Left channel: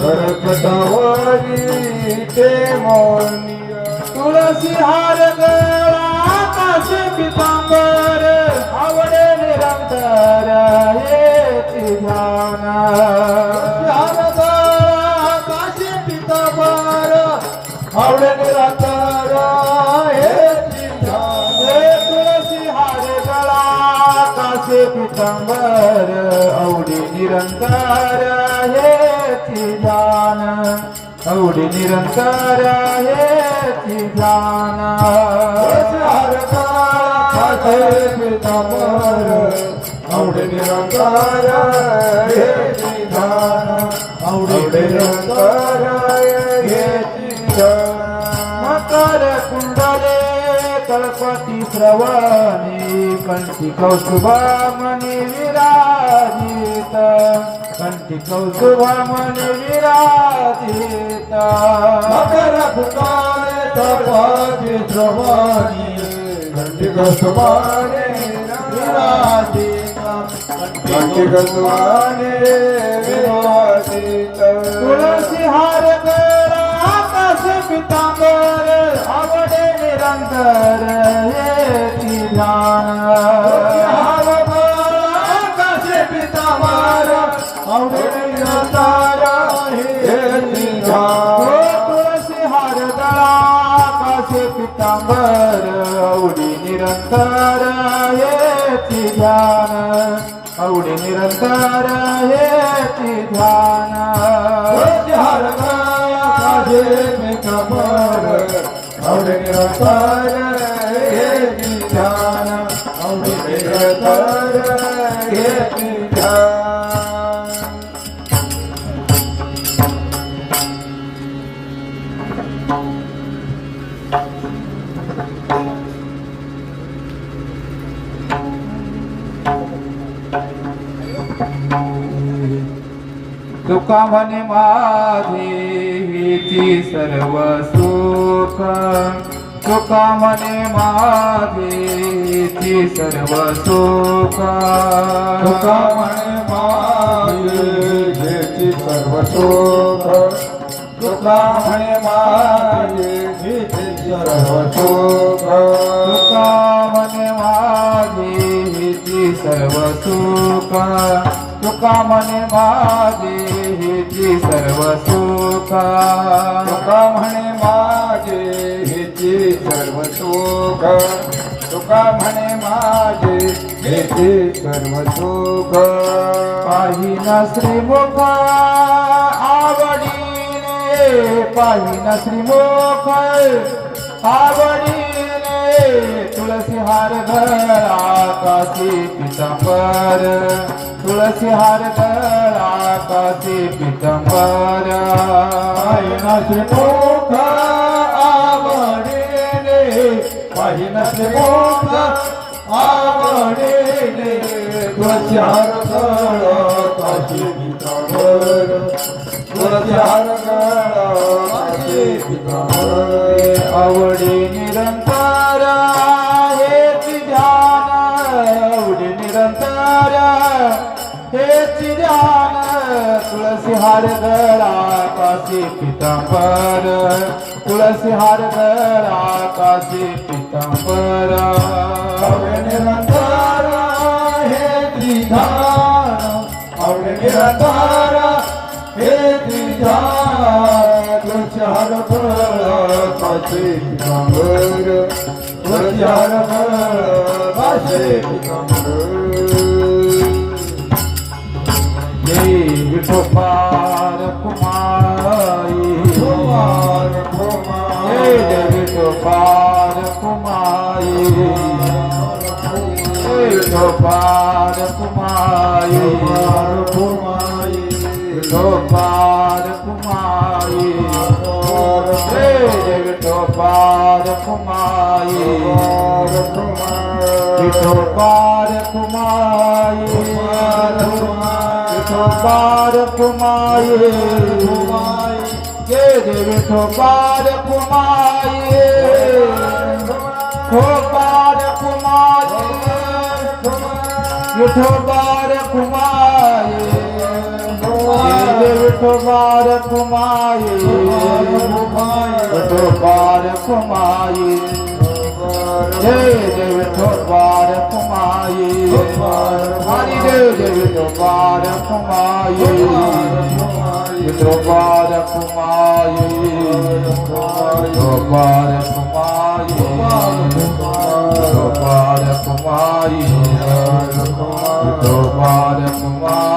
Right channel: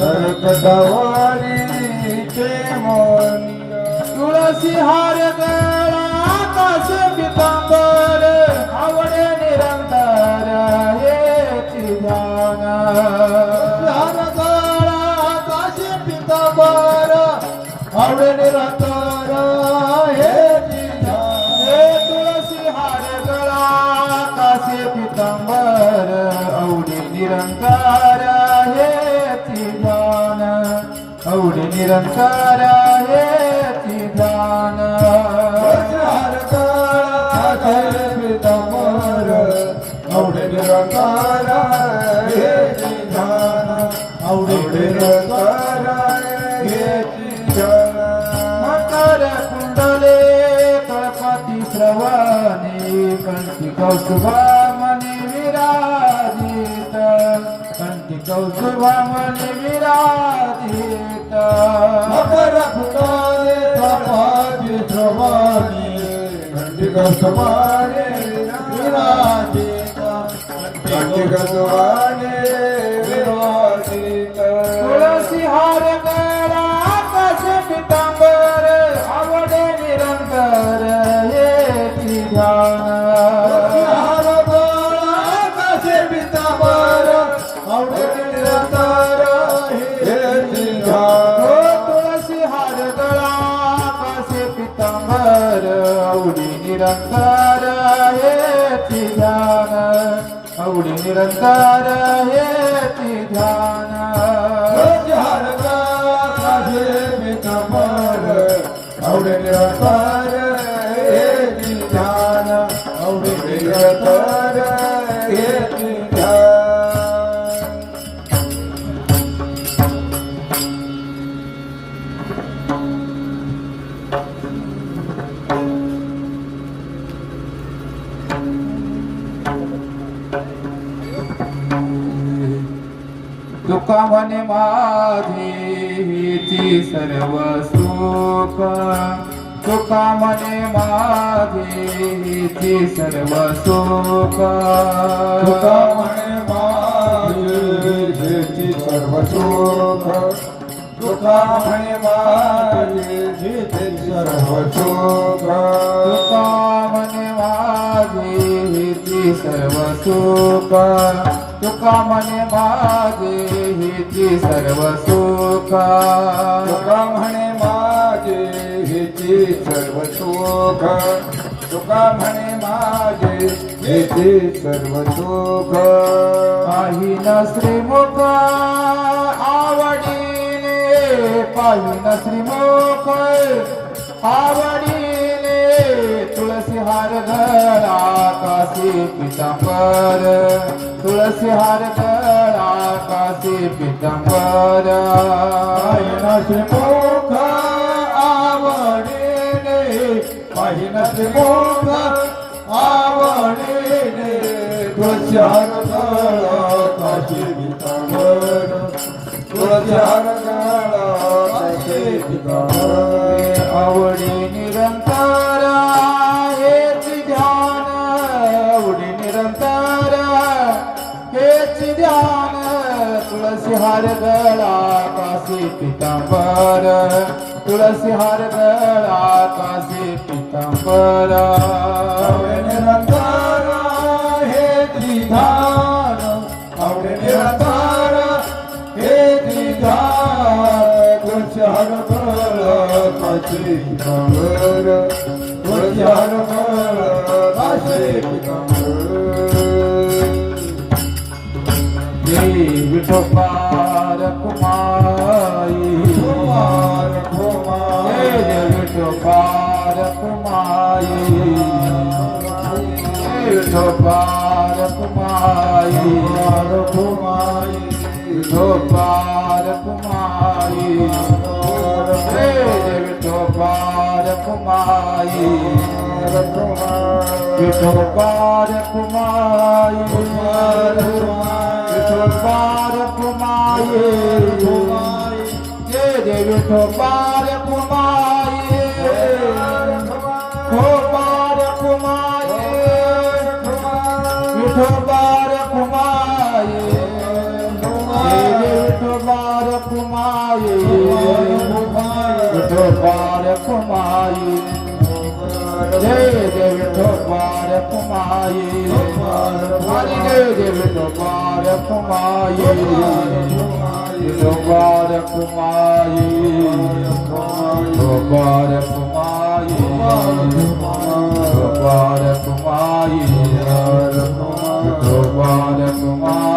करकटवारी ते मोनिया तुळसी हार गळा काशी पितांबर आवडे निरंतर येती ध्यान हार गळा काशी पितांबर आवडे निरंतर येती ध्यान तुळसी हार गळा काशी पितांबर आवडे निरंतर येती ध्यान आवडे निरंतर येती ध्यान आवडे निरंतर येती ध्यान आवडे निरंतर येती ध्यान मकर कुंडले कळपती श्रवणी कंठी कौस्तुभमणी विराजित कंठी कौस्तुभमणी विराजित मकर कुंडले कळपती श्रवणी कंठी कौस्तुभमणी विराजित कंठी कौस्तुभमणी विराजित तुळसी हार गळा काशी पितांबर आवडे निरंतर येती ध्यान काशी पितांबर आवडे निरंतर येती ध्यान तुळसी हार गळा काशी पितांबर आवडी निरंतर येती ध्यान आवडी निरंतर येती ध्यान आवडे निरंतर येती ध्यान आवडे निरंतर येती ध्यान तुका म्हणे माझे हेची सर्व सुख तुका म्हणे माझे हेची सर्व सुख तुका म्हणे माझे हेची सर्व सुख तुका म्हणे माझे हेची सर्व सुख तुका म्हणे माझे हेची सर्व सुख तुका म्हणे माझे हेची सर्व सुख तुका म्हणे माझे हेची सर्व सुख तुका म्हणे माझे हेची सर्व सुख पाहिन श्रीमुख आवडीने पाहिन श्रीमुख आवडीने तुळसी हार गळा काशी पितांबर तुळसी हार गळा काशी पितांबर पाहिन श्रीमुख आवडीने पाहिन श्रीमुख आवडीने तुळसी हार गळा काशी पितांबर तुळसी हार गळा काशी पितांबर आवडी निरंतर हेची ध्यान आवडी निरंतर हेची ध्यान तुळसी हार गळा काशी पितांबर तुळसी हार गळा काशी पितांबर आवडे निरंतर हेची ध्यान आवडे निरंतर हेची ध्यान तुळसी हार गळा काशी पितांबर तुळसी हार गळा काशी पितांबर विठोबार कुमाई विठोबार कुमाई विठोबार कुमाई विठोबार कुमाई विठोबार कुमाई विठोबार कुमाई विठोबार कुमाई जय जय विठोबार कुमाई विठोबार कुमाई विठोबार कुमाई विठोबार कुमाई जय जय विठोबार कुमाई हरि जय जय विठोबार कुमाई विठोबार कुमाई विठोबार कुमाई विठोबार कुमाई विठोबार कुमाई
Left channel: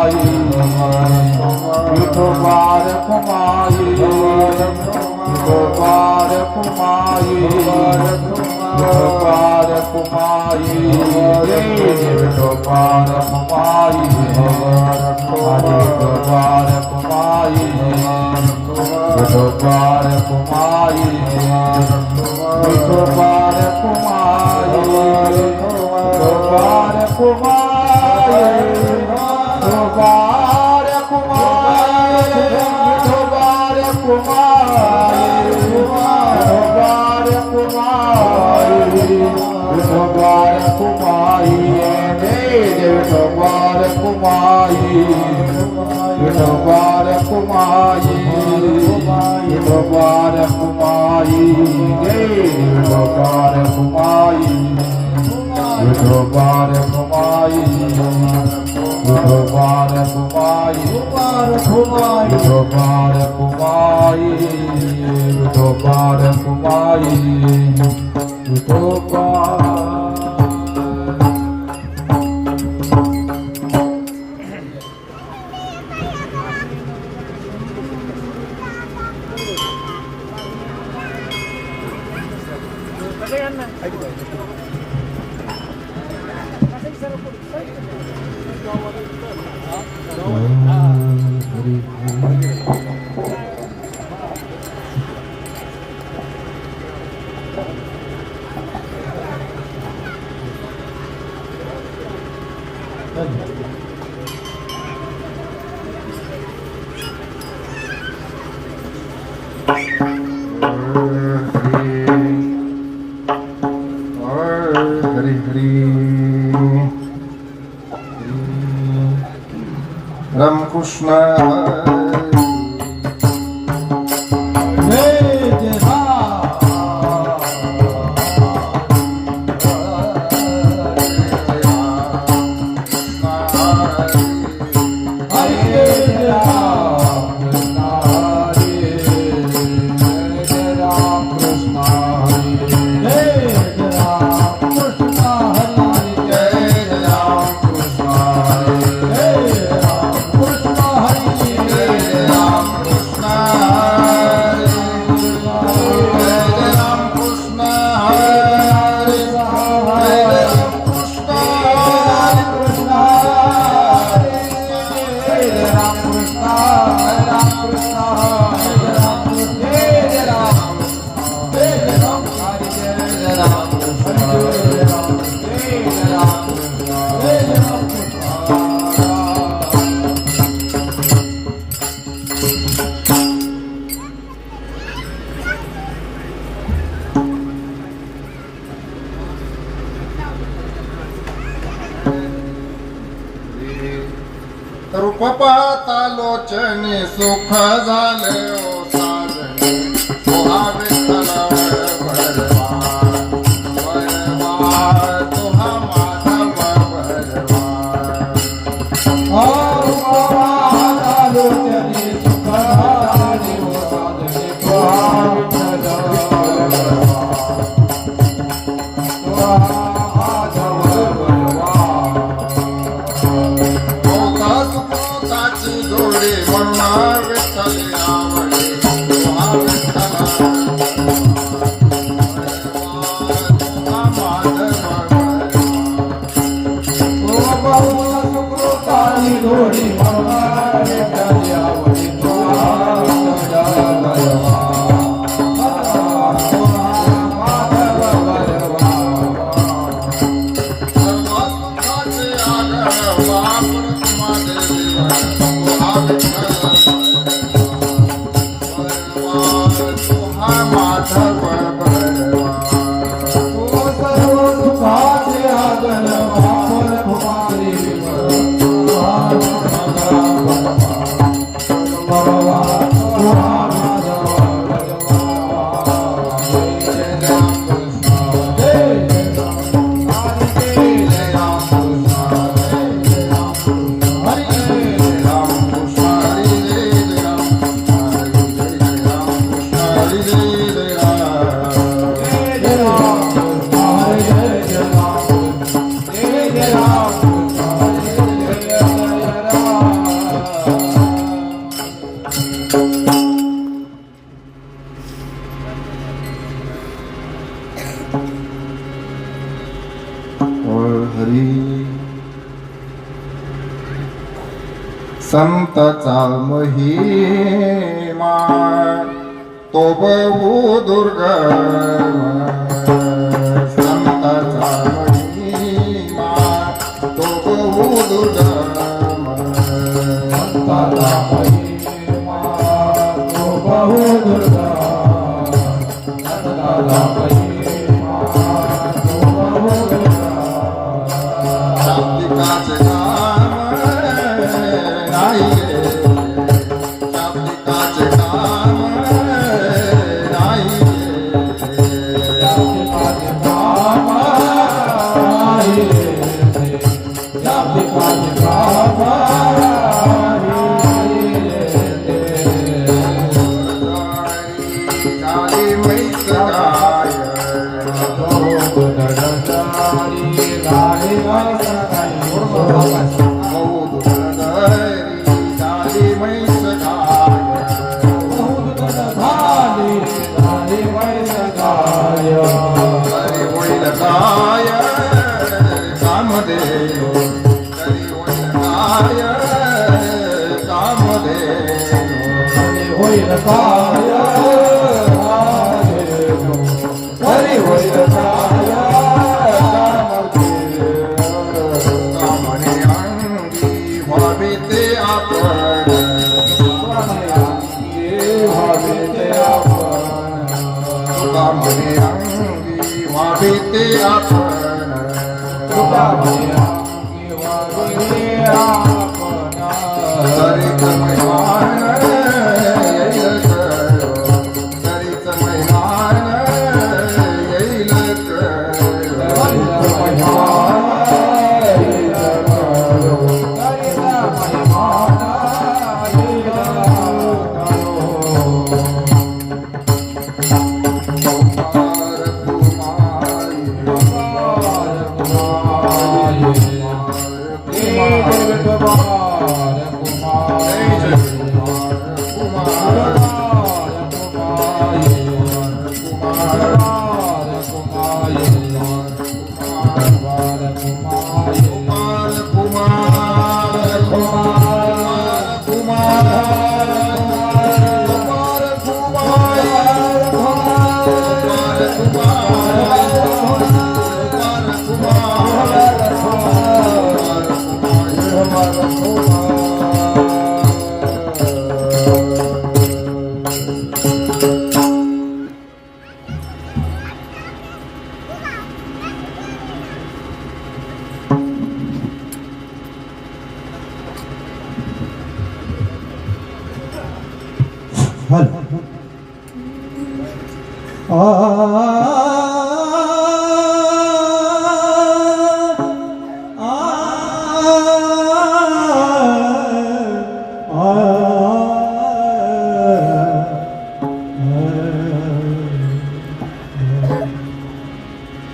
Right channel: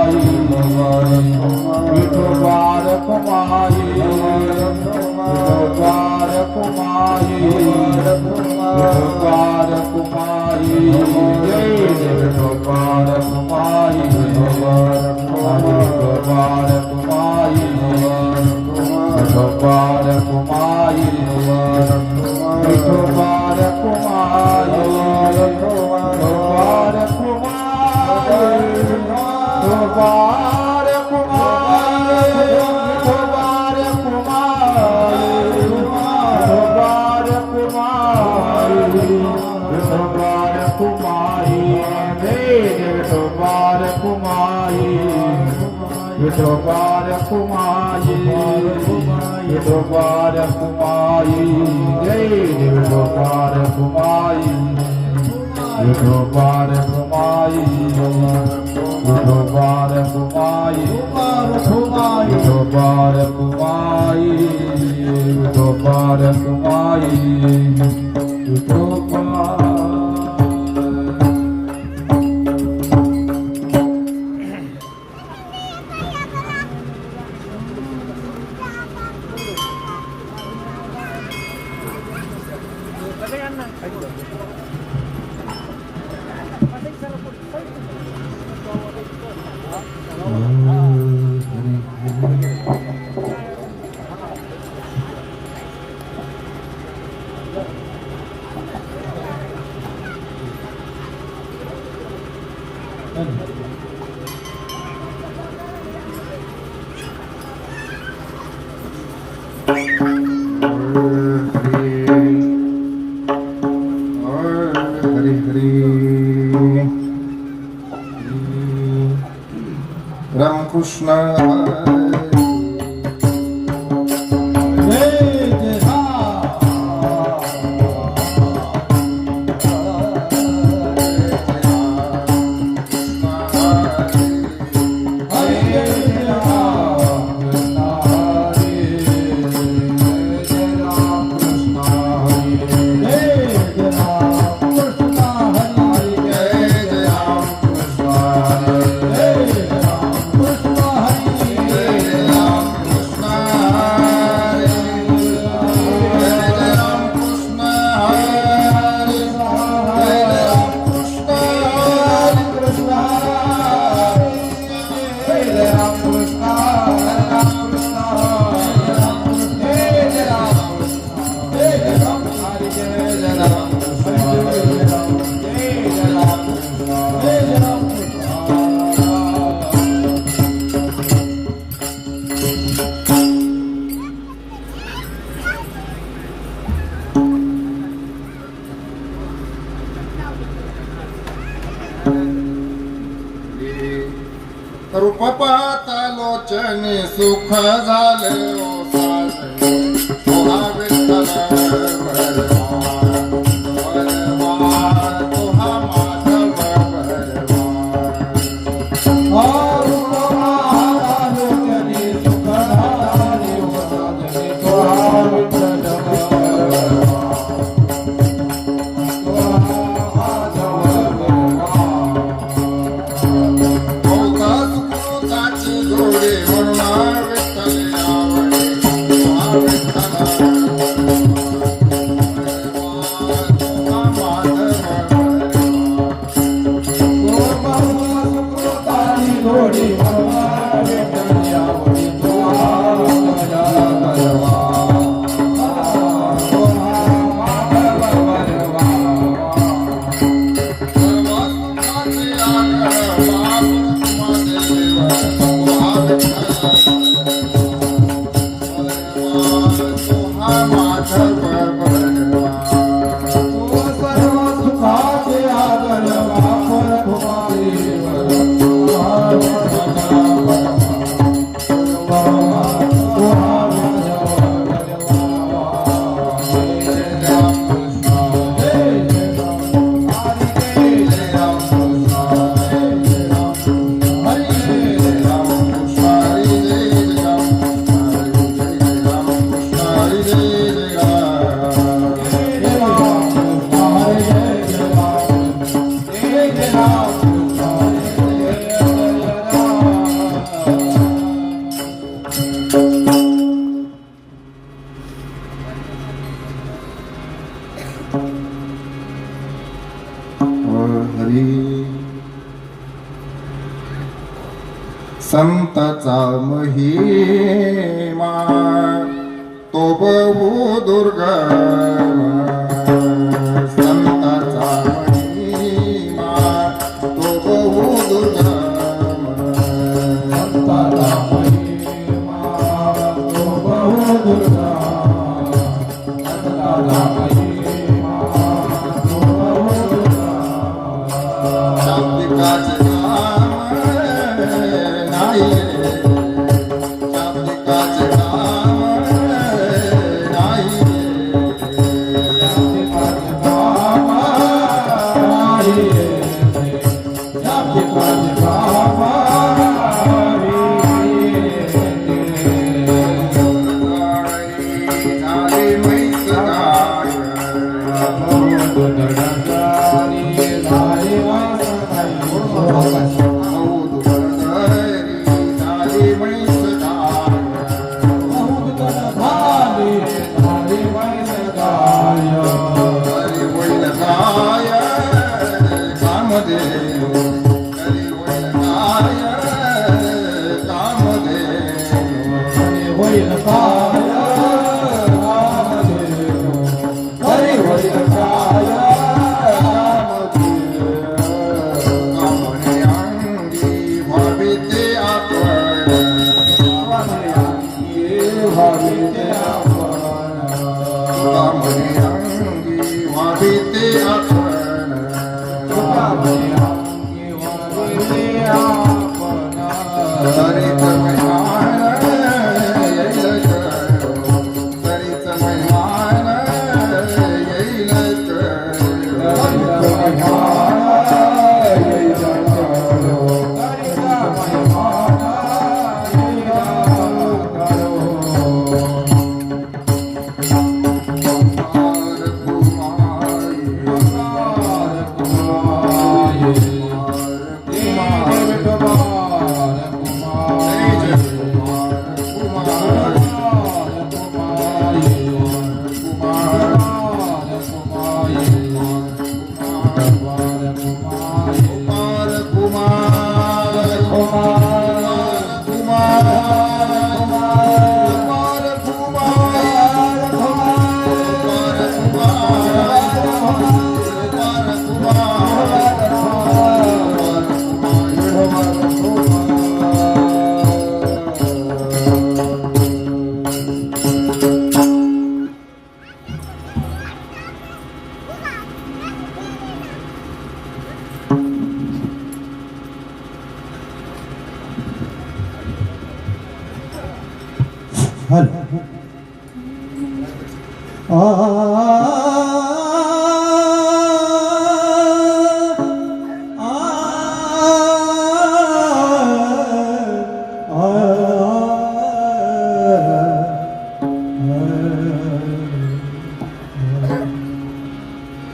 विठोबार कुमाई विठोबार कुमाई विठोबार कुमाई जय विठोबार कुमाई विठोबार कुमाई विठोबार कुमाई विठोबार कुमाई विठोबार कुमाई विठोबार कुमाई विठोबार कुमाई विठोबार कुमाई विठोबार कुमाई विठोबार कुमाई विठोबार कुमाई जय विठोबार कुमाई विठोबार कुमाई विठोबार कुमाई विठोबार कुमाई विठोबार कुमाई विठोबार हरि हरि रामकृष्ण रूप पाहता लोचनी सुख झाले ओ साजनी तुहा विठ्ठल वरवार तुहा माधव संताचा महिमा तो बहु दुर्गम संताचा महिमा तो बहु दुर्गम संताचा महिमा तो बहु दुर्गम संताचा महिमा तो बहु दुर्गम शाब्दिकाचे काम नाही शाब्दिकाचे काम नाही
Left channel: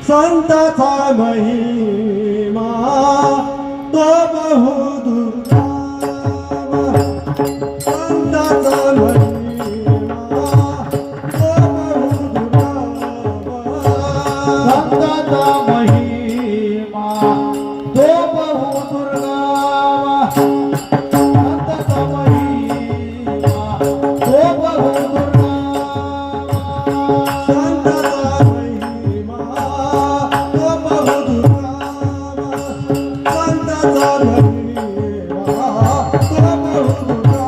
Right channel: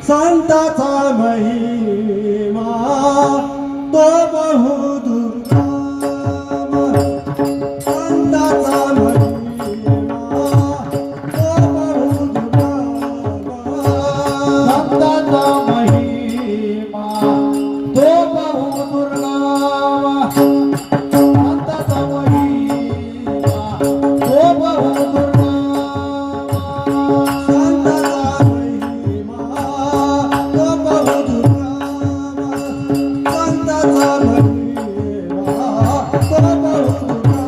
संताचा महिमा तो बहु दुर्गम संताचा महिमा तो बहु दुर्गम संताचा महिमा तो बहु दुर्गम संताचा महिमा तो बहु दुर्गम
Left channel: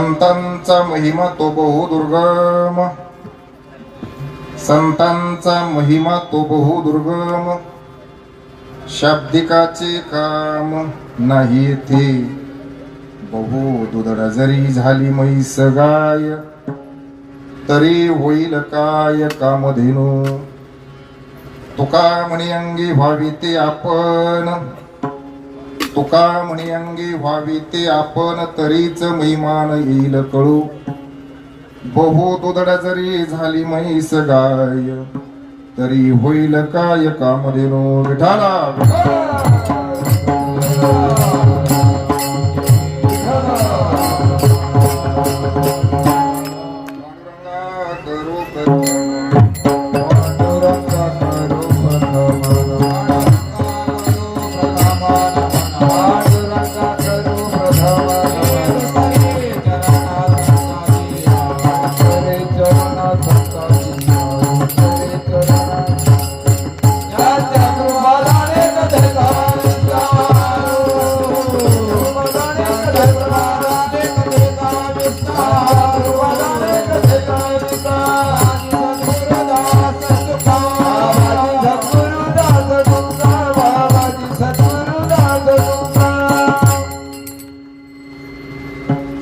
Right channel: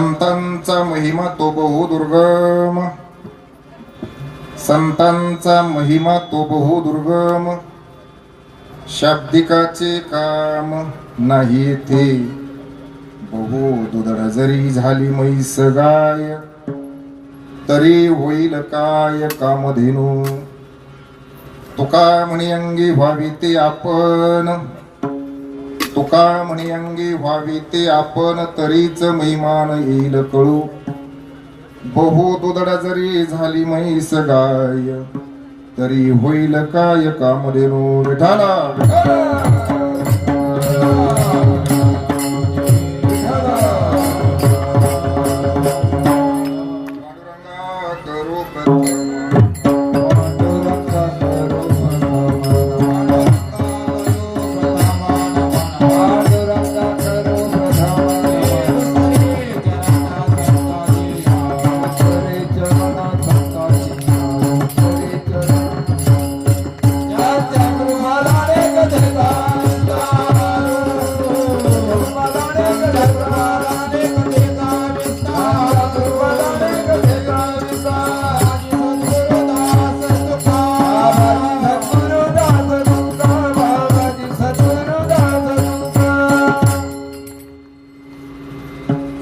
संतांचा महिमा तो बहु दुर्गम, संतांचा महिमा तो बहु दुर्गम, शाब्दिकाचे काम नाही ते, बहु दुधड जरी झाली म्हैस गाय, तरी होईल काय कामधेनू. तुका म्हणी अंगी व्हावी ते आपण, तुका म्हणी अंगी व्हावी ते आपण, तरीच महिमान येईल कळू. बहु दुधड जरी झाली म्हैस गाय, तरी होईल काय कामधेनू. विठाला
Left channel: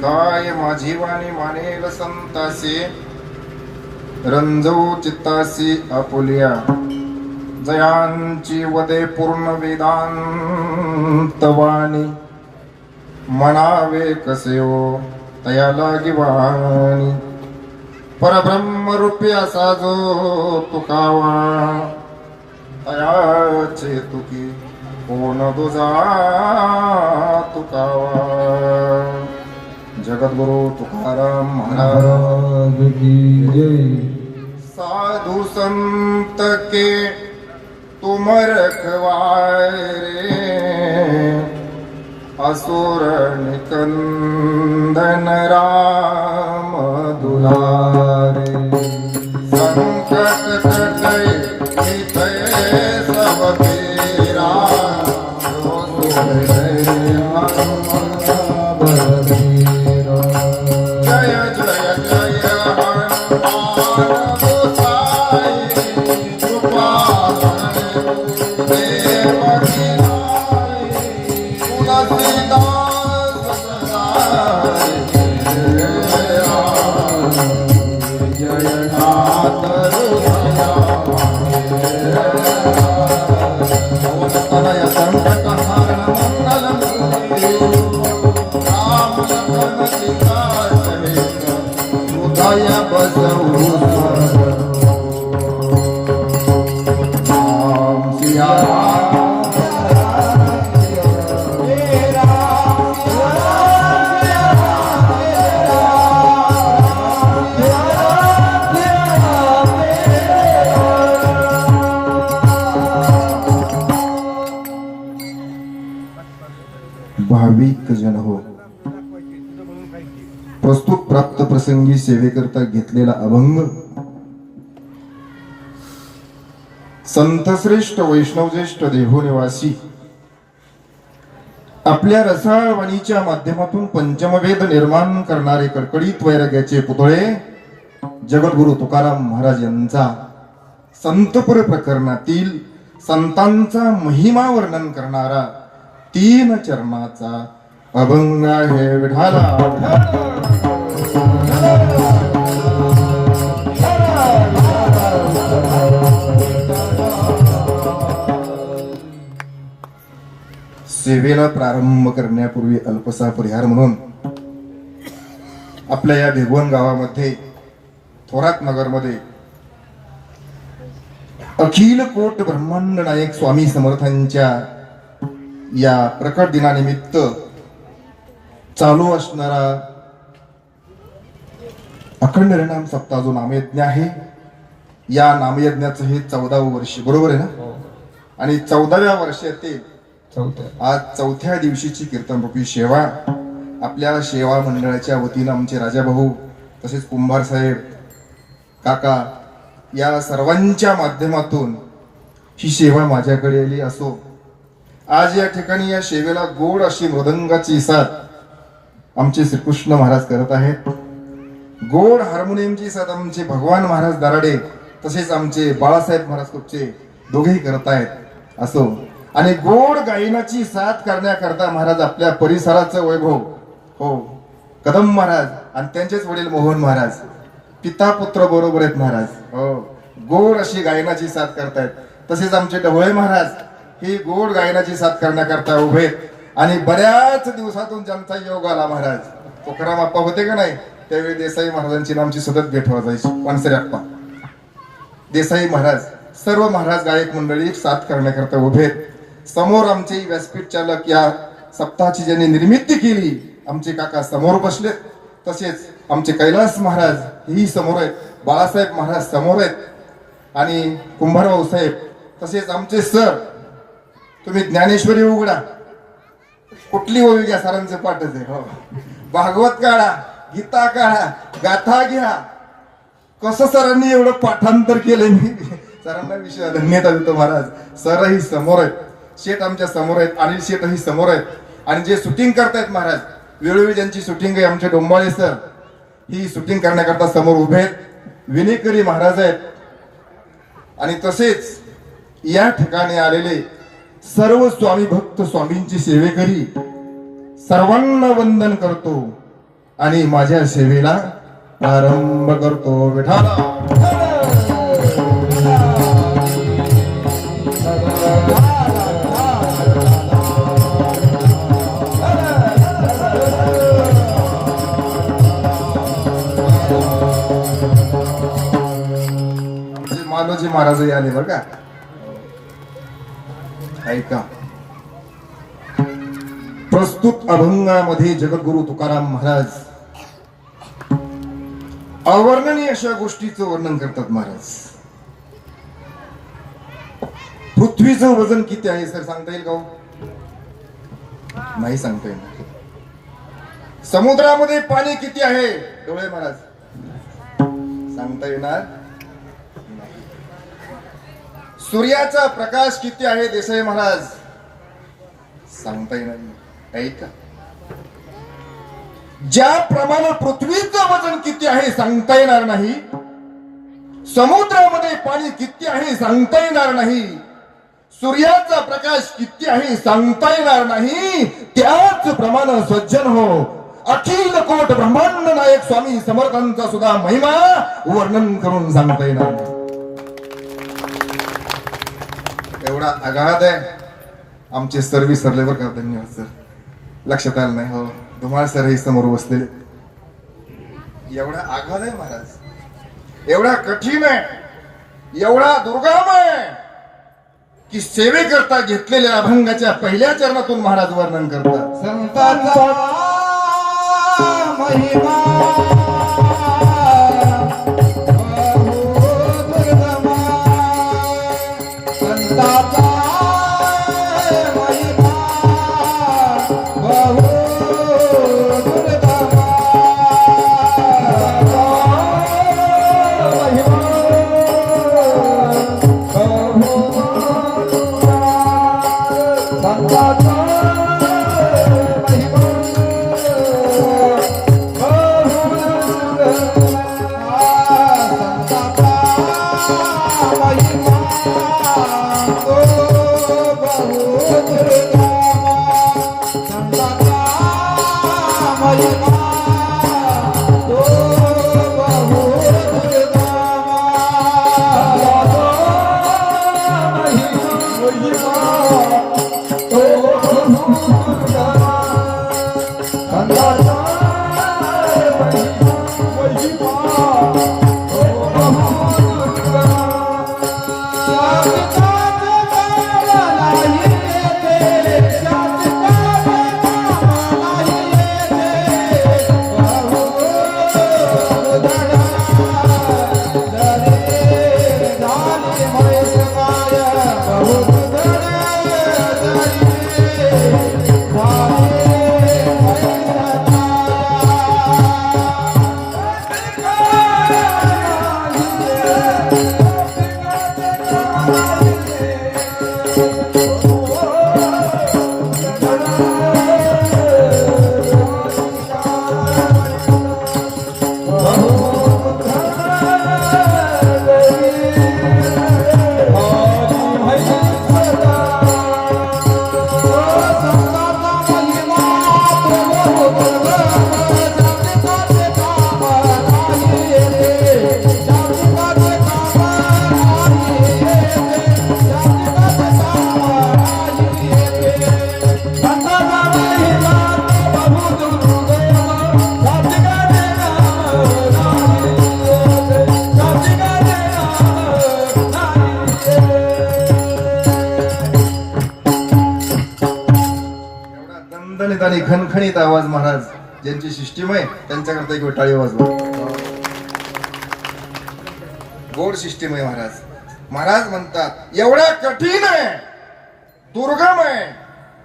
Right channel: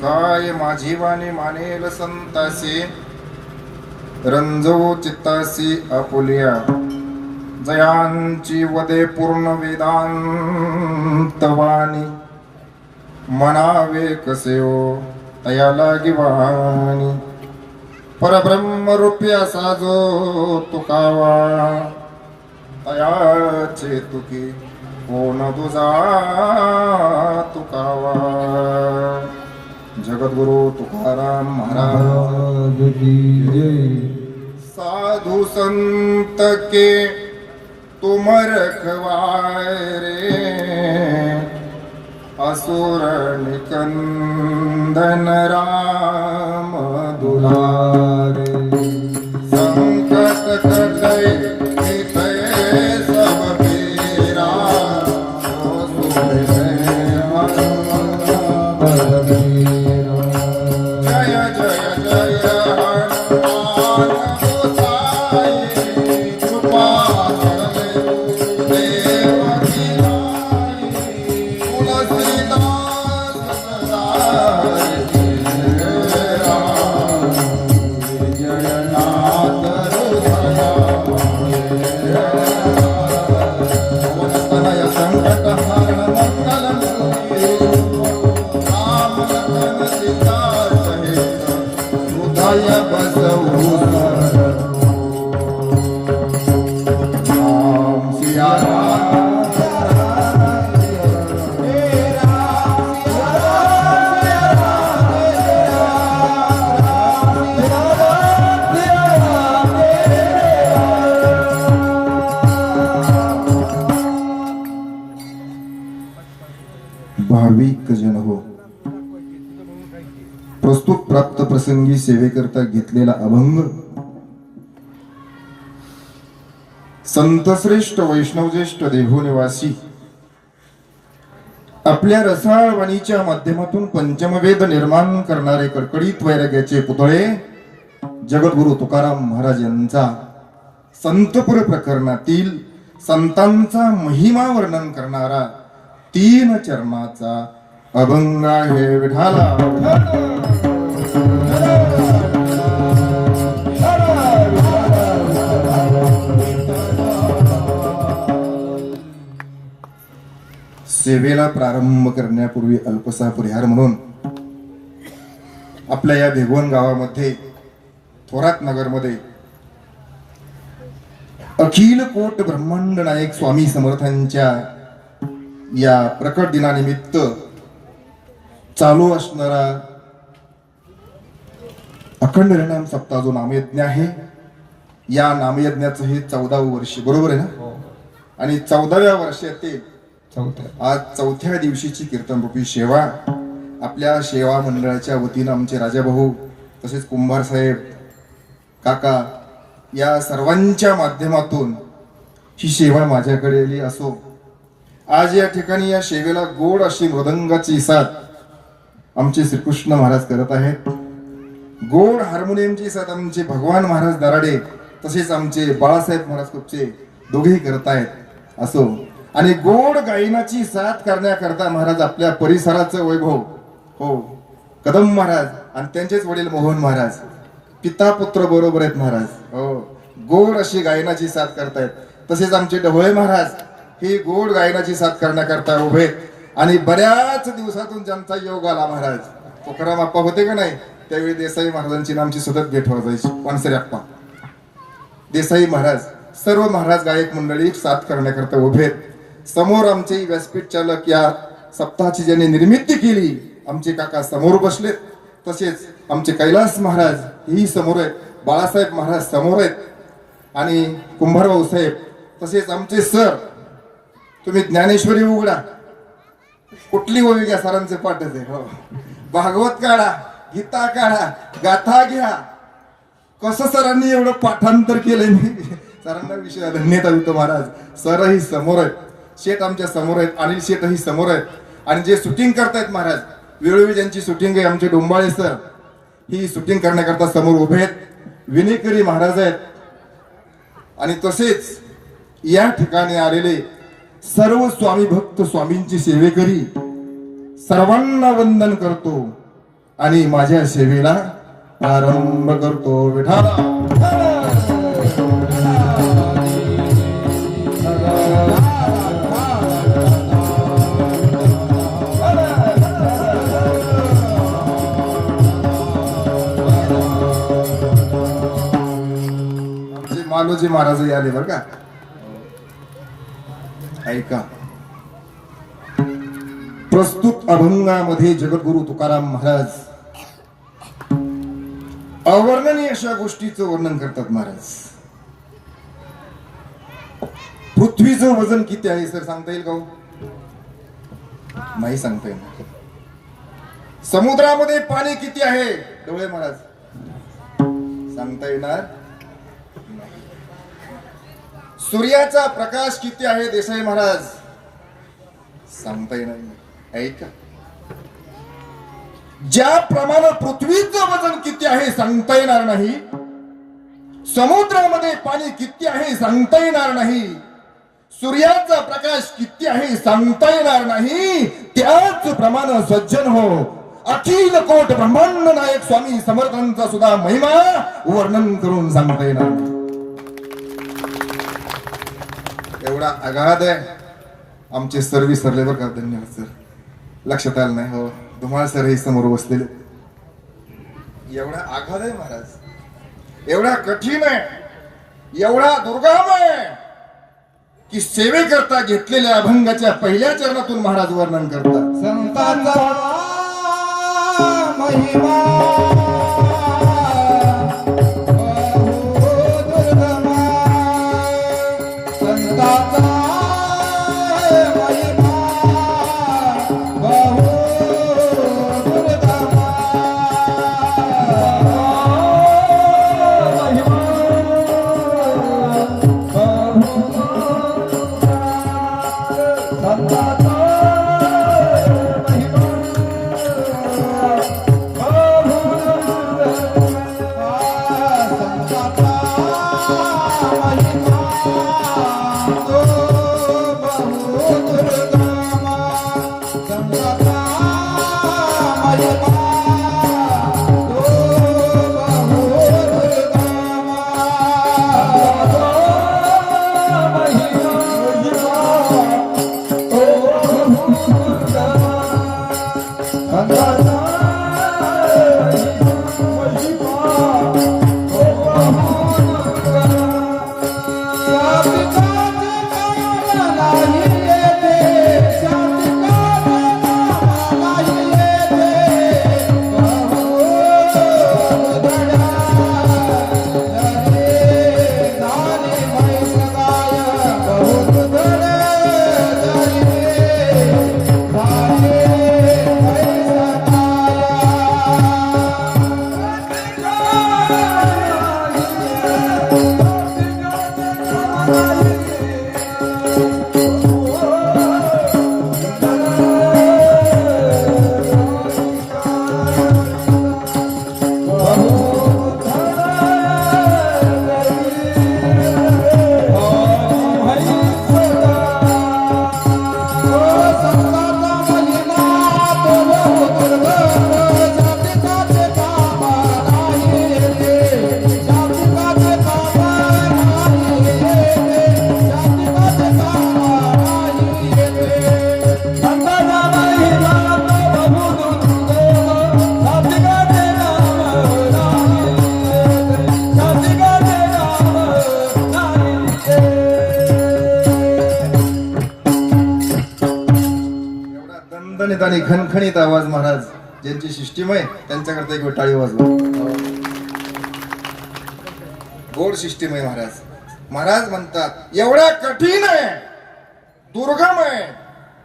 काय माझी वाणी मानेल संतासे, रंजवू चित्तासी आपुलिया. जयांची वदे पूर्ण वेदांत वाणी, म्हणावे कसे हो तया लागी वाणी. परब्रह्म रूपी असा जो तुकावा, तयाचे तुकी कोण तुझा तुकावा. जगद्गुरु तुकाराम महाराज की जय. साधु संत के तुम रखवारे, असुर निकंदन राम दुलारे. संकट कटै मिटै सब पीरा, जय जय जय हनुमान गोसाई, कृपा देवकी नाई, तुलसीदास सदाई. जय नाथ हृदया तनय संकट हरण मंगल मूर्ति, राम लखन सीता सहित हृदय बसऊ. राम सिया राम भाविक जन हो. प्रस्तुत प्राप्त प्रसंगी सेवेकरता घेतलेला अभंग संतश्रेष्ठ वैष्णवज्येष्ठ देहोनिवासी आपल्या रसाळ वाणीच्या माध्यमातून पंचमवेद निर्माण करणारे कडकडीत वैराग्याचे पुतळे जगद्गुरु तुकाराम महाराज यांचा संतपुर प्रकरणातील संतांचा महिमा वर्णन करणारा 3 चरणाचा अभंग आहे. विठाला सेवेला प्रारंभ करण्यापूर्वी अल्पसा परिहार म्हणून आपल्या या भेगवण गावामध्ये थोरात नगर मध्ये अखिल कोट ब्रह्मांड नायक स्वामी समर्थांच्या या प्रकट दिनानिमित्त चालू असणारा अखंड हरिनाम सप्ताह जो नामयज्ञ आहे, या नामयज्ञाचं हे 14वे वर्ष, बरोबर आहे ना? आणि 14व्या वर्षातील आज 4थ्या दिवशीची कीर्तन रूपी सेवा आपल्या सेवा मंडळाच्या वतीनं आमचे राजाभाऊ तसेच कुंभार साहेब काका या सर्वांच्या माध्यमातून ही सेवा माझ्याकडे आली असो. आज या ठिकाणी या सेवेला गोड अशी मृदंगाची साथ आमचे श्रीकृष्ण महाराज करत आहेत. गोड हार्मोनियमची साथ आमचे भगवान महाराज दराडे तसेच आमचे बाळासाहेब महाराज कुपचे दोघेही करत आहेत. असो, आणि गोड गायनाची साथ करण्याकरता महाराज आपल्या परिसराचं वैभव हो कदम महाराज आणि त्यांचेच वडील मोहन महाराज पिता पुत्र बरोबर आहेत महाराज. हो, गोड अशी गायनाची साथ करतायत. तसेच आमचे ढवळे महाराज ही गोड गायनाची साथ करण्याकरता उभे आहेत. आणि बऱ्याच दिवसातून ज्यांचा योग आला महाराज, तुकाराम आप्पा होते का नाही त्यावेळी देसाई महाराजांची आमची सतत भेट वाजायची. पानसरे आप्पा, देसाई महाराज, सर्व महाराज गायक मंडळी साथ करण्याकरता उभे आहेत. समोर आमचे व्यासपीठ चालक या सप्ताहाची ज्यांनी निर्मिती केली आमचे काका समोर बसलेत. तसेच आमचे कैलास महाराज ही समोर आहेत, बाळासाहेब महाराज समोर आहेत आणि कुंभारभाऊ साहेब. तसेच आमचे सर, तुम्ही ज्ञानेश्वरी उघडा, कुठली ओवी घ्या सरांचे पाठच आहे. हो, भागवत काढा, गीता काढा, गाथा घ्या. कसं सरांनी एवढं पाठांतर केलंय मी सरांना विषय धन्यता देतो महाराज. सरही समोर आहेत, शेठ आमच्या समोर आहेत, अनिल शेठही समोर आहेत. आणि जे शूटिंग करतायत महाराज, वेळोवेळी ज्यांची शूटिंग आहे आमचे डोंबाळे सर ही शूटिंग करण्याकरता समोर उभे आहेत. विनेकरी महाराज आहेत. आणि तसेच या ठिकाणी आलेले सर्व स्वामी भक्त स्वामींची सेवेकरी सर्वांना वंदन करतो आणि माझ्या सेवेला प्रारंभ करतो. विठाला मालोजी महाराज आले बघा. ऐका, प्रस्तुत अभंगामध्ये जगद्गुरु तुकाराम महाराज अवर्णनीय अशा गोष्टीचं वर्णन करतात महाराज. पृथ्वीचं वजन किती आहे सर सांगता येईल का हो? नाही सांगता येईल. समुद्रामध्ये पाणी किती आहे डोळे महाराज सांगता येणार? सूर्याचा प्रकाश किती आहे देसाई महाराज सांगता येणार? ऐका, ज्याप्रमाणे पृथ्वीचं वजन किती आहे सांगता येणार नाही, समुद्रामध्ये पाणी किती आहे सांगता येणार नाही, सूर्याचा प्रकाश किती आहे सांगता येणार नाही, त्याच प्रमाणे सज्जन हो अखिल कोट ब्रह्मांड नायक स्वामी समर्थांचा सुद्धा महिमा वर्णन करून सांगता येणार नाही. एवढा अगाध आहे. आमचे सर विसरले बरं का, धन्यवाद सर. लक्षात आलं नाही हो, धुमाळ सर हे समोर बसलेले. एवढा आघात आहे महाराज, एवढा कठीण आहे, एवढा दुर्गम आहे की सेवेकरता घेतलेल्या अभंगाच्या पहिल्या चरणातून महाराज वर्णन करतात. संतांचा महिमा खणखणीत आवाज महाराज ज्यांची सिस्टीम आहे त्यांच्याकरता एक टाळी वाजवा. गोड सिस्टीम आहे महाराज. महाराज म्हणतात एवढा कठीण आहे, दुर्गम आहे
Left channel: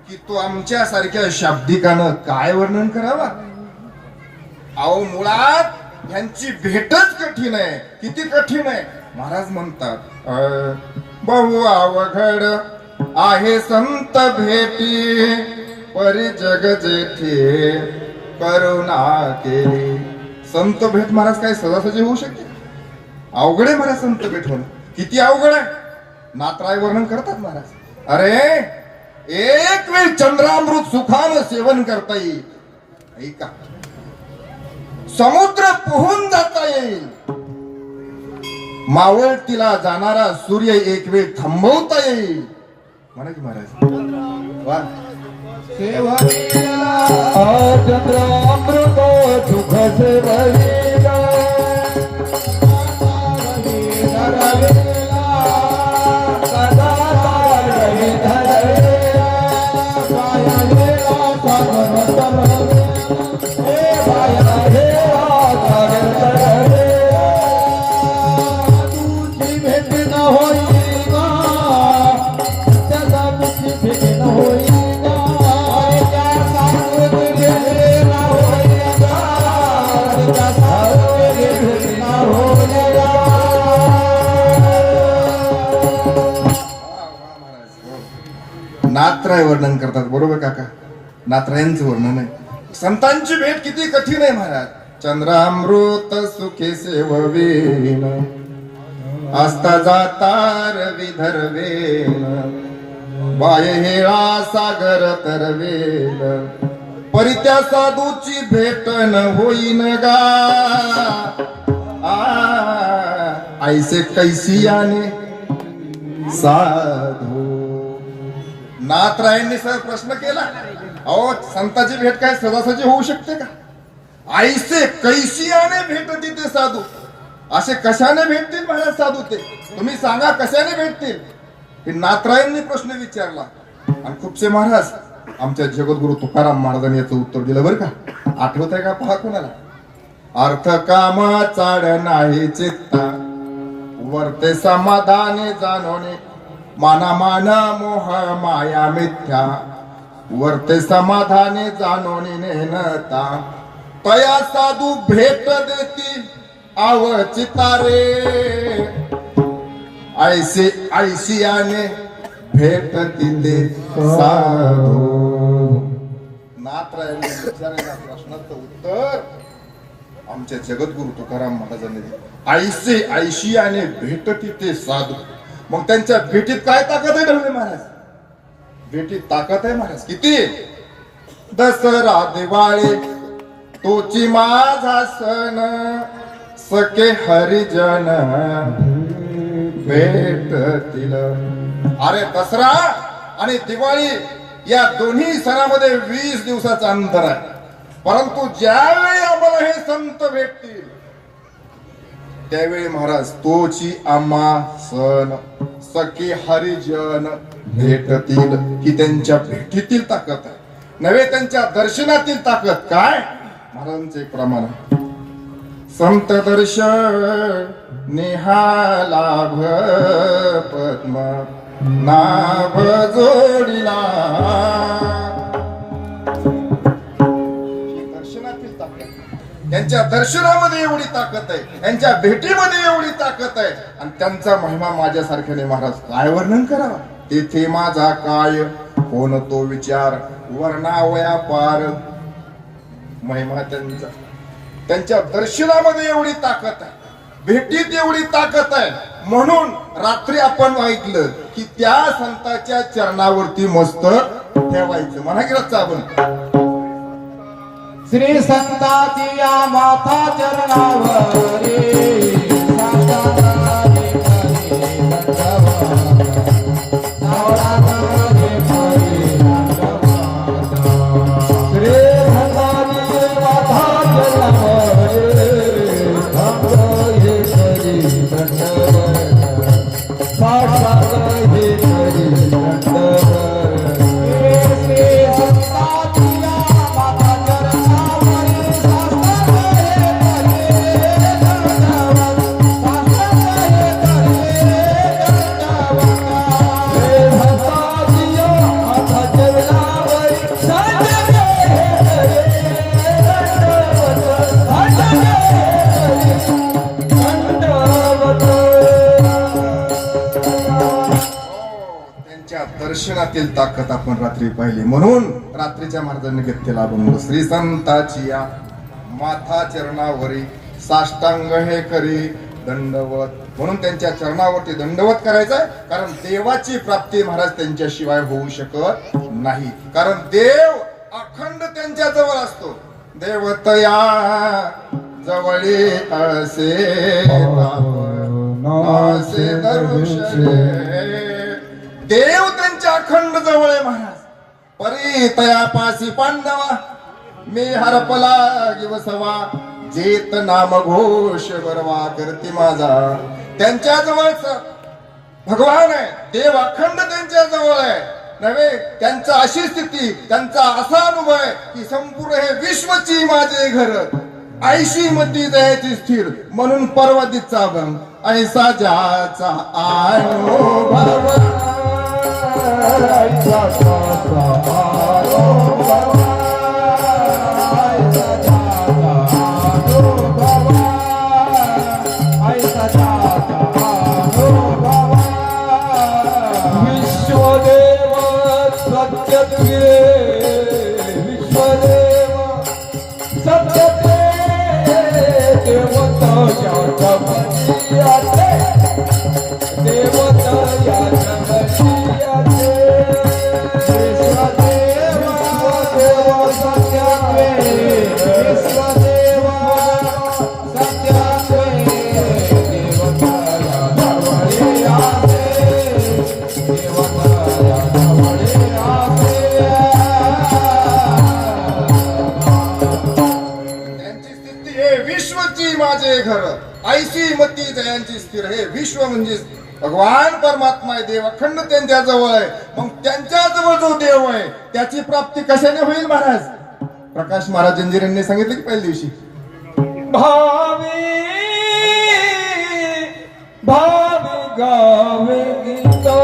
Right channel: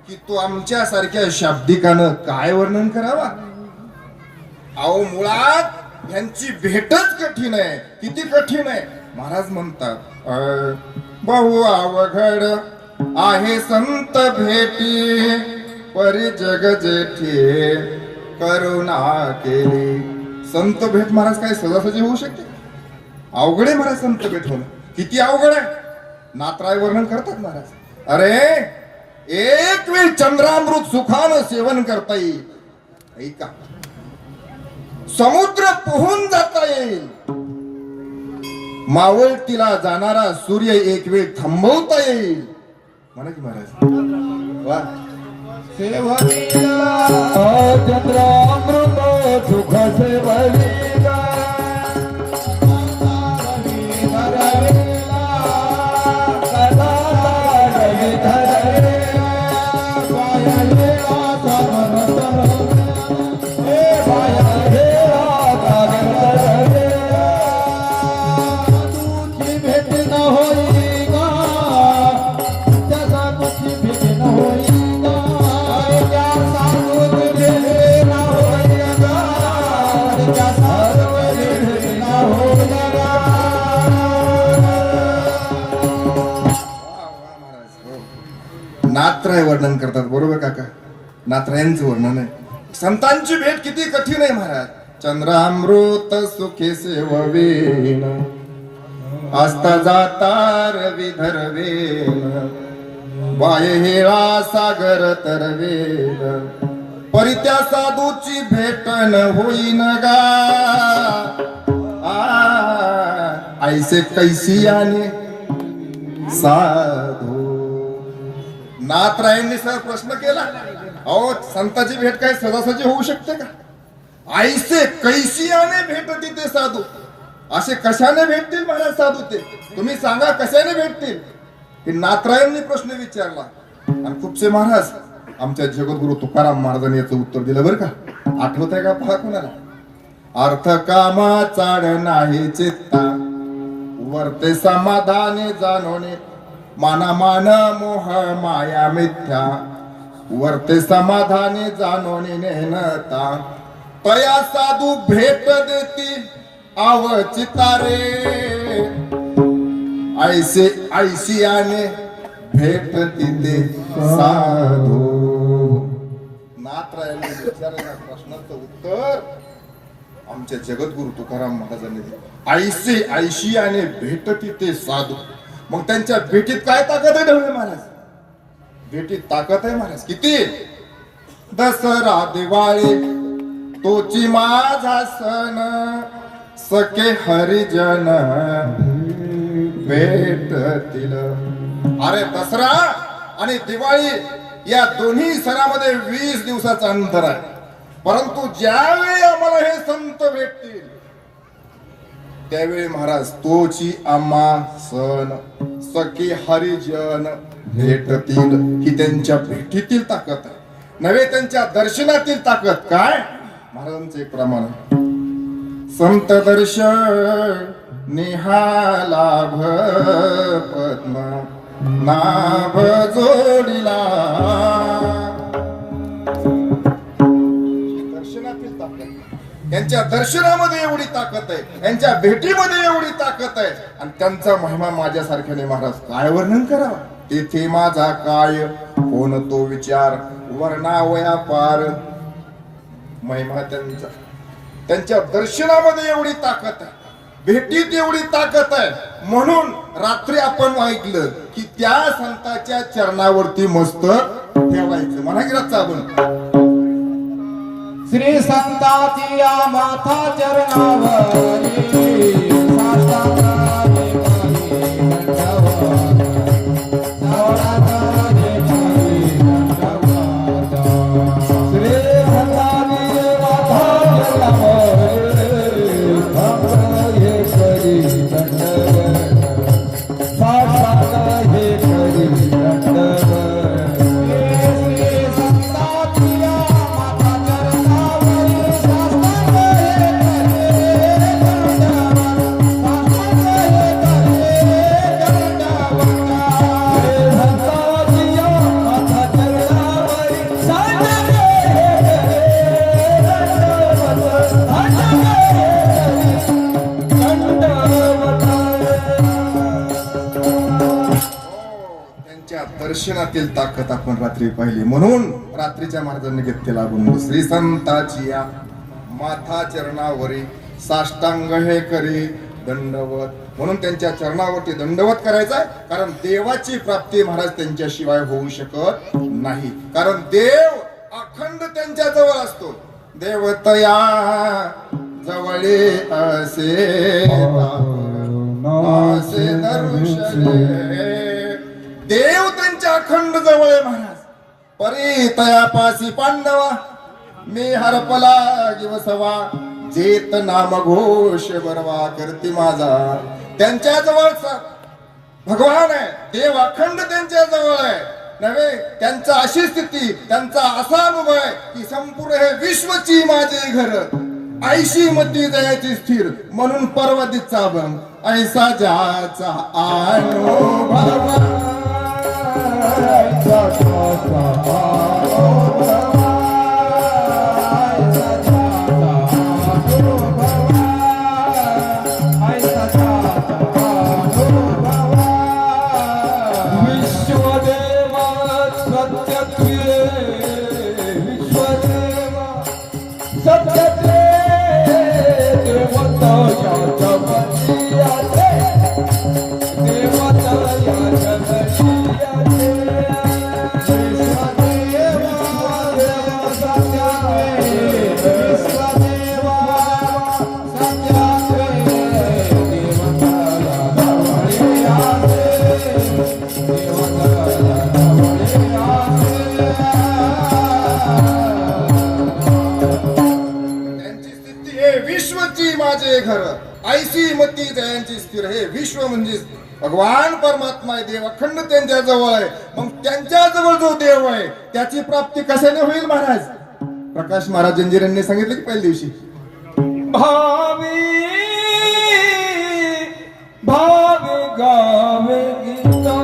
की तो आमच्या सारख्या शाब्दिकानं काय वर्णन करावा. अहो मुळात यांची भेटच कठीण आहे. किती कठीण आहे. महाराज म्हणतात बहु अवघड आहे संत भेटी, परी जग जेठी करुणा केली. संत भेट महाराज काय सहजासहजी होऊ शकते. अवघड आहे महाराज संत भेट होणं. किती अवघड आहे. नाथराय वर्णन करतात महाराज. अरे एक वेळ चंद्रामृत सुखानं सेवन करता येईल. ऐका समुद्र पोहून जाता येईल. मावळतीला जाणारा सूर्य एक वेळ थांबवता येईल. म्हणा की महाराज वा. सेवा चंद्रामृत सुख सेवली नाथराय वर्णन करतात. बरोबर काका. नाथरायांचं वर्णन आहे. संतांची भेट किती कठीण आहे महाराज. चंद्रामृत सुखे सेववीन आस्था जातार विधर्वेन बाय हेळा सागर तरवेल परित्या साधूची भेट न होईन गा. ऐसे कैसियाने साधू. नाथरायांनी सर प्रश्न केला अहो संताची भेट काय सहजासहजी होऊ शकते का. ऐसे कैसियाने भेटती ते साधू. असे कशाने भेटतील महाराज साधू ते. तुम्ही सांगा कशाने भेटतील. हे नाथरायांनी प्रश्न विचारला. आणि खूपसे महाराज आमच्या जगद्गुरु तुकाराम महाराजांनी याचं उत्तर दिलं बरं का. आठवत आहे का पहा कोणाला. अर्थ कामा चाड नाही चित्ता वर्ते समाधाने जाणवणे मानामान मोह माया मिथ्या वर्ते समाधाने जाणवणे नेनता तया साधू भेट देती आवचितारे ऐसे ऐसियाने भेट तिथे साधू. नाथरायांनी विचारलेल्या प्रश्नाचं उत्तर आमच्या जगद्गुरु तुकाराम महाराजांनी ऐसे ऐशियाने भेट तिथे साधू. मग त्यांच्या भेटीत काय ताकद आहे ढवळे महाराज. भेटीत ताकद आहे महाराज. किती. दसरा दिवाळी तोची माझा सण सखे हरिजन भेटतील. अरे दसरा आणि दिवाळी या दोन्ही सणामध्ये 20 दिवसाचं अंतर आहे. परंतु ज्यावेळी आम्हाला हे संत भेटतील त्यावेळी महाराज तोची आम्हा सण सखी हरिजन भेटतील. की त्यांच्या भेटीतील ताकद आहे नव्हे त्यांच्या दर्शनातील ताकद. काय महाराजांचं एक प्रमाण संत दर्शन निहालाभ पद्म नाभ जोडिला. दर्शनातील ताकद. त्यांच्या दर्शनामध्ये एवढी ताकद आहे. त्यांच्या भेटीमध्ये एवढी ताकद आहे. आणि त्यांचा महिमा माझ्यासारख्याने महाराज काय वर्णन करावा. तेथे माझा काय कोण तो विचार वर्णावया पार. महिमा त्यांचा. त्यांच्या दर्शनामध्ये एवढी ताकद आहे. भेटीत एवढी ताकद आहे. म्हणून रात्री आपण ऐकलं की त्या संताच्या चरणावरती मस्तक ठेवायचं. म्हणा की रातचं आपण श्री संताची या माथा चरणावरी माता दर्शनातील ताकद आपण रात्री पाहिली. म्हणून रात्रीच्या महाराजांनी घेतलेला अभंग श्री संताची या माथा चरणावरी साष्टांग हे करी दंडवत. म्हणून त्यांच्या चरणावरती दंडवत करायचा, कारण देवाची प्राप्ती महाराज त्यांच्याशिवाय होऊ शकत नाही. कारण देव अखंड त्यांच्या जवळ असतो. देवतया जवळी असे नासे दर्शने. देव त्यांच्या अखंड जवळ आहे महाराज. परी तयापासी पांडवा मी हरपला गिवसवा जेत नाम घोष बरवा करते माझा. त्यांच्या जवळच भगवान आहे. देव अखंड त्यांच्या जवळ आहे नव्हे. त्यांचा अशी स्थिती, त्यांचा असा अनुभव आहे की संपूर्ण हे विश्वची माझे घर ऐशी मती दयाची स्थिर. म्हणून पर्वतीचा भंग ऐसा ज्याचा अनुभव माझे घर ऐसी मती जयांची स्थिर. हे विश्व म्हणजे भगवान परमात्मा आहे. देव अखंड त्यांच्या जवळ आहे. मग त्यांच्या जवळ जो देव आहे त्याची प्राप्ती कशाने होईल महाराज? प्रकाश महाराज जंजिरांनी सांगितले की पहिल्या दिवशी भावी भावी गावे गीता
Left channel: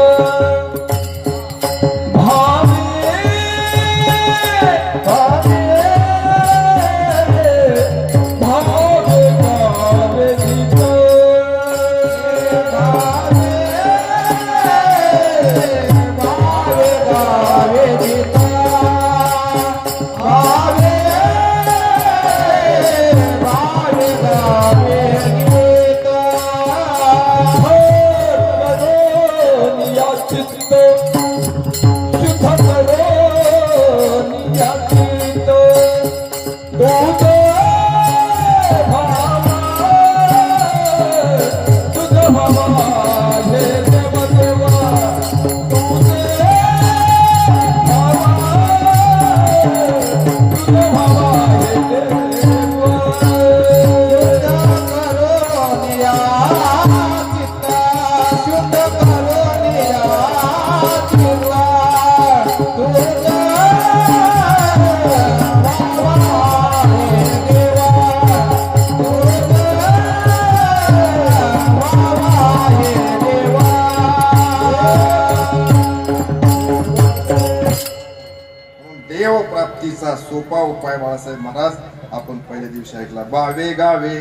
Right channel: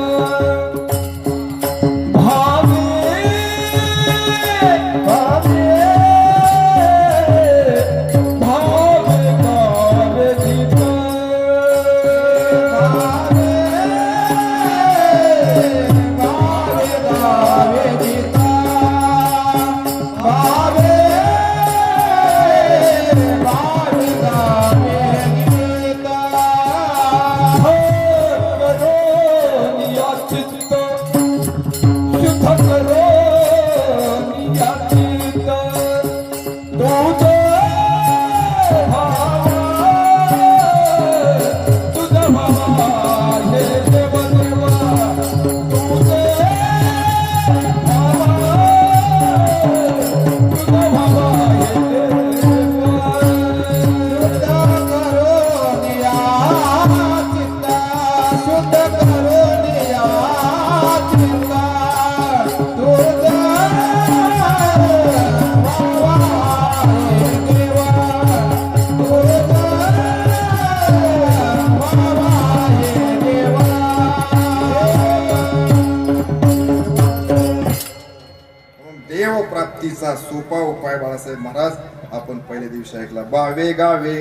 प्राप्तीचा सोपा उपाय बाळासाहेब महाराज आपण पहिल्या दिवशी ऐकला. बावे गावे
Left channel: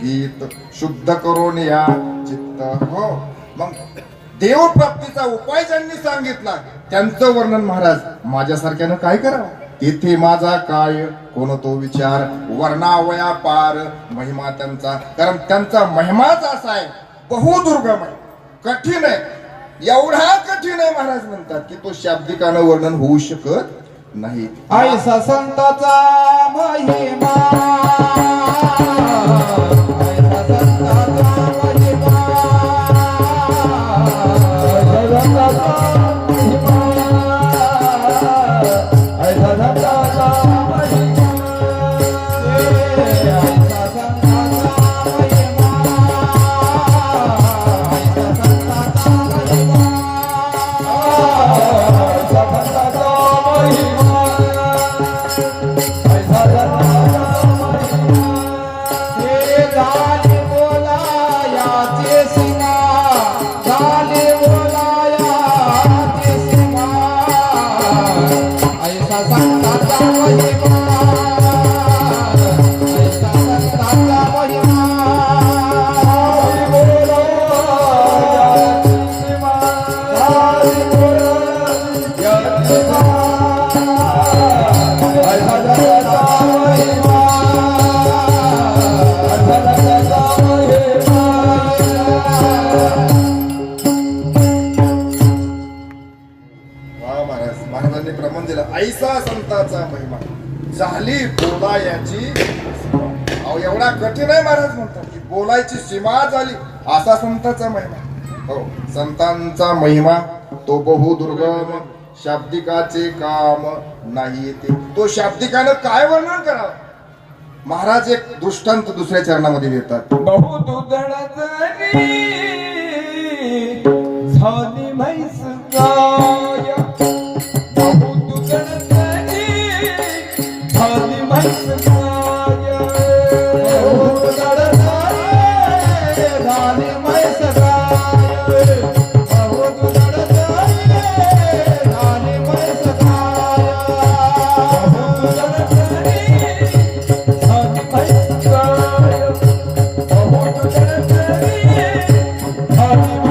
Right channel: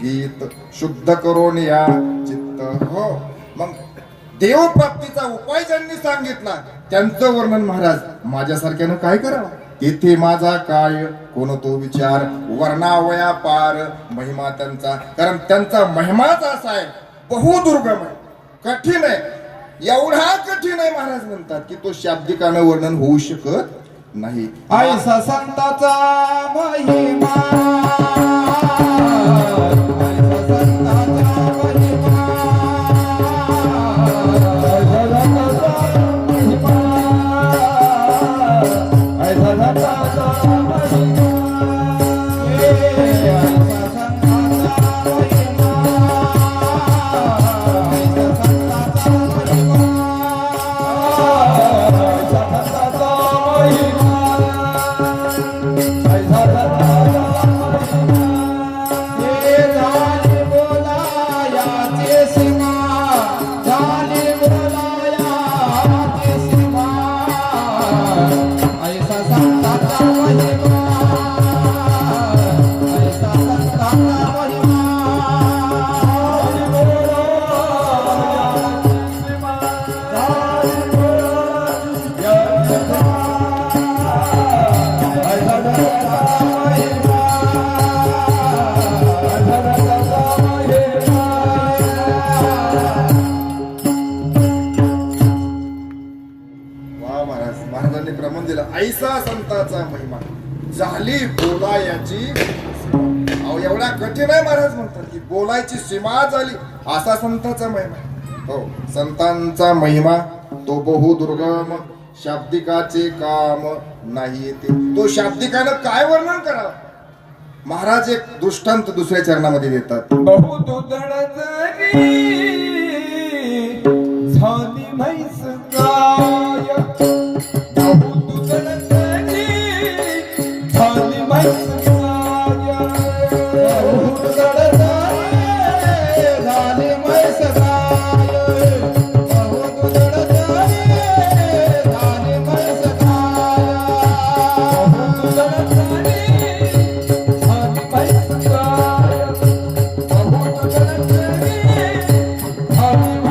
गीत शुद्ध करून या चित्त. हो, मग देव प्राप्तीचा उपाय ज्यांनी सांगितला त्यांचं वर्णन महाराज माझ्यासारख्यानं काय करावं? इथे माझा काय कोण तो विचार वर्णावया पार महिमा त्यांचा. कारण त्यांचा महिमाच असा आहे बहुदुर्गम आहे, कठीण आहे. एवढा कठीण आहे महाराज म्हणतात की तो शाब्दिकानं वर्णन होऊ शकत नाही. ऐसा संताचा महिमा झाली बोलायची अहो एवढा कठीण आहे महाराज म्हणतात की बोलायची सीमा झाली असा संतांचा महिमा हो संतांचा महिमा तो बहु दुर्गम शाब्दिकाचे काम नाही येते तो शाब्दिकानं काय वर्णन करावं महाराज एक दृष्टांत दुसऱ्या चरणामध्ये देतात बहुदुधण झाली म्हैस गाय बहुदुधण झाली म्हैस गाय बहुदुधण झाली म्हैस गाय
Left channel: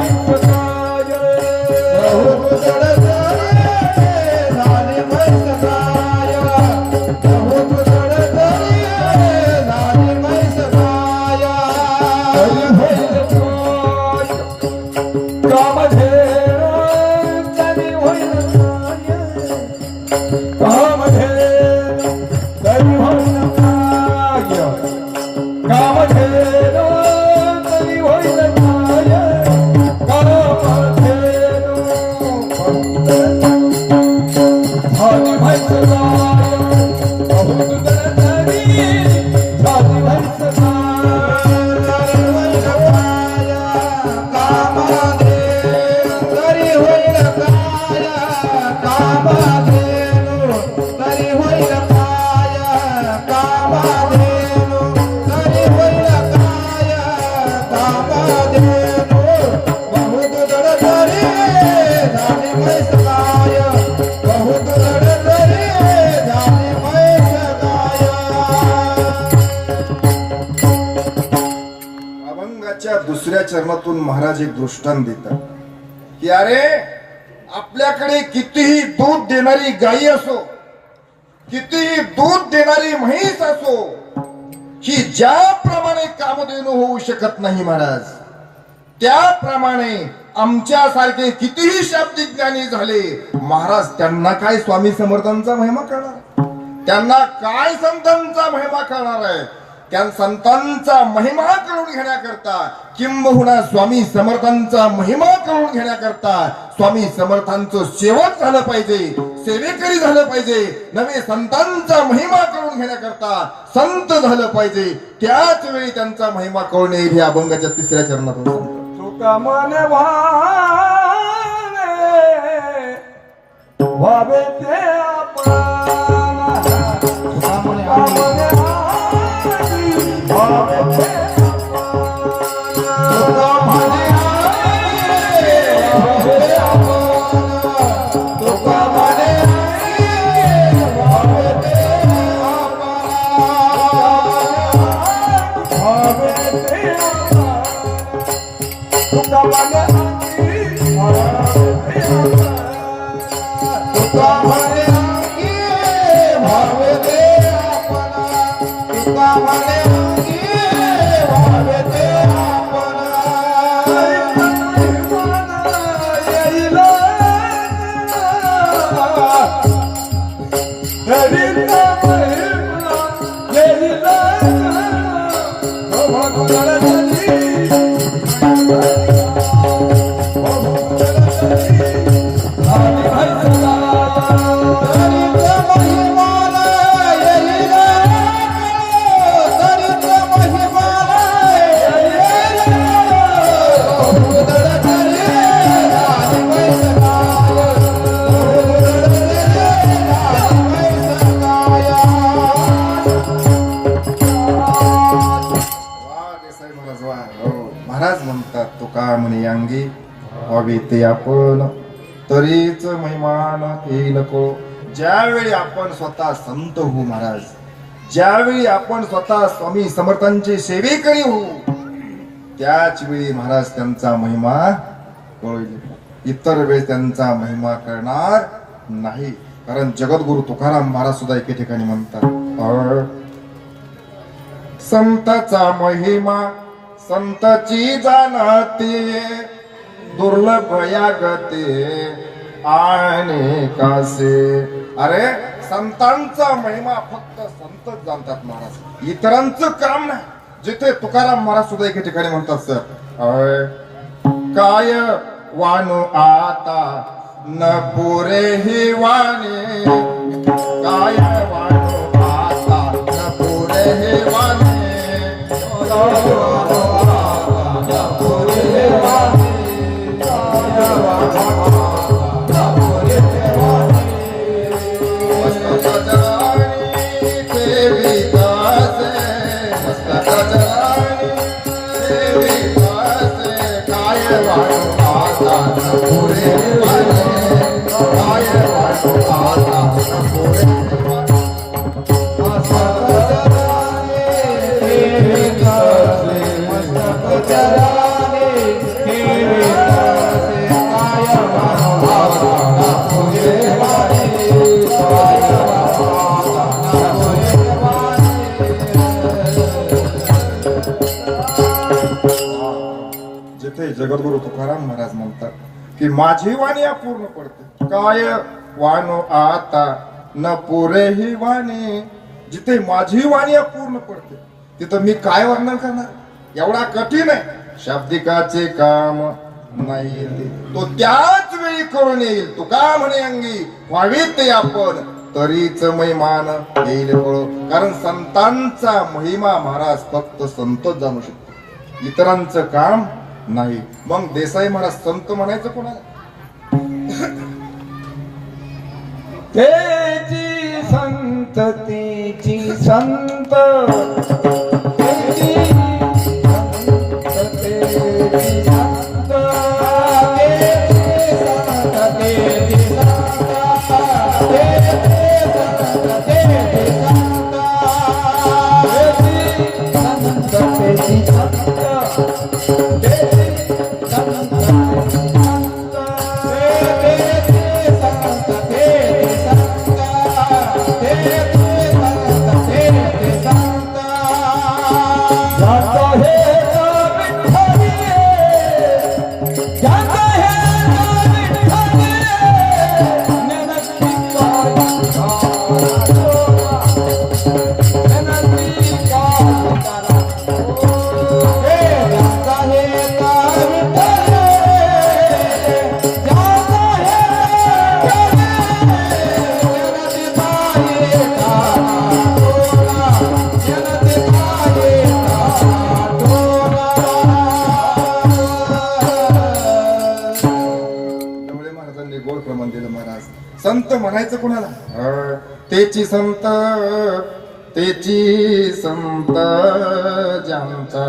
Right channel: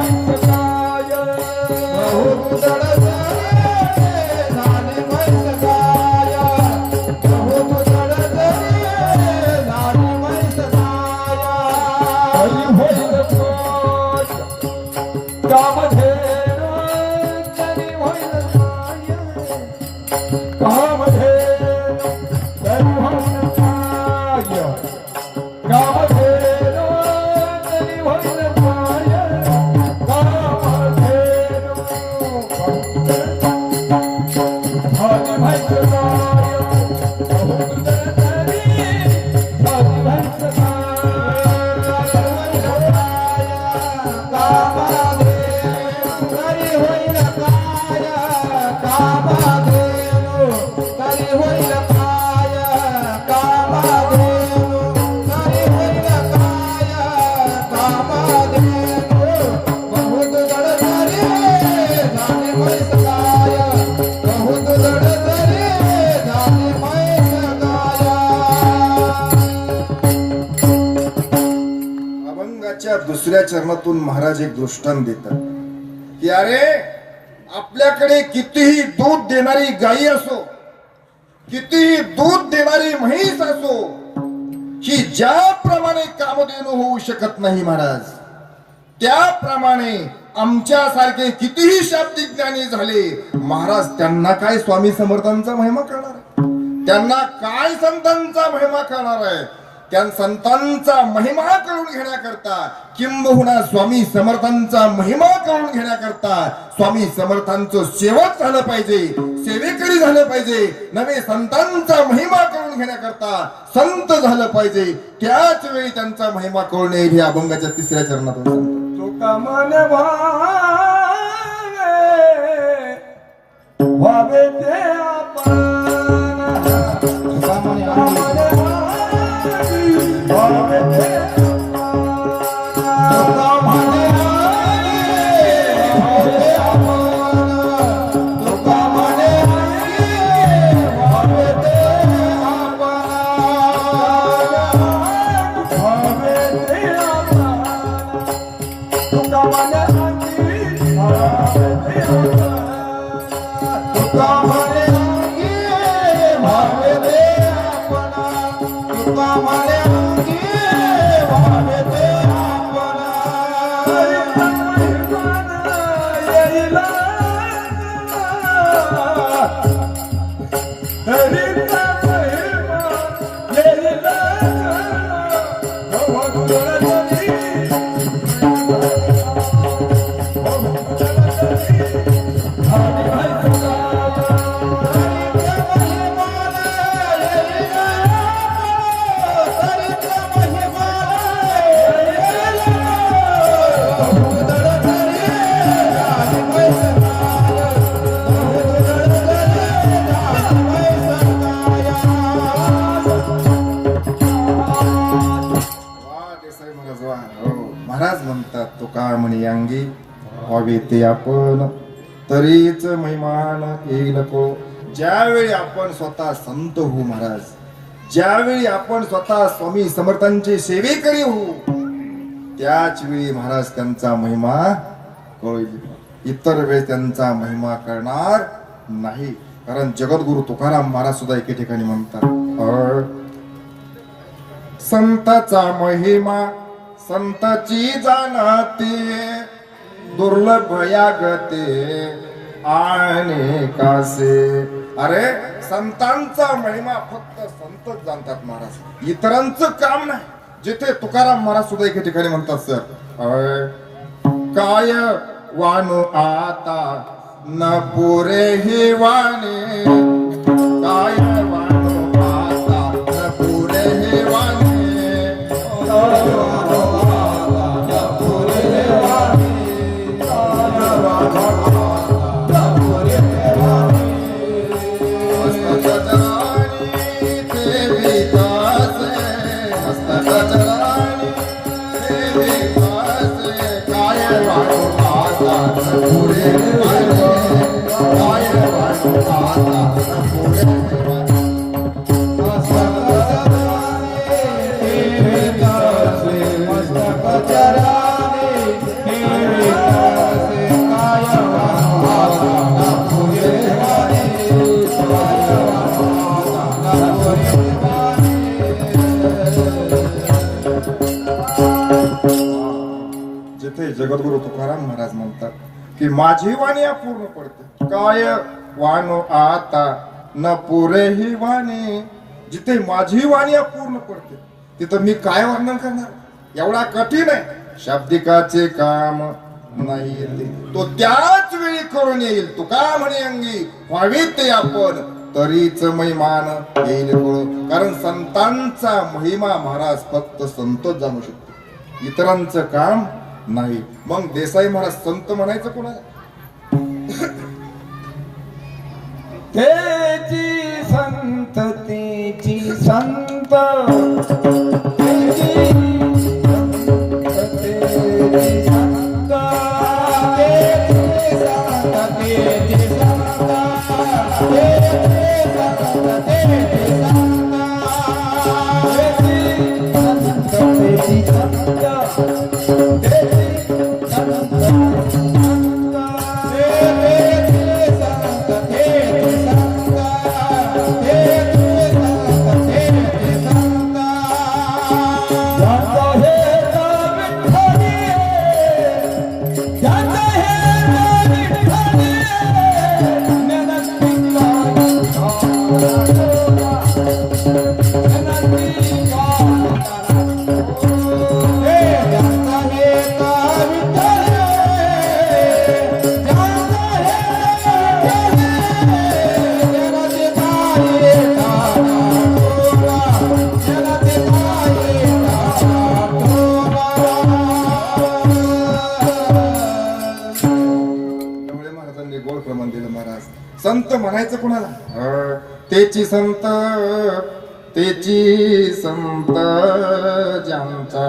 बहुदुधण झाली म्हैस दुसऱ्या चरणातून महाराज एक दृष्टांत देतात की अरे आपल्याकडे कितीही दूध देणारी गाई असो कितीही दूध देणारी म्हैस असो ही ज्याप्रमाणे कामधेनू होऊ शकत नाही महाराज त्याप्रमाणे आमच्यासारखे कितीही शाब्दिक ज्ञानी झाले महाराज त्यांना काय स्वामी समर्थांचा महिमा कळणार त्यांना काय संतांचा महिमा कळणार आहे त्या संतांचा महिमा करून घेण्याकरता किंबहुना स्वामी समर्थांचा महिमा करून घेण्याकरता स्वामी समर्थांचं सेवक झालं पाहिजे सेवेकरी झालं पाहिजे नवे संतांचा महिमा करून घेण्याकरता संत झालं पाहिजे त्याच वेळी त्यांचा महिमा करून येईल या अभंगाच्या तिसऱ्या चरणातून तुका माने भावे ते महाराज म्हणतात तुका म्हणे अंगी व्हावे ते आपण तरीच महिमान येईल नको ज्यावेळी आपण स्वतः संत होऊ महाराज ज्यावेळी आपण स्वतः स्वामी समर्थांचे सेवेकरी होऊ त्याच वेळी महाराज त्यांचा महिमा कळेल इतर वेळी त्यांचा महिमा करणार नाही कारण जगद्गुरु तुकाराम महाराज सुद्धा एके ठिकाणी म्हणतात संताचा महिमा संतची जाणते दुर्लभ या गते आणि कासे अरे संतांचा महिमा फक्त संतच जाणतात महाराज, इतरांचं काम नाही. जिथे तुकाराम महाराज सुद्धा एके ठिकाणी म्हणतात सर, काय वाणू आता न पुरे ही वाणी, काय वाणू आता न पुरे ही वाणी, जिथे जगद्गुरु तुकाराम महाराज म्हणतात की माझी वाणी अपूर्ण पडते, काय वाणो आता न पुरे ही वाणी. जिथे माझी वाणी अपूर्ण पडते तिथं मी काय वर्णन करणार, एवढा कठीण आहे. शाब्दिकाचे काम नाही येते तो त्याच वेळी करून येईल. तुका म्हणे अंगी व्हावे ते आपण, तरीच महिमान येईल फळ. कारण संतांचा महिमा महाराज फक्त संतच जाणू शकतो, इतरांचं काम नाही. मग देसाई महाराज संत म्हणायचं कोणाला? तेची संत, तेची संत, तेची संत, तेची संत, तेची संत, तेची संत, तेची संत, संत म्हणायचं कोणाला? तेची संत, तेची संत ज्यांचा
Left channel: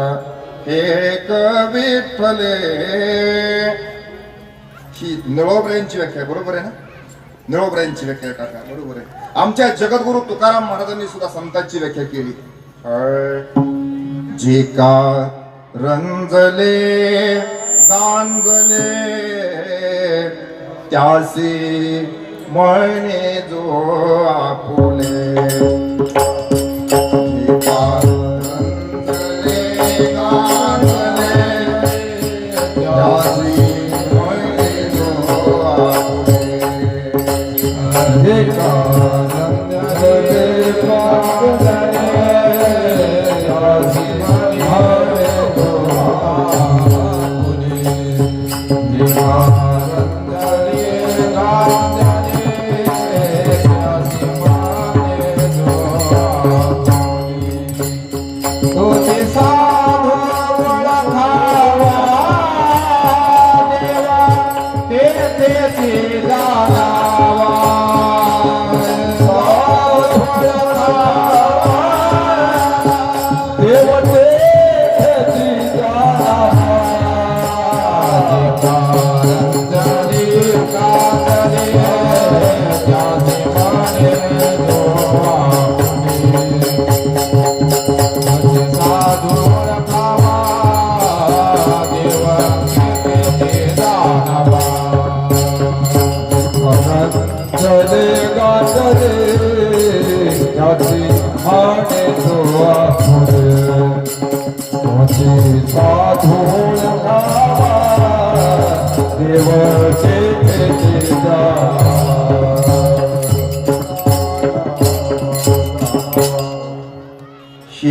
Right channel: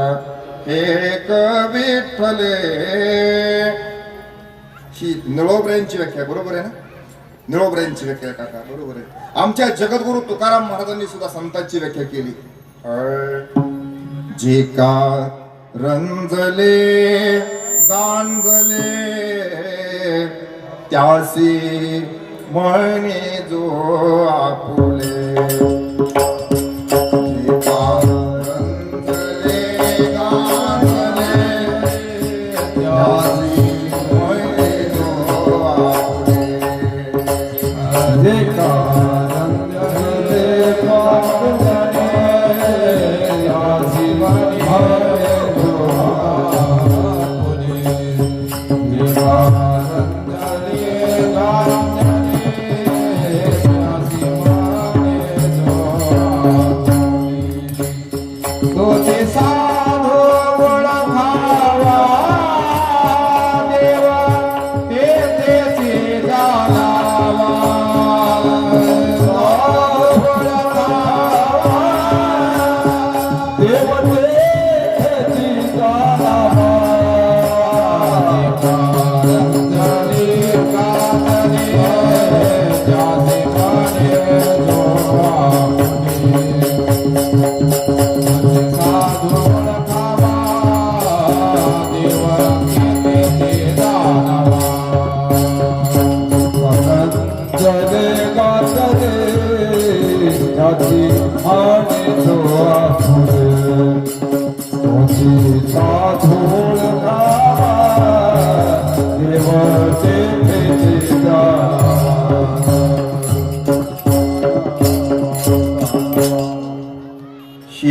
एक विठ्ठले. ही निळोबऱ्यांची व्याख्या बरोबर आहे ना? निळोबऱ्यांची व्याख्या काका बरोबर आहे. आमच्या जगद्गुरु तुकाराम महाराजांनी सुद्धा संतांची व्याख्या केली. जे का रंजले गांजले त्यासी म्हणे जो आपुले. जे का रंजले गांजले त्यासी म्हणे जो आपुले. जे का रंजले गांजले त्यासी म्हणे जो आपुले. जे का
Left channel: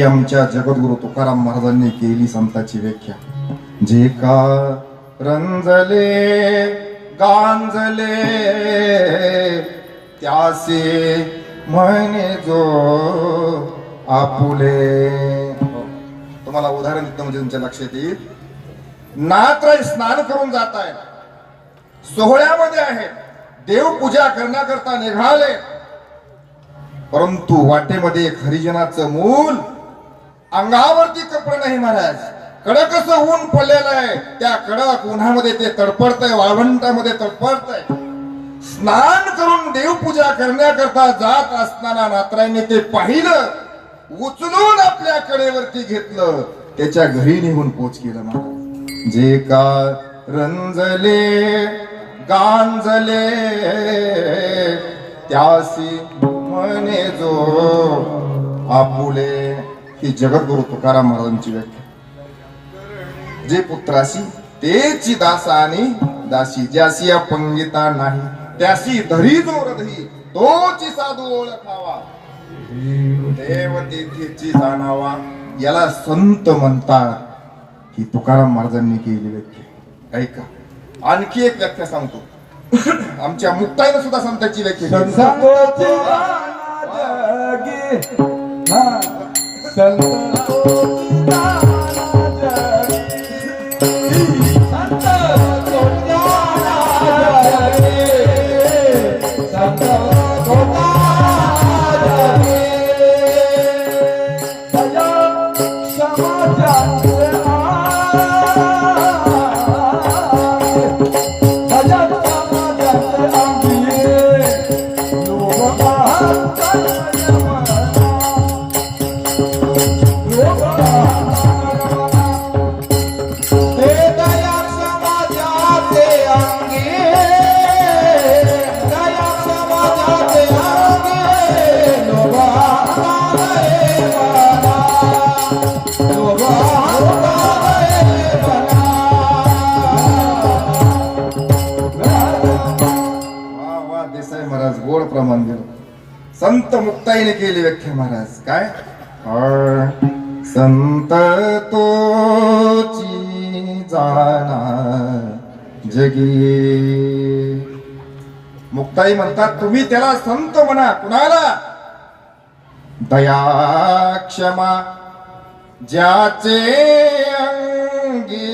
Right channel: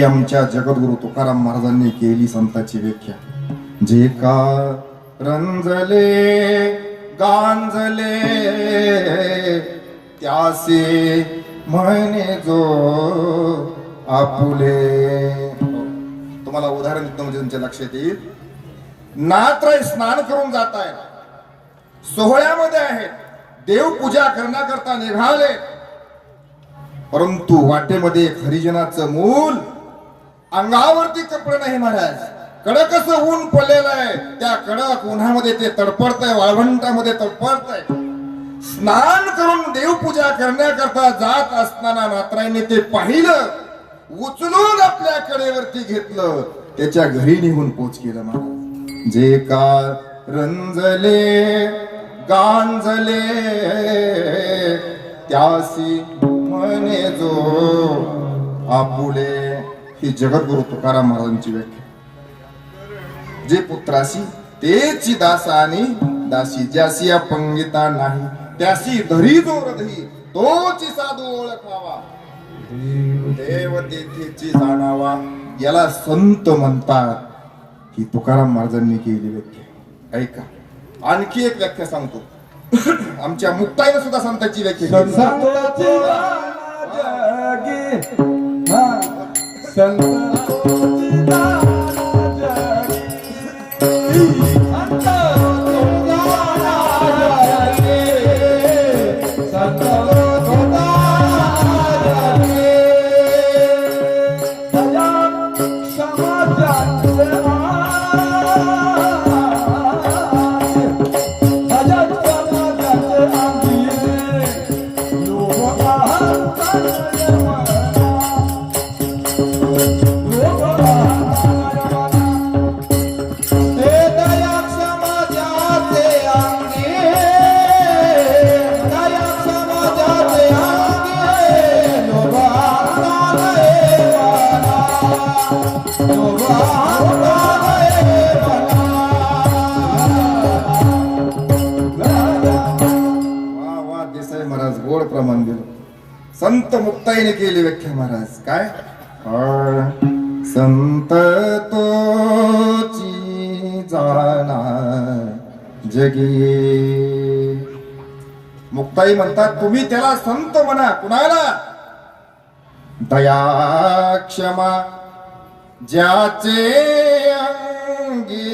आमच्या जगद्गुरु तुकाराम महाराजांनी केली संताची व्याख्या. जे का रंजले गांजले त्यासे म्हणे जो आपुले. तुम्हाला उदाहरण देतो म्हणजे तुमच्या लक्षात येईल. नात्र स्नान करून जात आहे, सोहळ्यामध्ये आहे, देवपूजा करण्याकरता निघाले, परंतु वाटेमध्ये एक हरिजनाचं मूल, अंगावरती कपडे नाही महाराज, कडक असं ऊन पडलेलं आहे. त्या कडक उन्हामध्ये ते तडपडतंय, वाळवंटामध्ये तडपडतंय. स्नान करून देवपूजा करण्याकरता जात असताना नात्रांनी ते पाहिलं, उचलून आपल्या कडेवरती घेतलं, त्याच्या घरी निघून पोच केलं महाराज. जे का रंजले गांजले त्यासी म्हणे जो आपुले. ही जगद्गुरु तुकाराम महाराजांची व्याख्या. जे पुत्रासी तेची दासा आणि दासी, ज्यासी अपंगिता नाही त्यासी धरी जोर दही, तोची साधू ओळखावा, देव तेथेची जाणावा. याला संत म्हणतात. ही तुकाराम महाराजांनी केली व्याख्या. ऐका, आणखी एक व्याख्या सांगतो. आमच्या मुक्ताईनं सुद्धा संतांची व्याख्या केली. संत मुक्ताईने केली व्याख्या महाराज. काय संत तोची जाणा जगी. मुक्ताई म्हणतात तुम्ही त्याला संत म्हणा. कुणाला? दया क्षमा ज्याचे अंगी,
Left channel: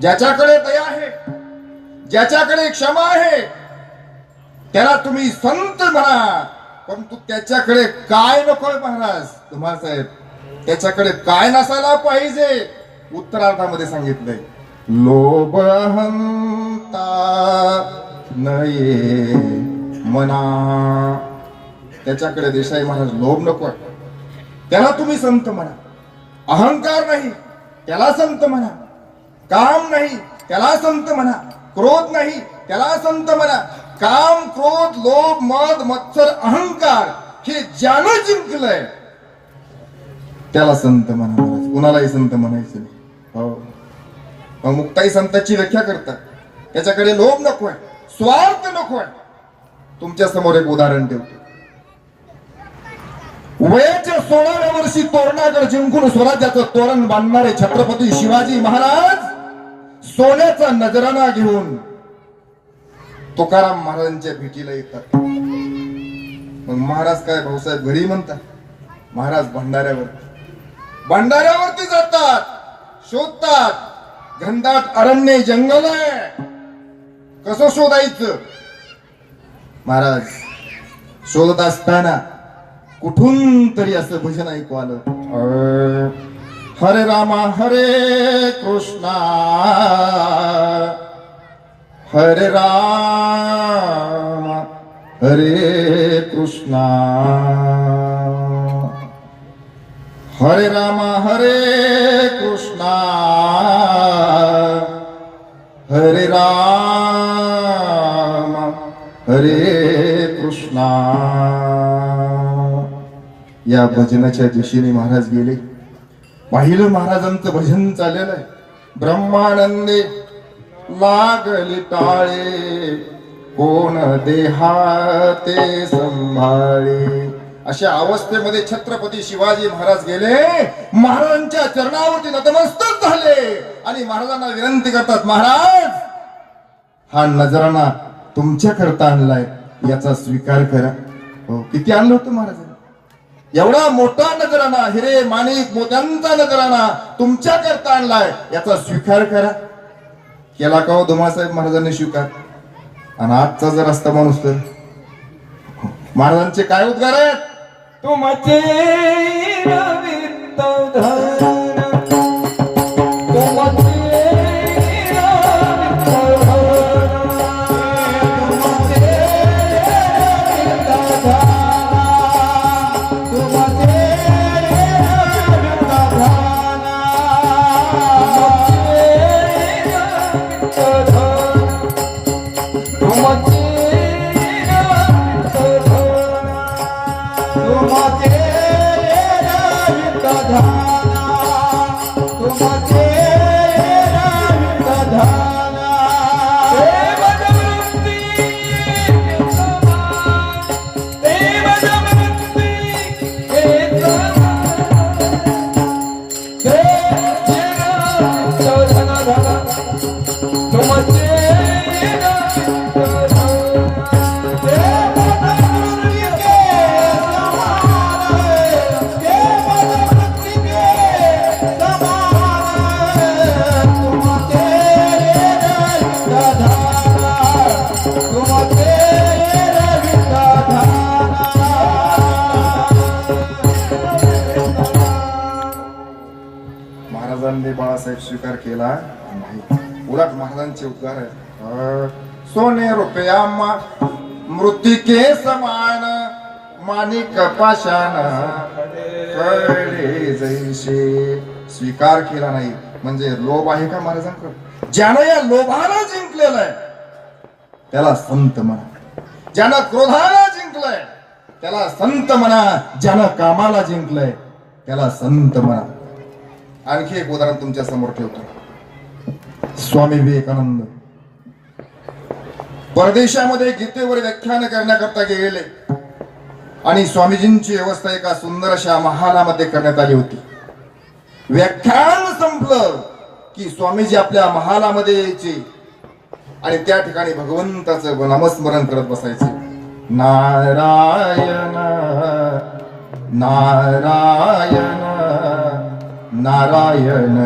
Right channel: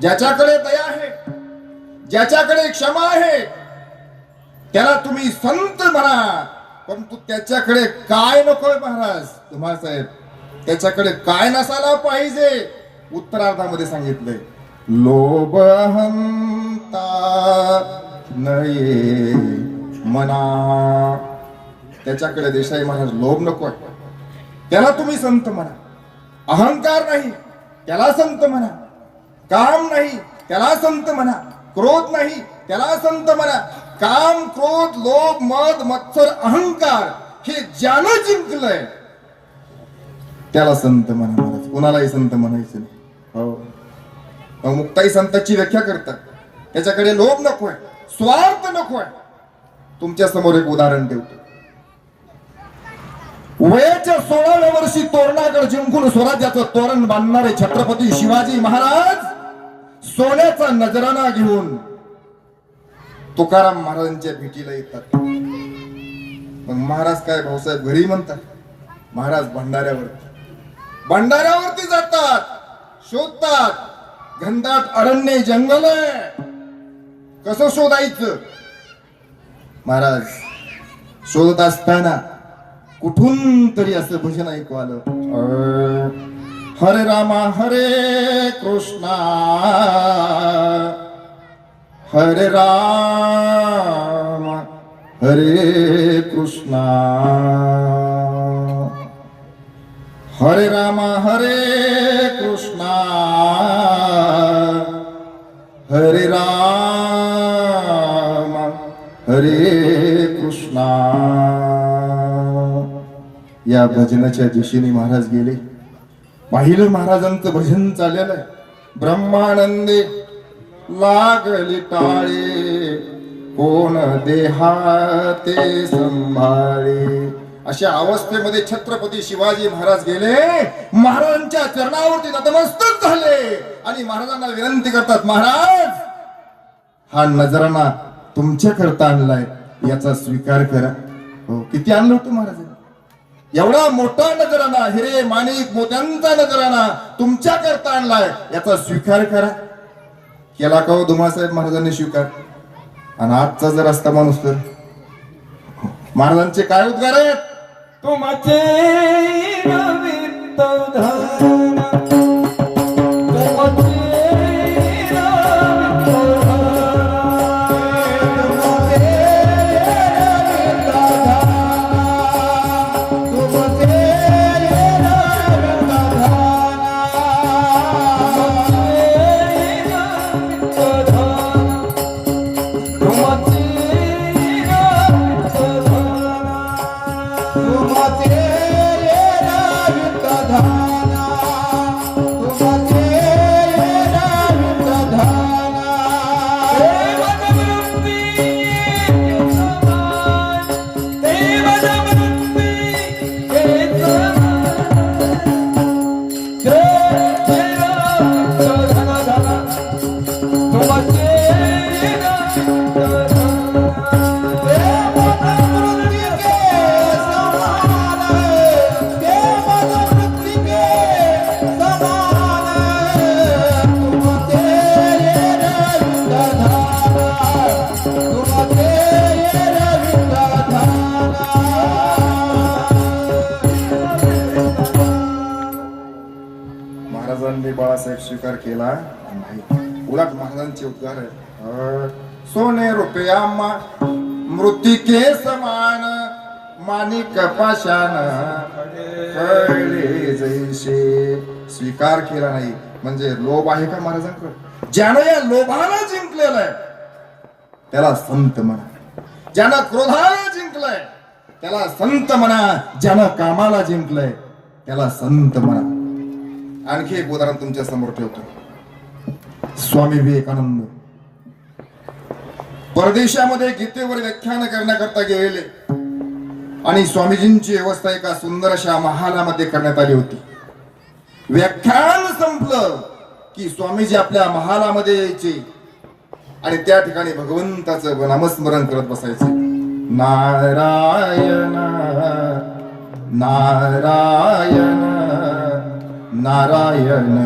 ज्याच्याकडे दया आहे, ज्याच्याकडे क्षमा आहे, त्याला तुम्ही संत म्हणा. परंतु त्याच्याकडे काय नकोय महाराज तुम्हाला साहेब, त्याच्याकडे काय नसायला पाहिजे? उत्तरार्धामध्ये सांगितलंय, लोभ हंता नये मना. त्याच्याकडे देसाई महाराज लोभ नकोय, त्याला तुम्ही संत म्हणा. अहंकार नाही, त्याला संत म्हणा. काम नाही, त्याला संत म्हणा. क्रोध नाही, त्याला संत म्हणा. काम, क्रोध, लोभ, मद, मत्सर, अहंकार हे ज्यानं जिंकलंय त्याला संत म्हणा. कुणालाही संत म्हणायचं नाही. हो, मुक्ताई संतांची व्याख्या करतात. त्याच्याकडे लोभ नकोय, स्वार्थ नकोय. तुमच्या समोर एक उदाहरण ठेवतो. वयाच्या 16व्या वर्षी तोरणागड जिंकून स्वराज्याचं तोरण बांधणारे छत्रपती शिवाजी महाराज सोन्याचा नजराणा घेऊन तुकाराम महाराजांच्या भेटीला येतात. मग महाराज काय भाऊसाहेब घरी म्हणतात? महाराज भंडाऱ्यावरती जातात, शोधतात. घनदाट अरण्य जंगल आहे, कसं शोधायचं? महाराज शोधत असताना कुठून तरी असं भजन ऐकू आलं. हरे रामा हरे कृष्णा हरे राम हरे कृष्णा हरे राम हरे कृष्णा हरे राम हरे कृष्णा. या भजनाच्या दिशेने महाराज गेले. पाहिलं महाराजांचं भजन चाललेलं आहे. ब्रह्मानंदे लागली टाळे कोण देहाते संभाळे. अशा अवस्थेमध्ये छत्रपती शिवाजी महाराज गेले, महाराजांच्या चरणावरती नतमस्तक झाले आणि महाराजांना विनंती करतात, महाराज हा नजराना तुमच्या करता आणलाय, याचा स्वीकार करा. हो, किती आणलं होतं महाराजांनी? एवढा मोठा नजराना, हिरे माणिक मोत्यांचा नजराना तुमच्या करता आणलाय, याचा स्वीकार करा. केला का हो धुमाळसाहेब महाराजांनी स्वीकार? आणि आजचा जर असता माणूस तर महाराजांचे काय उद्गार आहेत? तुमचे रवित धरण, तुमचे महाराजांनी बाळासाहेब स्वीकार केला नाही. उलट महाराजांचे उद्गार आहेत, सोने रुपया मृत्तिके समान, माणिक पाषाण कळले जैसे. स्वीकार केला नाही म्हणजे लोभ आहे का महाराजांकडे? ज्यानं या लोभाला जिंकलेलं आहे त्याला संत म्हणा, ज्यानं क्रोधाला जिंकलंय त्याला संत म्हणा, ज्यानं कामाला जिंकलंय त्याला संत म्हणा. आणखी एक उदाहरण तुमच्या समोर ठेवतो. स्वामी विवेकानंद परदेशामध्ये गीतेवर व्याख्यान करण्याकरता गेलेले आणि स्वामीजींची व्यवस्था एका सुंदर अशा महालामध्ये करण्यात आली होती. व्याख्यान संपलं की स्वामीजी आपल्या महालामध्ये यायचे आणि त्या ठिकाणी भगवंताचं नामस्मरण करत बसायचे. नारायण नारायण नारायण नारायण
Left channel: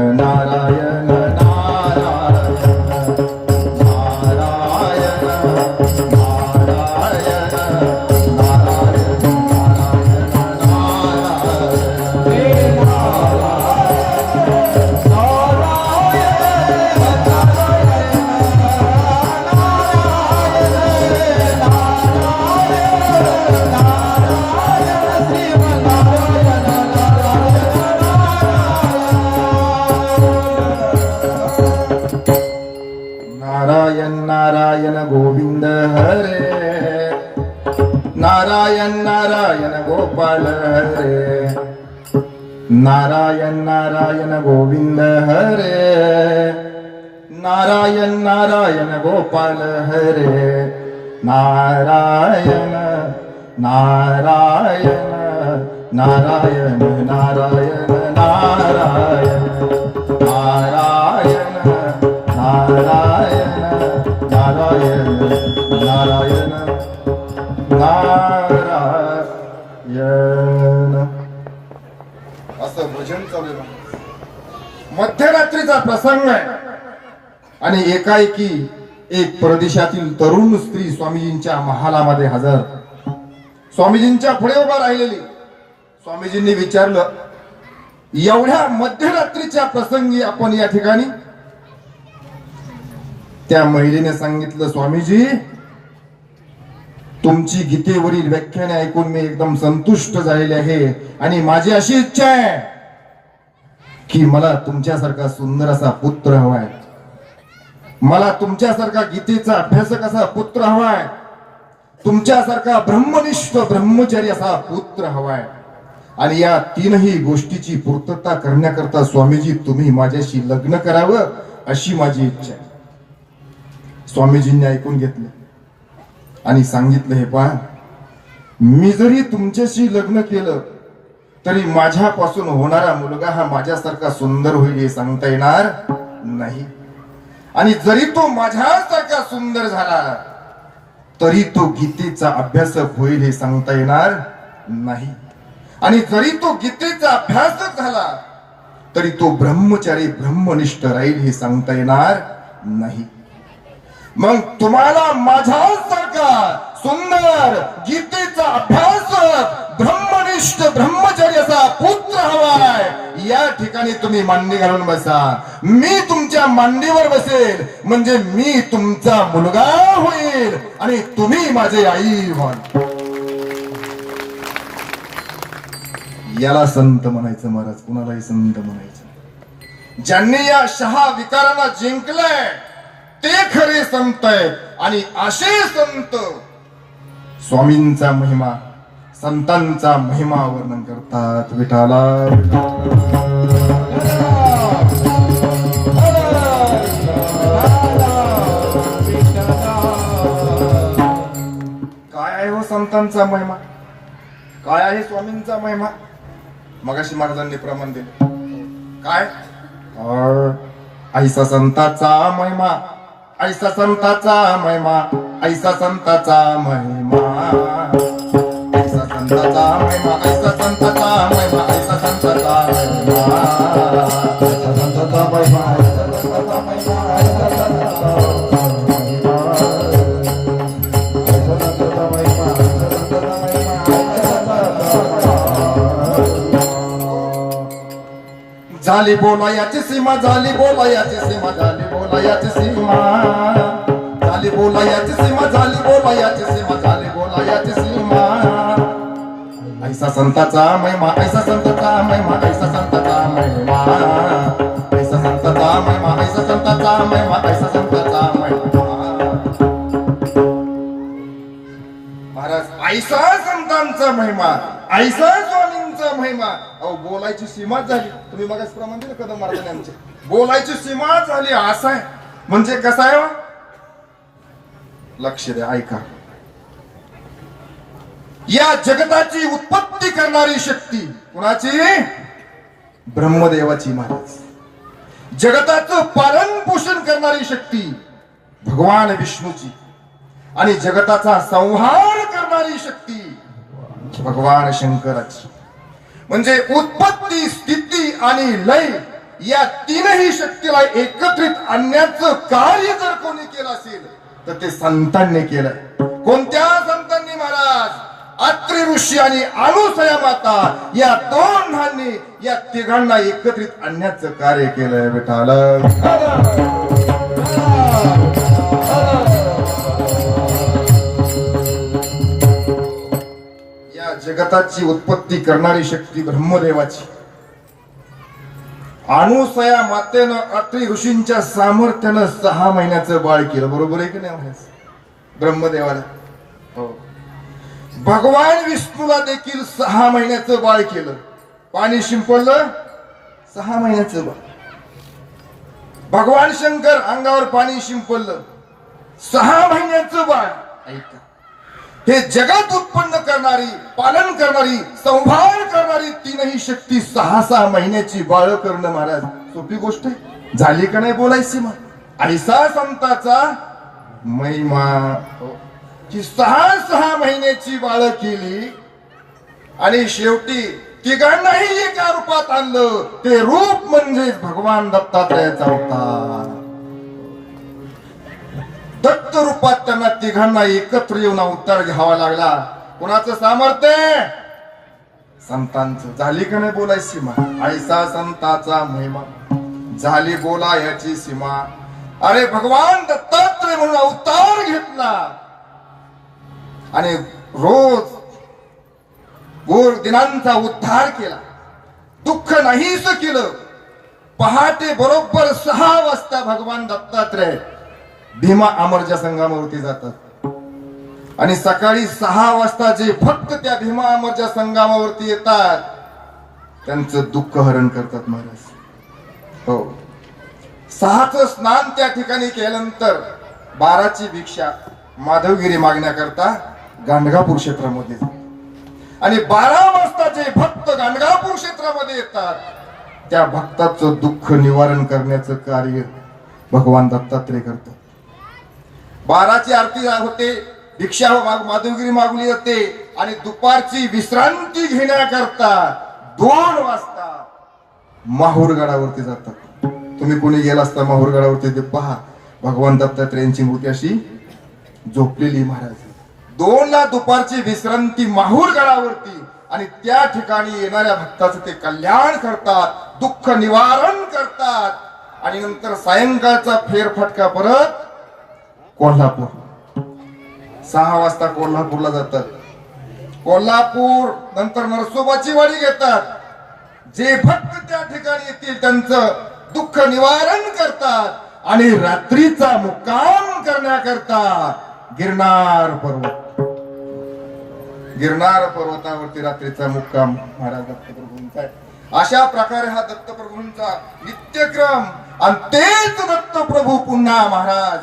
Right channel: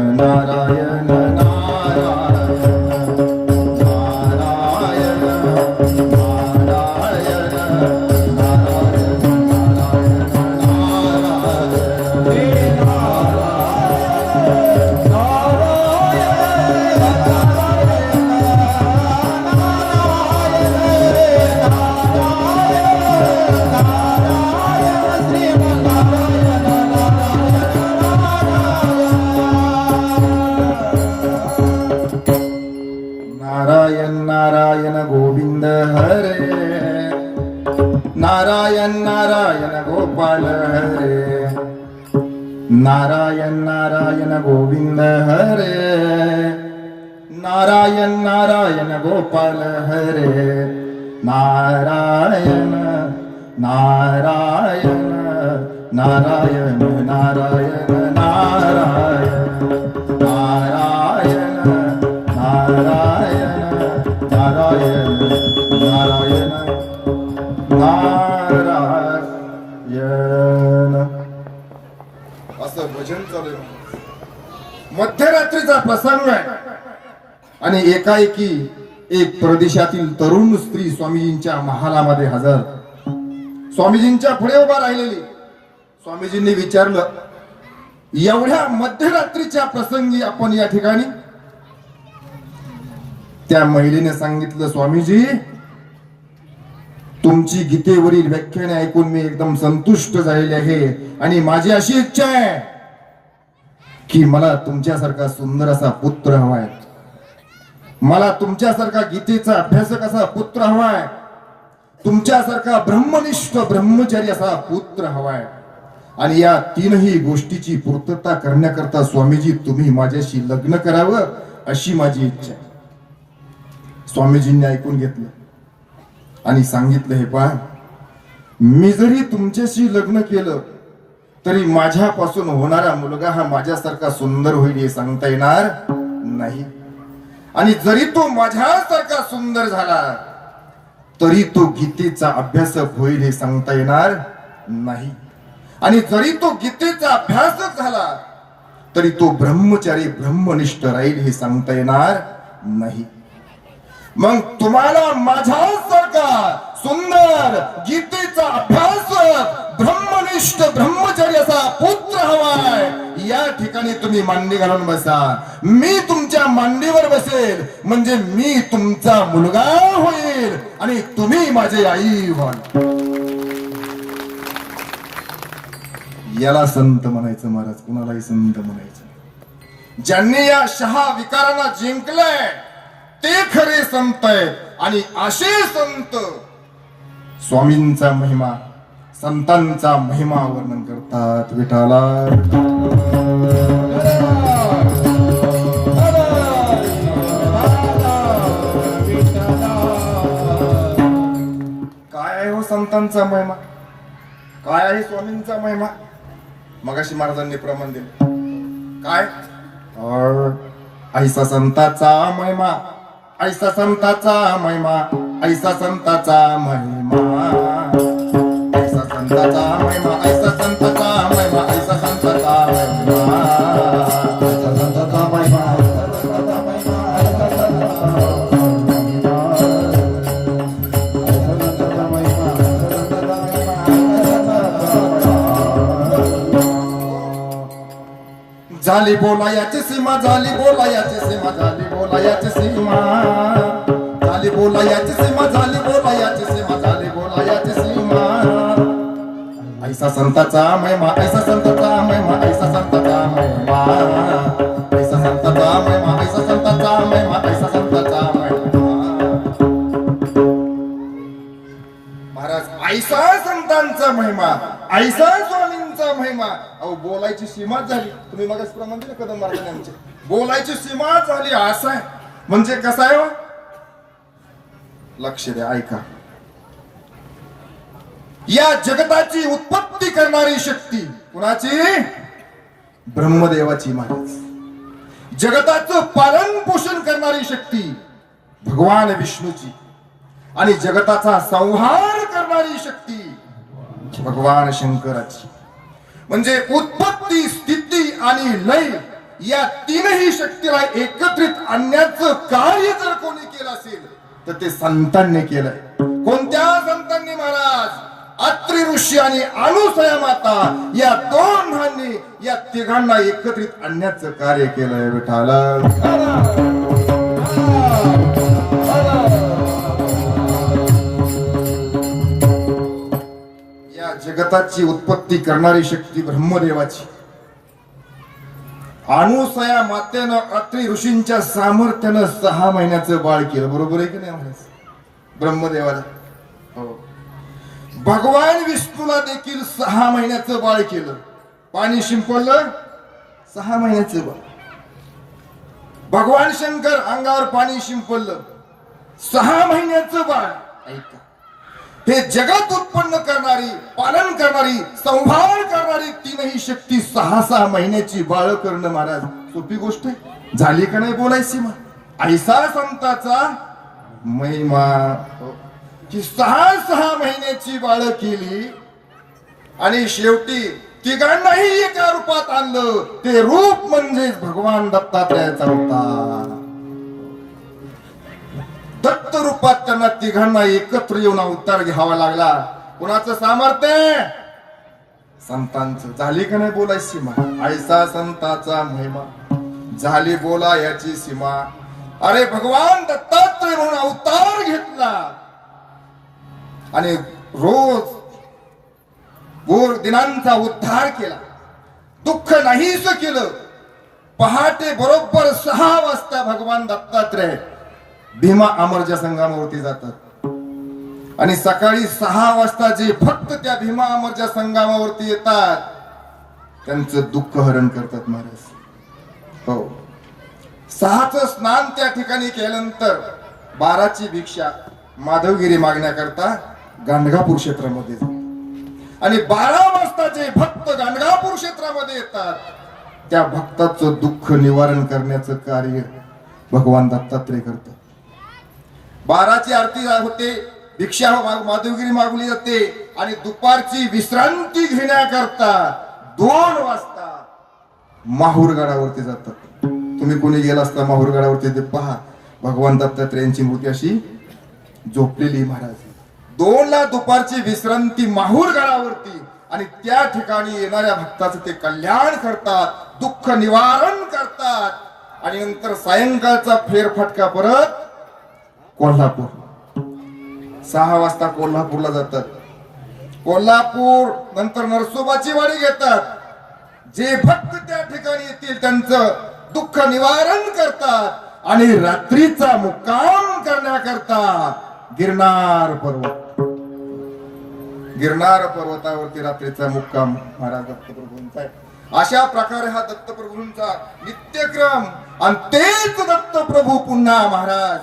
नारायण नारायण गोविंद हरे, नारायण नारायण गोपाल हरे, नारायण नारायण नारायण नारायण नारायण नारायण नारायण नारायण नारायण नारायण. असं भजन चालू आहे. मध्यरात्रीचा प्रसंग आहे आणि एकाएकी एक परदेशातील तरुण स्त्री स्वामीजींच्या महालामध्ये हजर, स्वामीजींच्या पुढे उभा राहिलेली. स्वामीजींनी विचारलं, एवढ्या मध्यरात्रीच्या प्रसंगी आपण या ठिकाणी? त्या महिलेने सांगितलं, स्वामीजी तुमची गीतेवरील व्याख्याने ऐकून मी एकदम संतुष्ट झालेले आहे आणि माझी अशी इच्छा आहे की मला तुमच्यासारखा सुंदर असा पुत्र हवाय, मला तुमच्यासारखा गीतेचा अभ्यासक असा पुत्र हवाय, तुमच्यासारखा ब्रह्मनिष्ठ ब्रह्मचारी असा पुत्र हवाय. आणि या तीनही गोष्टीची पूर्तता करण्याकरता स्वामीजी तुम्ही माझ्याशी लग्न करावं अशी माझी इच्छा आहे. स्वामीजींनी ऐकून घेतलं आणि सांगितलं, हे पहा मी जरी तुमच्याशी लग्न केलं तरी माझ्यापासून होणारा मुलगा हा माझ्यासारखा सुंदर होईल हे सांगता येणार नाही. आणि जरी तो माझ्यासारखा सुंदर झाला तरी तो गीतेचा अभ्यासक होईल हे सांगता येणार नाही. आणि जरी तो गीतेचा अभ्यासक झाला तरी तो ब्रह्मचारी ब्रह्मनिष्ठ राहील हे सांगता येणार नाही. मग तुम्हाला माझ्यासारखा सुंदर गीतेचा अभ्यासक ब्रह्मनिष्ठ ब्रह्मचारी असा पुत्र हवाय. या ठिकाणी तुम्ही मांडी घालून बसा. मी तुमच्या मांडीवर बसेल म्हणजे मी तुमचा मुलगा होईल आणि तुम्ही माझे आई व्हाल. याला संत म्हणायचं महाराज, कुणालाही संत म्हणायचं. ज्यांनी या शहा विकारांना जिंकलंय ते खरे संत आहेत. आणि असे संत स्वामींचा महिमा संतांचा महिमा वर्णन करतात. विठाला काय आहे हो संतांचा महिमा, काय आहे स्वामींचा महिमा. मगाशी महाराजांनी प्रमाण दिलं काय, ऐसा संताचा महिमा, ऐसा संताचा महिमा, ऐसा संताचा महिमा, ऐसा संताचा महिमा, ऐसा संताचा महिमा, ऐसा संताचा महिमा, ऐसा संताचा महिमा, झाली बोलायाची सीमा, झाली बोलायाची सीमा, झाली बोलायाची सीमा, झाली बोलायाची सीमा, झाली बोलायाची सीमा, झाली बोलायाची सीमा. ऐसा संताचा महिमा, ऐसा संताचा महिमा, ऐसा संताचा महिमा, ऐसा संताचा महिमा, ऐसा संताचा महिमा, ऐसा संताचा महिमा. महाराज ऐसा संतांचा महिमा, ऐसा स्वामींचा महिमा. अहो बोलायची सीमा झाली. तुम्ही मगाच प्रमाण दिलं कदम महाराजांनी आमचे. बोलायची सीमा झाली असं आहे म्हणजे कसं आहे हो? लक्ष द्या, ऐका. या जगताची उत्पत्ती करणारी शक्ती कुणाची? ब्रह्मदेवाची महाराज. जगताचं पालन पोषण करणारी शक्ती भगवान विष्णूची. आणि जगताचा संहार करणारी शक्ती भगवान शंकराची. म्हणजे उत्पत्ती स्थिती आणि लय या तीनही शक्तीला एकत्रित आणण्याचं कार्य जर कोणी केलं असेल तर ते संतांनी केलंय. कोणत्या संतांनी महाराज? अत्रि ऋषी आणि अनुसया माता या दोघांनी या तिघांना एकत्रित आणण्याचं कार्य केलंय. विठाला जगताची उत्पत्ती करणारी शक्ती ब्रह्मदेवाची. अनुसया मातेनं अत्रि ऋषींच्या सामर्थ्यानं 6 महिन्याचं बाळ केलं. बरोबर आहे की नाही ब्रह्मदेवाला? हो. भगवान विष्णूला देखील 6 महिन्याचं बाळ केलं. पाणी शिंपडलं 6 महिन्याचं बाळ. भगवान शंकर अंगावर पाणी शिंपडलं 6 महिन्याचं बाळ. ऐका, हे जगत उत्पन्न करणारी, पालन करणारी, संभाळ करणारी तीनही शक्ती 6 महिन्याची बाळ करणं महाराज सोपी गोष्ट आहे? झाली का नाही बोलायची मग? ऐसा संताचा महिमा. की 6 महिन्याची बाळ केली आणि शेवटी तिघांनाही एका रूपात आणलं. ते रूप म्हणजे भगवान दत्तात्रयाचा अवतार. दत्त रूपात त्यांना तिघांना एकत्र येऊन अवतार घ्यावा लागला. कुणाचं सामर्थ्य? संतांचं. झाली का नाही बोलायची सीमा? ऐसा संताचा महिमा, झाली बोला याची सीमा. अरे भगवान दत्तात्रय म्हणून अवतार घेतला आणि रोज गोर दिनांचा उद्धार केला. दुःख नाहीच केलं. पहाटे बरोबर 6 वाजता भगवान दत्तात्रय भीमा अमरच्या संगमावरती जातात आणि सकाळी 6 वाजता जे फक्त त्या भीमा अमरच्या संगमावरती येतात त्यांचं दुःख हरण करतात महाराज. हो. 6चं स्नान त्या ठिकाणी केल्यानंतर 12ची भिक्षा माधवगिरी मागण्याकरता गाणगापूर क्षेत्रामध्ये आणि 12 वाजता जे भक्त गाणगापूर क्षेत्रामध्ये येतात त्या भक्ताचं दुःख निवारण करण्याचं कार्य भगवान दत्तात्रय करतात. 12ची आरती होते, भिक्षा माधवगिरी मागली जाते आणि दुपारची विश्रांती घेण्याकरता 2 वाजता माहूरगडावरती जातात. तुम्ही कोणी गेला असता माहूरगडावरती ते पहा, भगवान दत्तात्रयांची मूर्ती अशी झोपलेली महाराज. 2 ला दुपारची विश्रांती माहूरगडावरती आणि त्या ठिकाणी येणाऱ्या भक्ताचं ते कल्याण करतात, दुःख निवारण करतात आणि नंतर सायंकाळचा फेरफटका परत कोल्हापूर. 6 वाजता कोल्हापूरला जातात. कोल्हापूर नंतर नरसोबाची वाडी घेतात. जे भक्त त्या ठिकाणी येतील त्यांचं दुःख निवारण करतात आणि रात्रीचा मुक्काम करण्याकरता गिरनार पर्वतावरती रात्रीचा मुक्काम महाराज दत्तप्रभूंचा आहे. अशा प्रकारे हा दत्तप्रभूंचा नित्यक्रम. आणि तेच दत्तप्रभू पुन्हा महाराज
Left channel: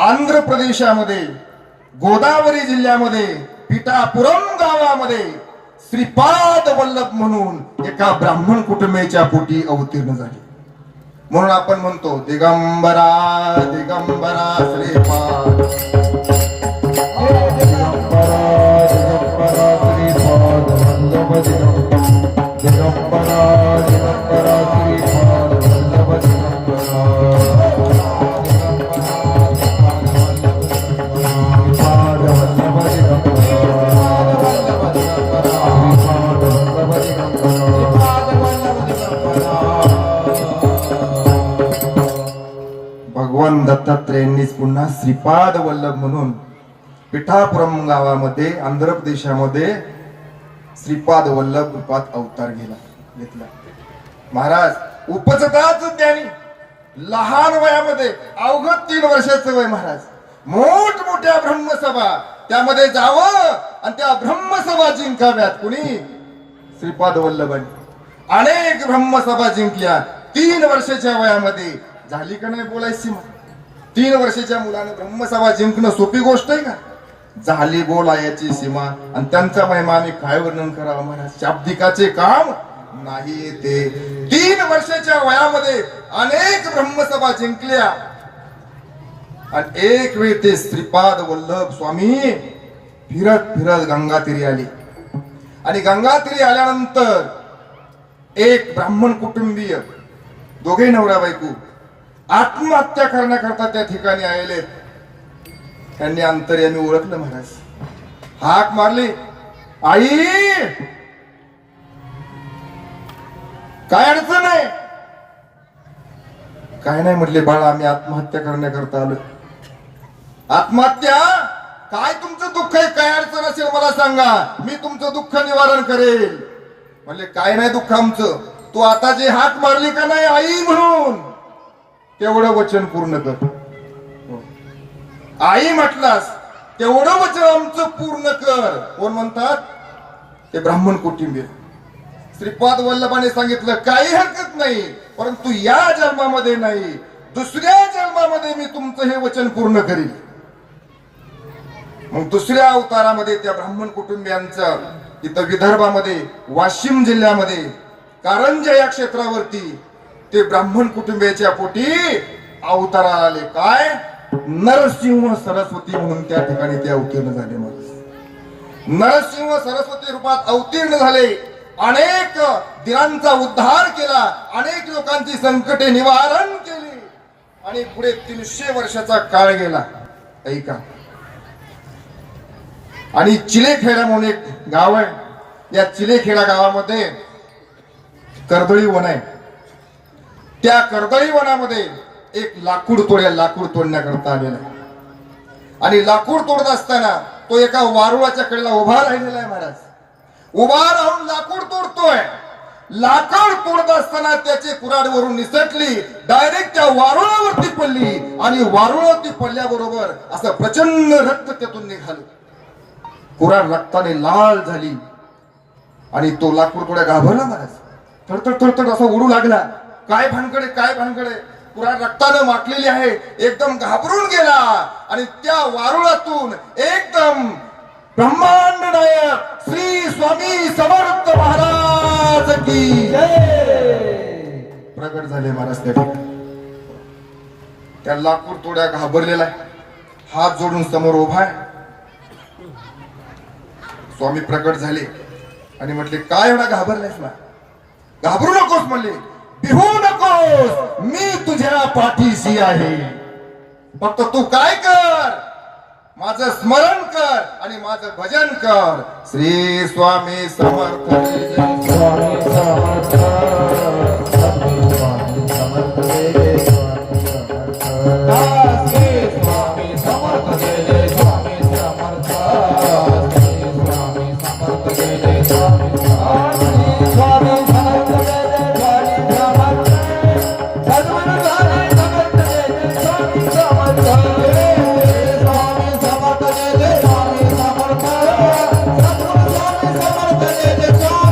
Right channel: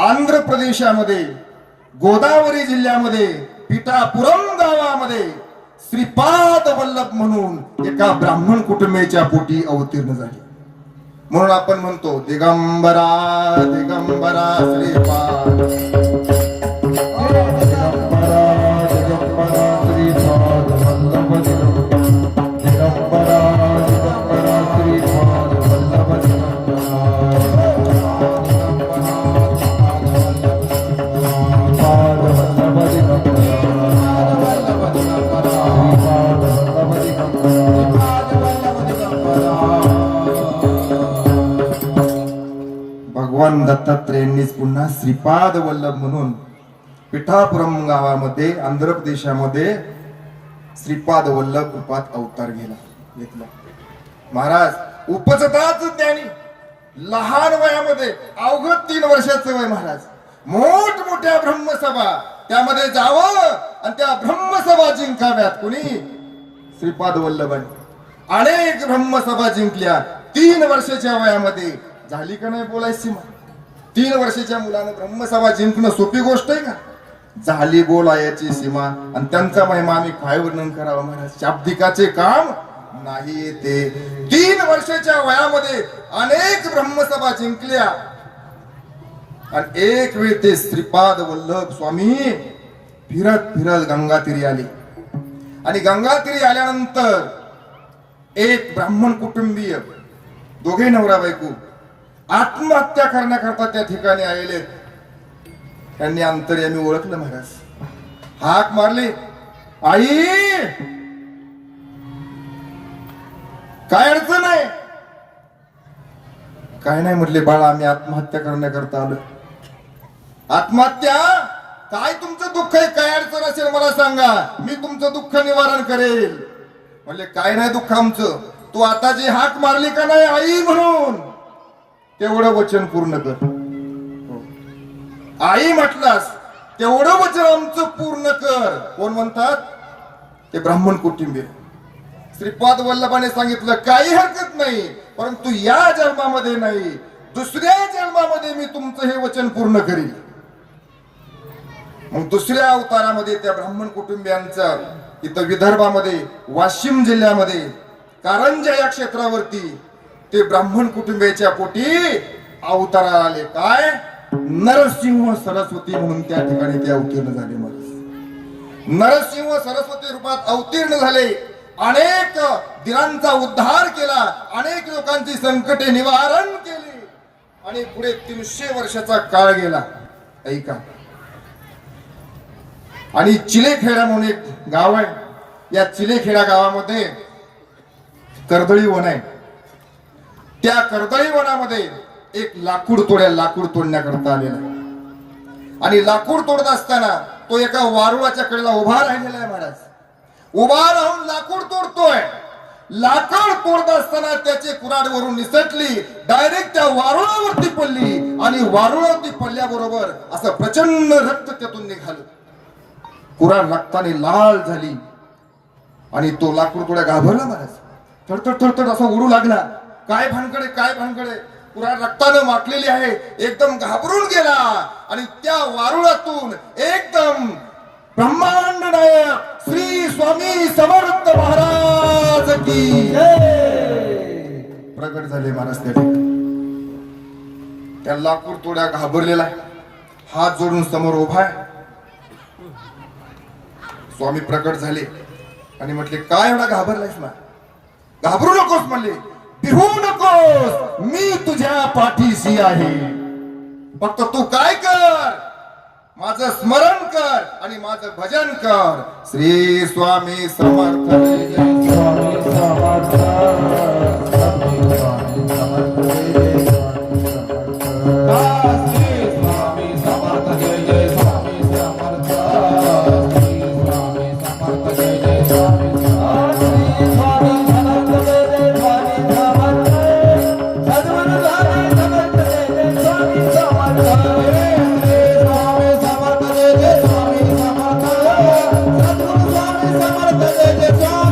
आंध्र प्रदेशामध्ये गोदावरी जिल्ह्यामध्ये पिठापुरम गावामध्ये श्रीपाद वल्लभ म्हणून एका ब्राह्मण कुटुंबाच्या पोटी अवतीर्ण झाले. म्हणून आपण म्हणतो दिगंबरा दिगंबरा श्रीपाद, भगवान दत्तात्रयांनीच पुन्हा श्रीपाद वल्लभ म्हणून पिठापुरम गावामध्ये आंध्र प्रदेशामध्ये श्रीपाद वल्लभ रूपात अवतार घेतला. महाराज उपजताच ज्ञानी, लहान वयामध्ये अवघड 3 वर्षाचं वय महाराज, मोठमोठ्या ब्रह्मसभा त्यामध्ये जावं आणि त्या ब्रह्मसभा जिंकाव्यात. कुणी? श्रीपाद वल्लभांनी अनेक ब्रह्मसभा जिंकल्या 3 वर्षाच्या वयामध्ये. झाली का नाही बोलायची? 3 वर्षाच्या मुलानं ब्रह्मसभा जिंकणं सोपी गोष्ट आहे का? झाली बोलायची सीमा. आणि त्यांचा महिमा आम्ही काय वर्णन करावं महाराज? शाब्दिकाचे काम नाही ते. 3 वर्षाच्या वयामध्ये अनेक ब्रह्मसभा जिंकल्या आणि एक वेळ ते श्रीपाद वल्लभ स्वामी फिरत फिरत गंगातीरी आले. आणि गंगातीरी आल्यानंतर एक ब्राह्मण कुटुंबीय, दोघे नवरा बायको, आत्महत्या करण्याकरता त्या ठिकाणी आलेले. त्यांनी अंतर्यामी ओळखलं महाराज, हाक मारली, आई काय अडचण आहे? काय नाही म्हटले, बाळा आम्ही आत्महत्या करण्याकरता आलो. आत्महत्या? काय तुमचं दुःख आहे? काय अडचण असेल मला सांगा, मी तुमचं दुःख निवारण करेल. म्हणले काय नाही दुःख आमचं, तू आता जे हाक मारली का नाही आई म्हणून, तेवढं वचन पूर्ण कर. आई म्हटलास तेवढं वचन आमचं पूर्ण कर. कोण म्हणतात? ते ब्राह्मण कुटुंबीय. श्रीपाद वल्लभाने सांगितलं काही हरकत नाही, परंतु या जन्मामध्ये नाही, दुसऱ्या जन्मामध्ये मी तुमचं हे वचन पूर्ण करील. मग दुसऱ्या अवतारामध्ये त्या ब्राह्मण कुटुंबियांचं इथं विदर्भामध्ये वाशिम जिल्ह्यामध्ये कारंजा या क्षेत्रावरती ते ब्राह्मण कुटुंबियाच्या पोटी अवताराला आले. काय? नरसिंह सरस्वती म्हणून त्या ठिकाणी ते अवतीर्ण झाले. नरसिंह सरस्वती रूपात अवतीर्ण झाले. अनेक दिनांचा उद्धार केला, अनेक लोकांची संकटे निवारण केली आणि पुढे 300 वर्षाचा काळ गेला. ऐका, आणि चिलेखेडा म्हणून एक गाव आहे. या चिलेखेडा गावामध्ये कर्दळी वन आहे. त्या कर्दळी वनामध्ये एक लाकूड तोडण्याकरता आलेला आहे. आणि लाकूड तोडत असताना तो एका वारुळाच्या कडेला उभा राहिलेला आहे. महाराज उभा राहून लाकूड तोडतोय. लाकूड तोडत असताना त्याची कुऱ्हाड वरून निसटली, डायरेक्ट त्या वारुळावरती पडली आणि वारुळावरती पडल्याबरोबर असं प्रचंड रक्त त्यातून निघालं. कुऱ्हाड रक्ताने लाल झाली आणि तो लाकूड थोड्या घाबरला. महाराज थरथर असा उडू लागला. काय भानगडे, काय भानगडे? कुऱ्हाड रक्तानं वाटलेली आहे. एकदम घाबरून गेला आणि त्या वारुळातून एकदम ब्रह्मांड नायक श्री स्वामी समर्थ महाराज की प्रगट झाले महाराज त्या ठिकाणी. त्या लाकूड तोड्या घाबरलेला आहे, हात जोडून समोर उभा आहे. स्वामी प्रकट झाले आणि म्हटले, काय एवढा घाबरलायस ना? घाबरू नकोस म्हणले, भिवू नकोस, मी तुझ्या पाठीशी आहे. फक्त तू काय कर, माझं स्मरण कर आणि माझं भजन कर. श्री स्वामी समर्थ जय जय स्वामी समर्थ, स्वामी समर्थ जय जय स्वामी समर्थ, श्री स्वामी समर्थ जय जय स्वामी समर्थ, श्री स्वामी समर्थ जय जय स्वामी समर्थ, श्री स्वामी समर्थ जय जय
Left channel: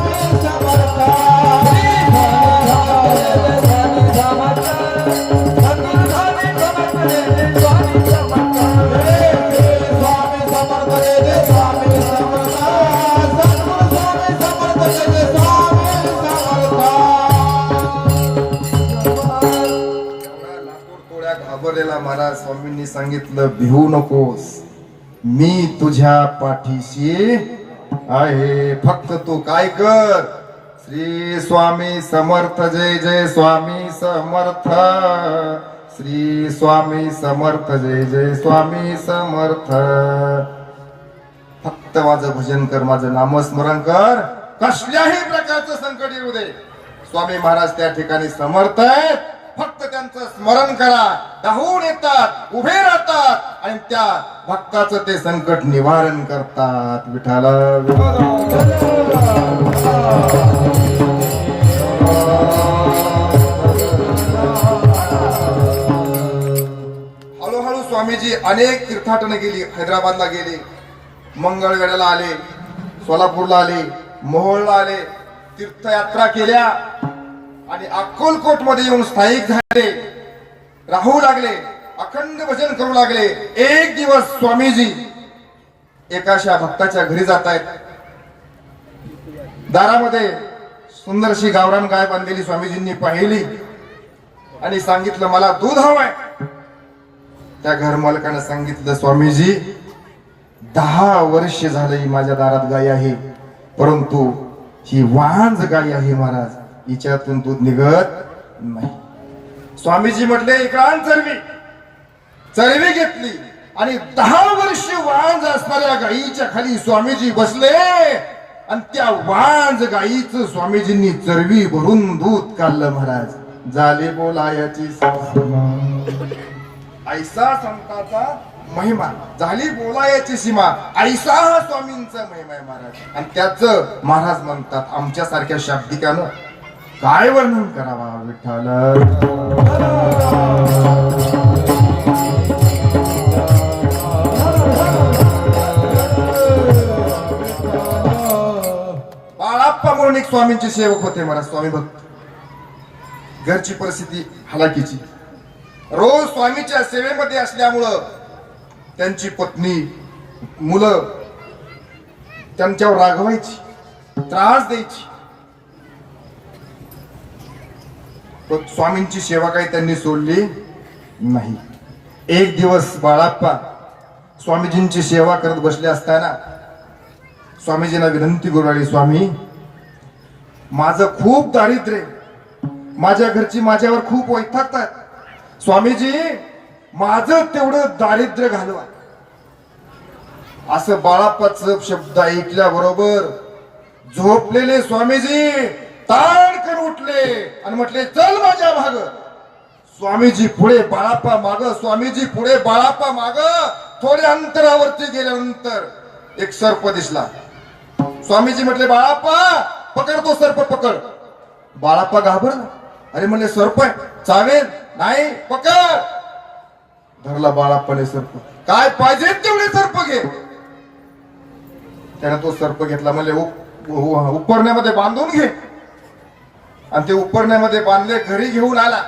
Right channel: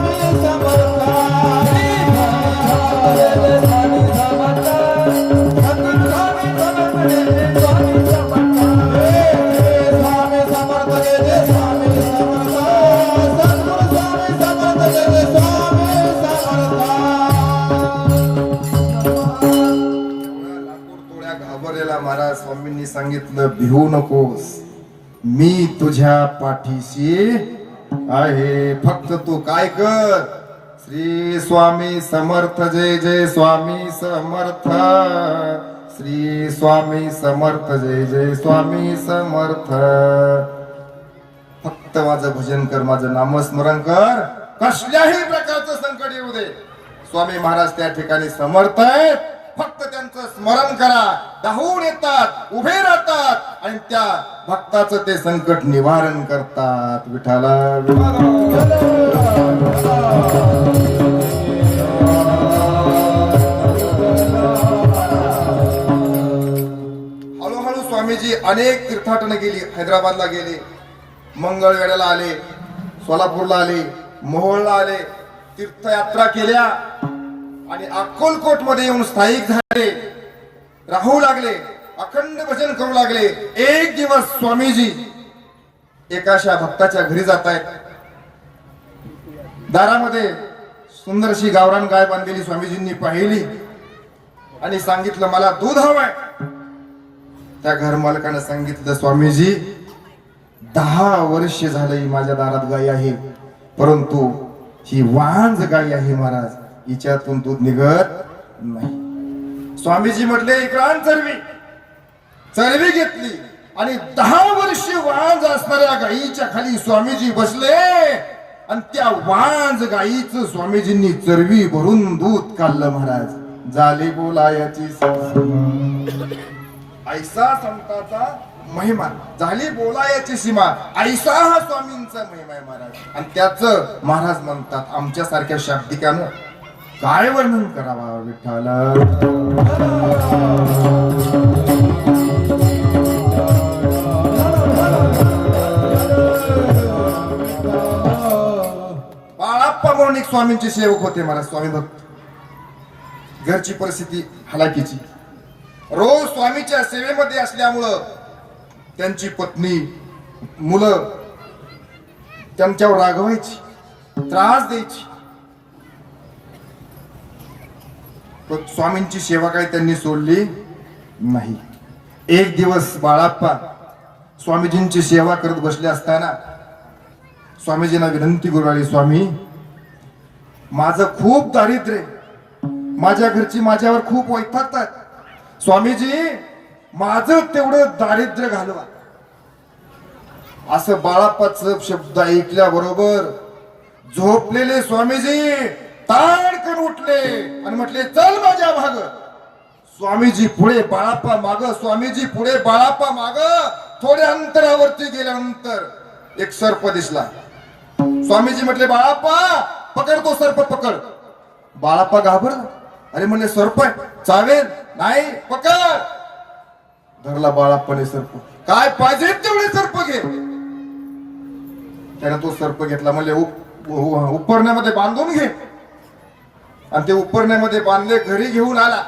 स्वामी समर्थ, सद्गुरु स्वामी समर्थ जय जय स्वामी समर्थ, महाराज स्वामींनी सांगितलं, भिवू नकोस, मी तुझ्या पाठीशी आहे. फक्त तू काय कर, श्री स्वामी समर्थ जय जय स्वामी समर्थ, श्री स्वामी समर्थ जय जय स्वामी समर्थ. फक्त माझं भजन कर, माझं नामस्मरण कर, कसल्याही प्रकारचं संकट येऊ दे. स्वामी महाराज त्या ठिकाणी समर्थ आहेत. फक्त त्यांचं स्मरण करा, धावून येतात, उभे राहतात आणि त्या भक्ताचं ते संकट निवारण करतात. विठ्ठल हळूहळू स्वामीजी अनेक तीर्थाटने गेली. हैदराबादला गेले, मंगळवेढ्याला आले, सोलापूरला आले, मोहोळला आले, तीर्थयात्रा केल्या आणि अक्कलकोट मध्ये येऊन स्थायिक झाले, राहू लागले, अखंड भजन करू लागले. एक दिवस स्वामीजी एकाशा भक्ताच्या घरी जात आहेत. दारामध्ये सुंदरशी गावरान गाय बांधलेली स्वामीजींनी पाहिली आणि सांगितलं, मला दूध हवंय. त्या घर मालकाने सांगितलं, स्वामीजी 10 वर्ष झाली माझ्या दारात गाय आहे, परंतु ही वांज गाय आहे महाराज, हिच्यातून दूध निघत नाही. स्वामीजी म्हटले, इकडं चरवी घेतली आणि 10 वर्ष वांज असणाऱ्या गायीच्या खाली स्वामीजी बसले आणि त्या वांज गायीचं स्वामीजींनी चरवी भरून दूध काढलं. महाराज झाले बोलायची ऐसा संताचा महिमा, झाली बोलायची सीमा, ऐसा हा स्वामींचा महिमा आहे महाराज. आणि त्याच महाराज म्हणतात, आमच्या सारख्या शाब्दिकानं काय वर्णन करावा. विठ्ठल बाळाप्पा म्हणून एक स्वामींचे सेवक होते महाराज, स्वामी भक्त. घरची परिस्थिती हलाखीची, रोज स्वामीच्या सेवेमध्ये असल्यामुळं त्यांची पत्नी, मुलं त्यांच्यावर रागवायची, त्रास द्यायची. पण स्वामींची सेवा काही त्यांनी सोडली नाही. एक दिवस बाळाप्पा स्वामीजींची सेवा करत बसले असताना स्वामीजींना विनंती करू लागली, स्वामी माझं खूप दारिद्र्य, माझ्या घरची माझ्यावर खूप वैतागतात. स्वामीजी माझं तेवढं दारिद्र्य घालवा. असं बाळाप्पाचं शब्द ऐकल्याबरोबर झोपलेले स्वामीजी ताडकन उठले आणि म्हटले, चल माझ्या माग. स्वामीजी पुढे, बाळाप्पा माग, स्वामीजी पुढे, बाळाप्पा माग. थोड्या अंतरावरती गेल्यानंतर एक सर्प दिसला. स्वामीजी म्हटले, बाळाप्पा पकड तो सर्प, पकड. बाळाप्पा घाबरला, अरे म्हणले सर्प चावेल नाही, पकड. धरला बाळाप्पाने सर्प. काय पाहिजे तेवढे सर्प घे. त्याने तो सर्प घेतला, म्हणले उपरण्यामध्ये बांधून घे. आणि ते उपरण्यामध्ये बांधले, घरी घेऊन आला.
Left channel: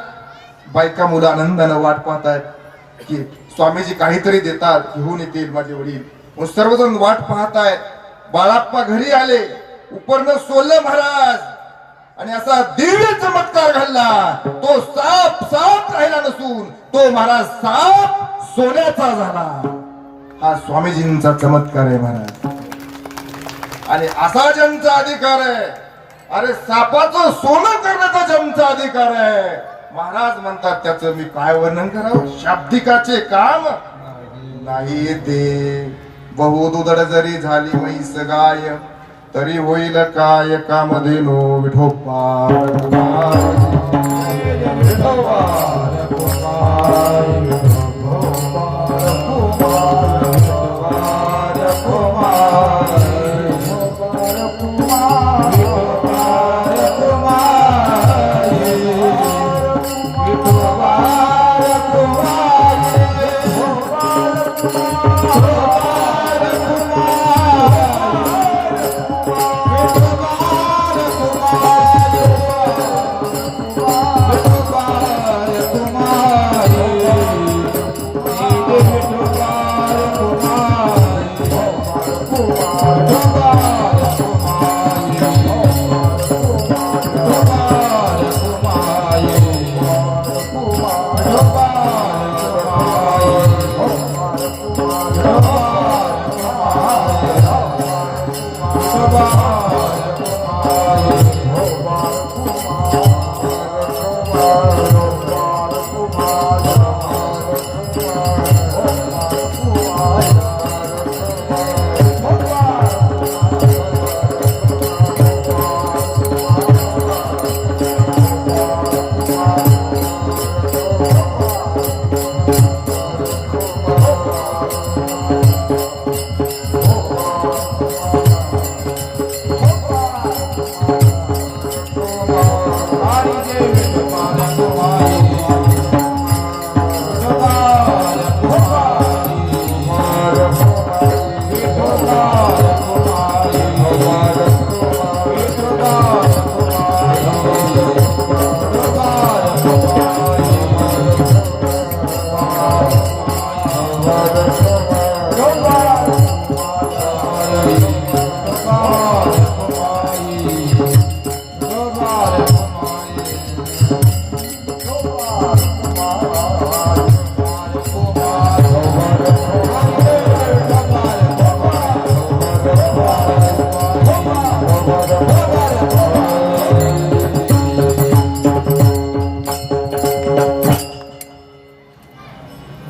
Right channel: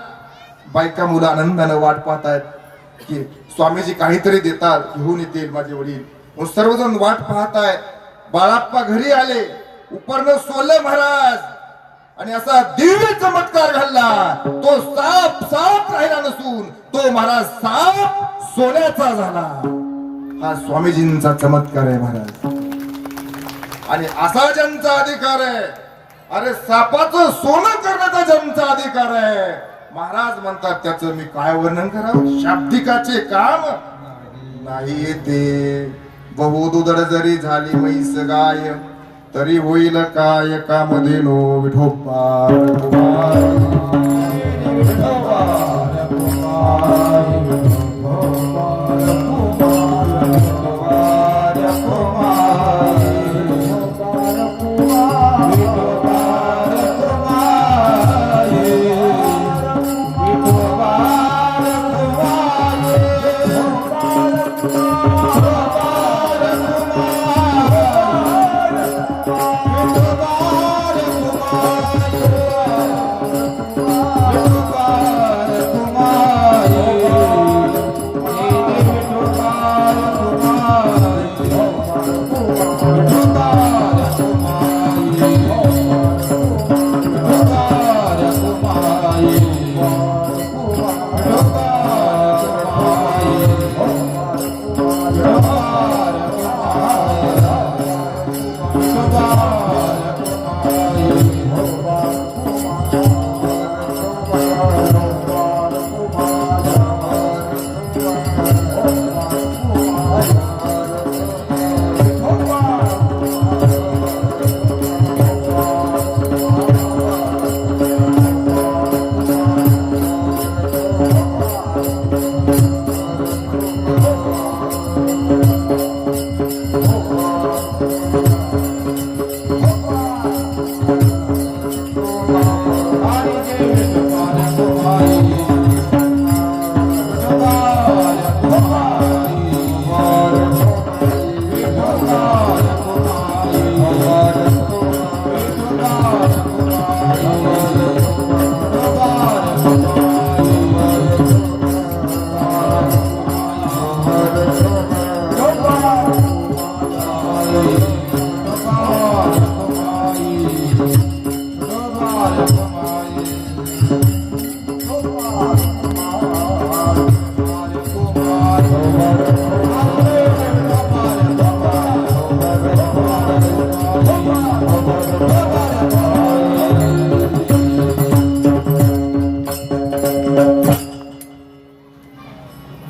बायका मुलं आनंदानं वाट पाहतायत की स्वामीजी काहीतरी देतात, घेऊन येतील माझे वडील. मग सर्वजण वाट पाहताय. बाळाप्पा घरी आले. उपरनं सोलं महाराज आणि असा दिव्य चमत्कार घडला. तो साप राहिला नसून तो महाराज साप सोन्याचा झाला. हा स्वामीजींचा चमत्कार आहे महाराज. आणि असा ज्यांचा अधिकार आहे, अरे सापाचं सोनं करण्याचा ज्यांचा अधिकार आहे, महाराज म्हणतात त्याचं मी काय वर्णन करावं. शाब्दिकाचे काम नाही ते. बहुदुधड जरी झाली म्हैस गाय, तरी होईल काय कामधेनो विठोबा.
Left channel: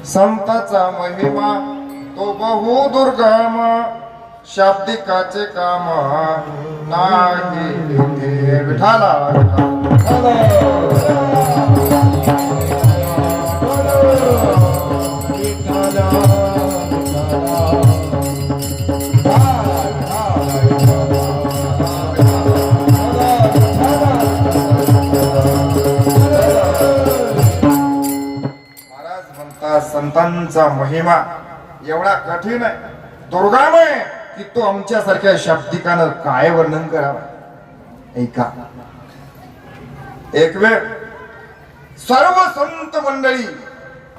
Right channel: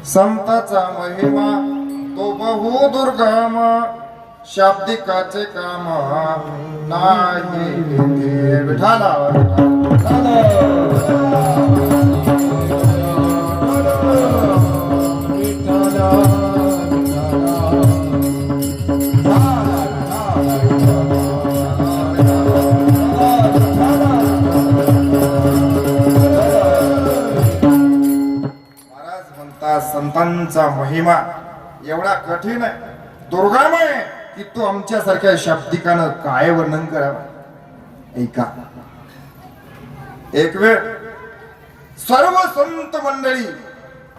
संताचा महिमा तो बहु दुर्गम, शाब्दिकाचे काम नाही ते. विठाला संतांचा महिमा एवढा कठीण आहे, दुर्गम आहे की तो आमच्यासारख्या शाब्दिकानं काय वर्णन करावं. ऐका, एक वेळ सर्व संत मंडळी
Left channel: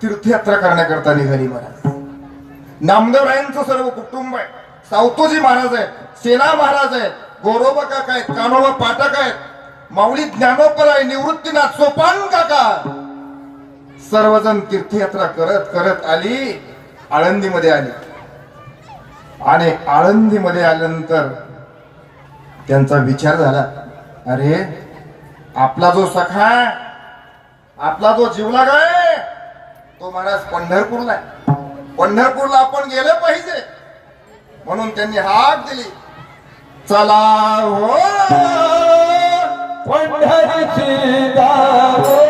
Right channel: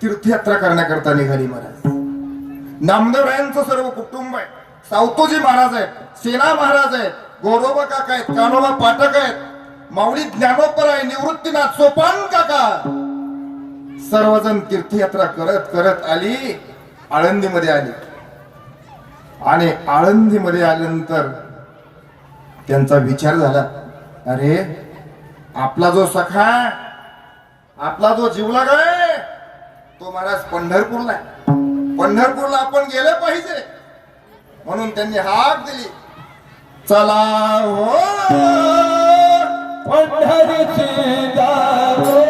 तीर्थयात्रा करण्याकरता निघाली महाराज. नामदेवरायांचं सर्व कुटुंब आहे. सावतोजी महाराज आहेत, सेना महाराज आहेत, गोरोबा काका आहेत, कानोबा पाठक आहेत, माऊली ज्ञानोपर आहे, निवृत्तीनाथ सोपान काका. सर्वजण तीर्थयात्रा करत करत आली, आळंदीमध्ये आली. आणि आळंदीमध्ये आल्यानंतर त्यांचा विचार झाला, अरे आपला जो सखा, आपला जो जीवलाग आहे तो महाराज पंढरपूरला आहे. पंढरपूरला आपण गेले पाहिजे. म्हणून त्यांनी हाक दिली, चला हो पंढरीची दारो,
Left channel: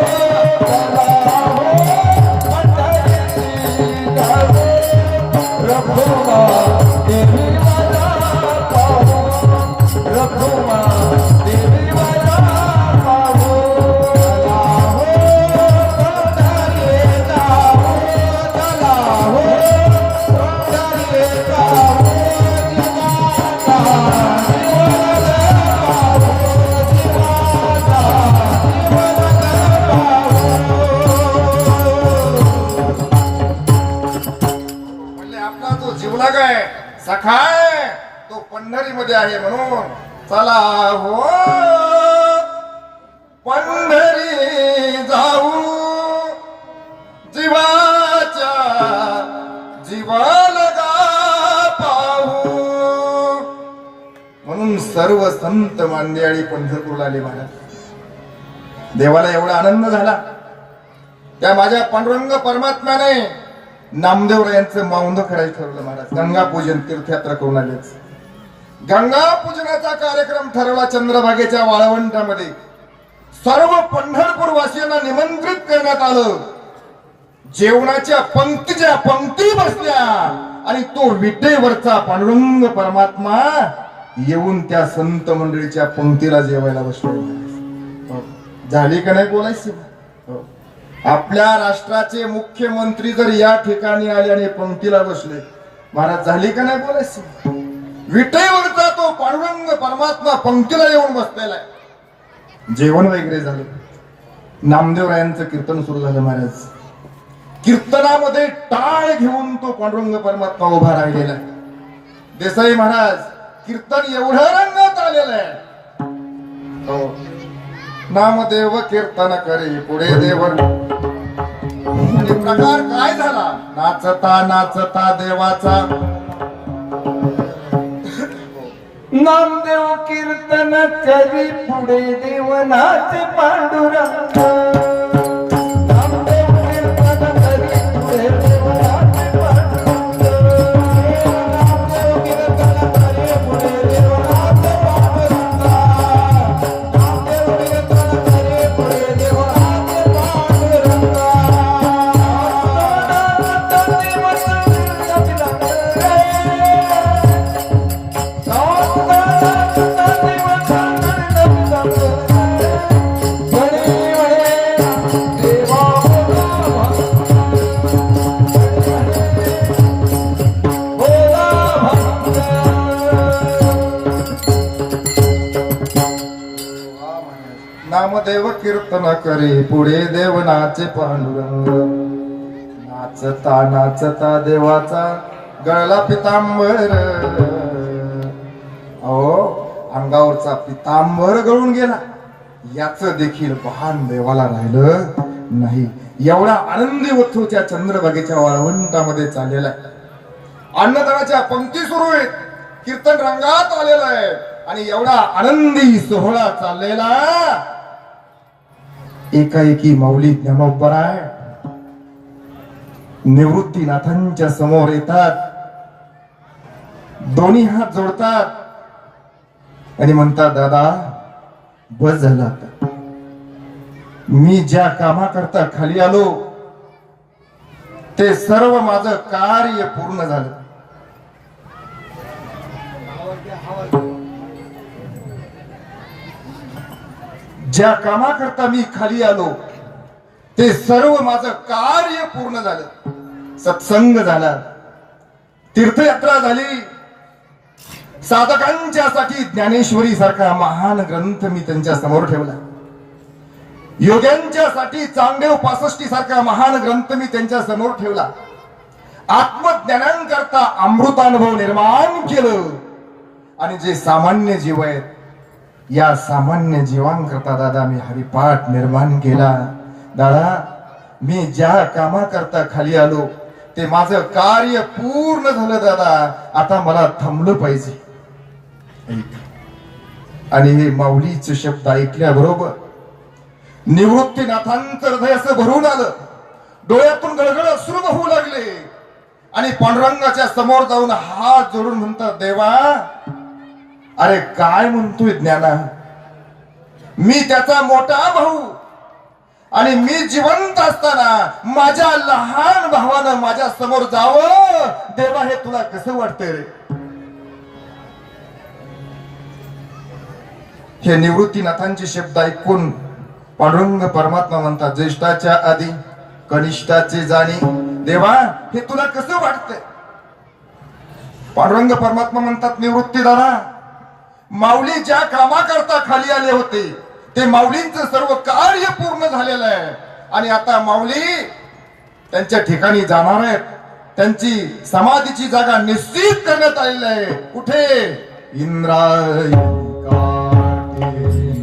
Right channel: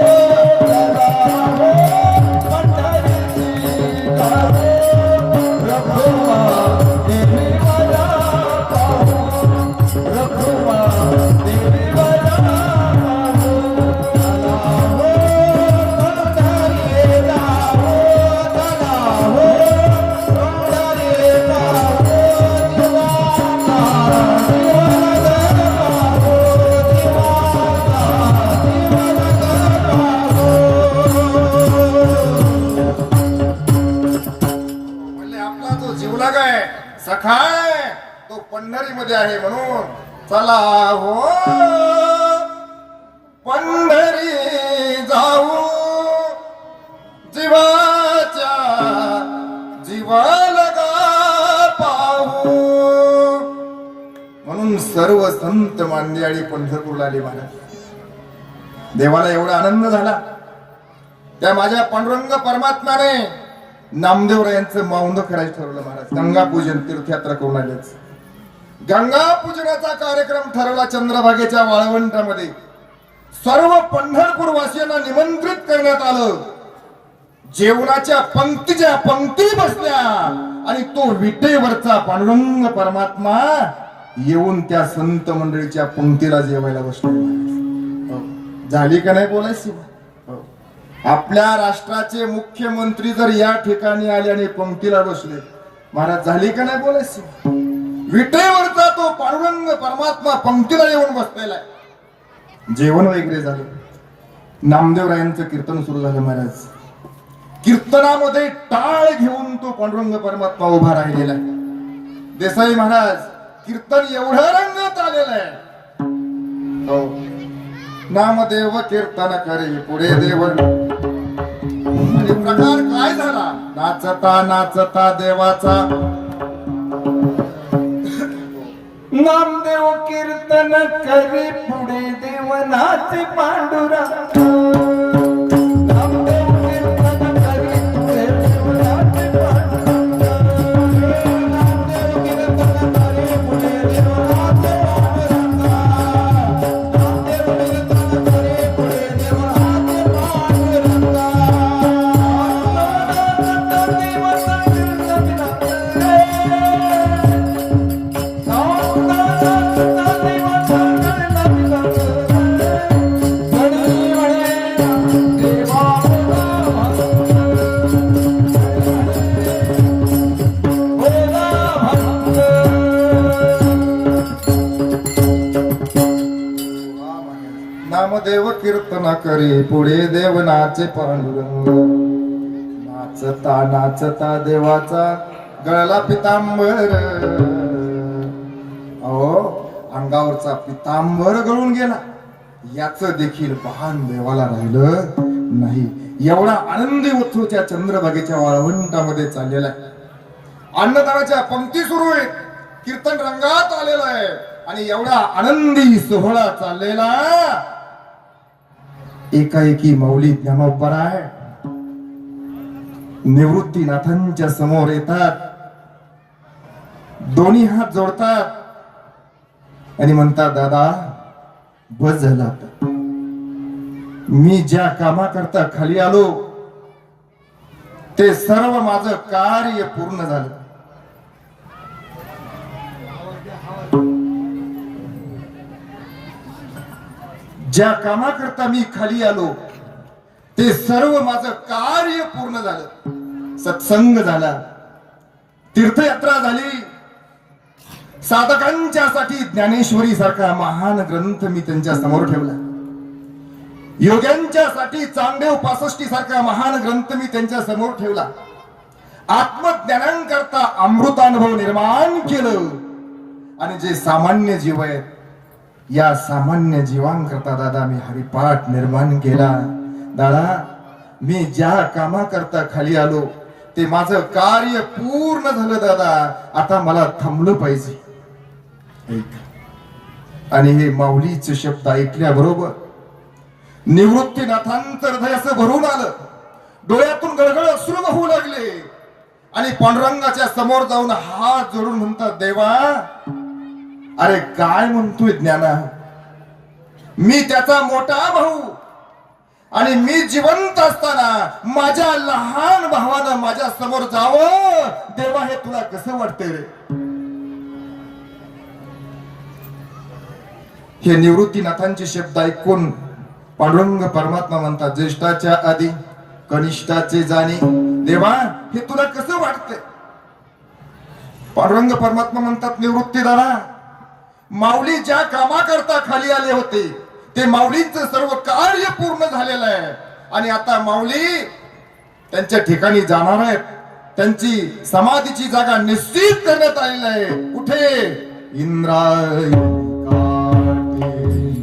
पंढरीमध्ये आहे म्हणून चला हो पंढरी जाऊ जीवाच्या जीव लगा पाहू म्हणून सर्व संत मांदियाळी पंढरपूरला आले महाराज. देवाला एवढा आनंद झाला त्या माझ्या पांडुरंग परमात्म्याने नामदेवरायांचं मौन करायचं ठरवलं महाराज. गंगा पूजन तीर्थयात्रा करून आलेच. गंगा पूजनाचा कार्यक्रम ठरवला चंद्रभागेच्या वाळवंटामध्ये. सर्व पंढरपूर वासियांना निमंत्रित करण्यात आलं. जेवणाच्या पंक्ती बसल्या आणि तो विटेवरचा पांडुरंग परमात्मा येऊन त्या संत मंडळीच्या पंक्तीला जेवायला बसले. झाली का नाही बोलायची? आपल्या राष्ट्राचे मुख्यमंत्री जर या ठिकाणी आले आणि पंक्तीला बसले महाराज, झाली का नाही बोलायची? विटेवरचा तो पांडुरंग परमात्मा पंक्तीला येऊन बसलेला आहे. जेवण वगैरे झालं. नामदेवरायांचं कीर्तन सुरू झालं महाराज. कीर्तनामध्ये टाळ घेऊन तो पांडुरंग परमात्मा उभा राहिलेला आहे. देसाई महाराज, कीर्तन एवढं रंगात आलेलं आहे. नामदेव कीर्तन करे पुढे देव. प्रकार काय झाला? नाचता नाचता देवाचा नामदेव कीर्तन करी पुढे देव नाचे पांडुरंग. नामदेव कीर्तन करी पुढे देव नाचे पांडुरंग. नामदेव कीर्तन करी पुढे देव नाचे पांडुरंग. नामदेव कीर्तन करी पुढे देव नाचे पांडुरंग. नामदेव कीर्तन करे पुढे देव नाचे पांडुरंग. नाचता नाचता देवाचा गळला पितांबर. अंगावरचा पितांबर गळून गेला. याच देखील भान देवाला राहिलं नाही. एवढा आनंदी उत्सव त्या चंद्रभागेच्या वाळवंटामध्ये चाललेला आहे. अन्नदानाच्या पंक्ती सुरू आहेत. कीर्तन रंगात आलेलं आहे आणि एवढा आनंदी सोहळा चाललेला. एकाएकी माऊली ज्ञानोबराय निवृत्तीनाथांच्या समोर येतात. दोन्ही हात जोडतात आणि म्हणतात, दादा बस झालं आता. मी ज्या कामाकरता खाली आलो ते सर्व माझं कार्य पूर्ण झालं. ज्या कामाकरता मी खाली आलो ते सर्व माझं कार्य पूर्ण झालं. सत्संग झाला, तीर्थयात्रा झाली. साधकांच्या साठी ज्ञानेश्वरी सारखा महान ग्रंथ मी त्यांच्या समोर ठेवला. योग्यांच्या साठी चांगदेव 65 सारखा महान ग्रंथ मी त्यांच्या समोर ठेवला. आत्मज्ञानांकरता अमृतानुभव निर्माण केलं. आणि जे सामान्य जीव आहेत या सामान्य जीवांकरता दादा मी हरिपाठ निर्माण केला. दादा मी ज्या कामाकरता खाली आलो ते माझं कार्य पूर्ण झालं. दादा आता मला थांबलं पाहिजे. आणि हे माऊलीचे शब्द ऐकल्याबरोबर निवृत्तीनाथांचं हृदय असं भरून आलं. डोळ्यातून गळगळ अश्रू वाहू लागले आणि पांडुरंगाच्या समोर जाऊन हात जोडून म्हणतात, देवा अरे काय म्हणतोय ज्ञाना, मी त्याचा मोठा भाऊ आणि मी जिवंत असताना माझ्या लहान भावानं माझ्या समोर जावं. देवा हे तुला कसं वाटतंय रे? हे निवृत्तीनाथांचे शब्द ऐकून पांडुरंग परमात्मा म्हणतात, ज्येष्ठाच्या आधी कनिष्ठाचे जाणी. देवा हे तुला कसं वाटतंय? पांडुरंग परमात्मा म्हणतात, निवृत्ती दादा माऊली ज्या कामाकरता खाली आले होते ते माऊलींचं सर्व कार्य पूर्ण झालेलं आहे. आणि आता माऊली त्यांच्या ठिकाणी जाणार आहेत. त्यांची समाधीची जागा निश्चित करण्यात आलेली आहे. कुठे? इंद्रायणी काटे,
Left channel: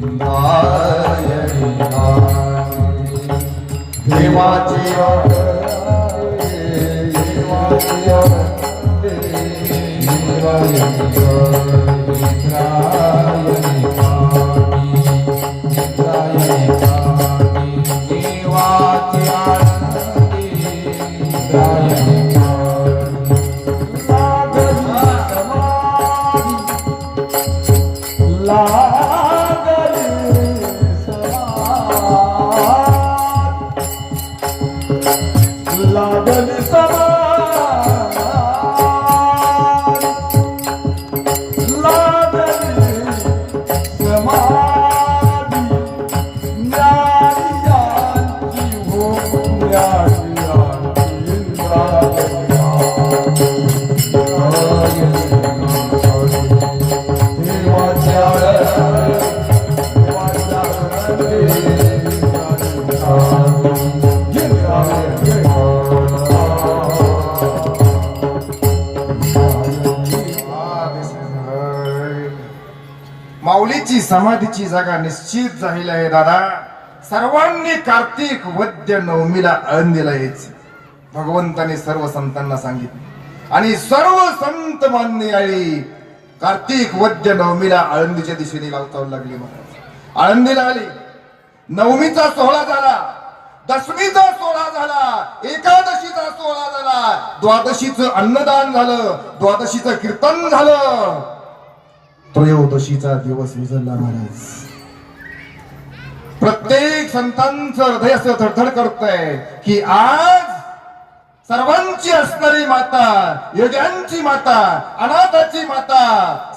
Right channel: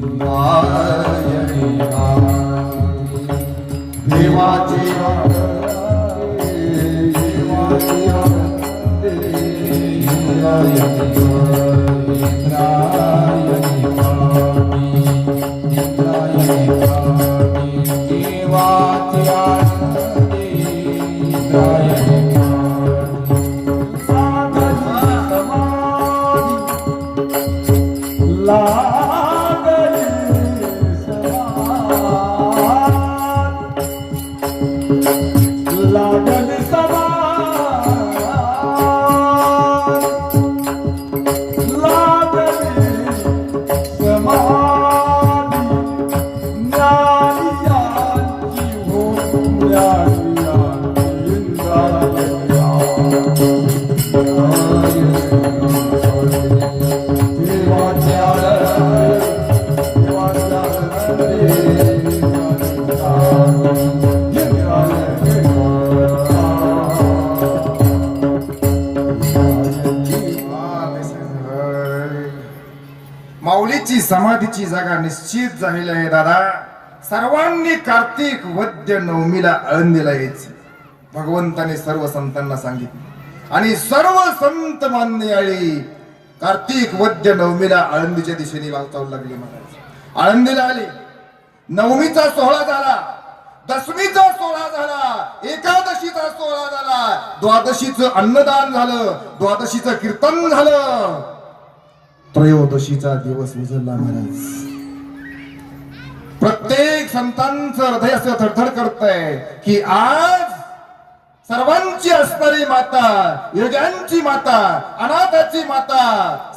इंद्रायणी काटे. देवाचे माऊलीची समाधीची जागा निश्चित झालेली आहे दादा. सर्वांनी कार्तिक वद्य नवमीला आळंदीला यायचे भगवंताने सर्व संतांना सांगितले आणि सर्व संत मान्याळी कार्तिक वद्य नवमीला आळंदीच्या दिशेने वाटचाल लागली. महाराज आळंदीला आले. नवमीचा सोहळा झाला, दशमीचा सोहळा झाला, एकादशीचा सोहळा झाला, द्वादशीचं अन्नदान झालं, द्वादशीचं कीर्तन झालं, त्रयोदशीचा दिवस उजळला. महाराज प्रत्येक संतांचं हृदय असं थरथर करतंय की आज सर्वांची असणारी माता, योग्यांची माता, अनाथाची माता,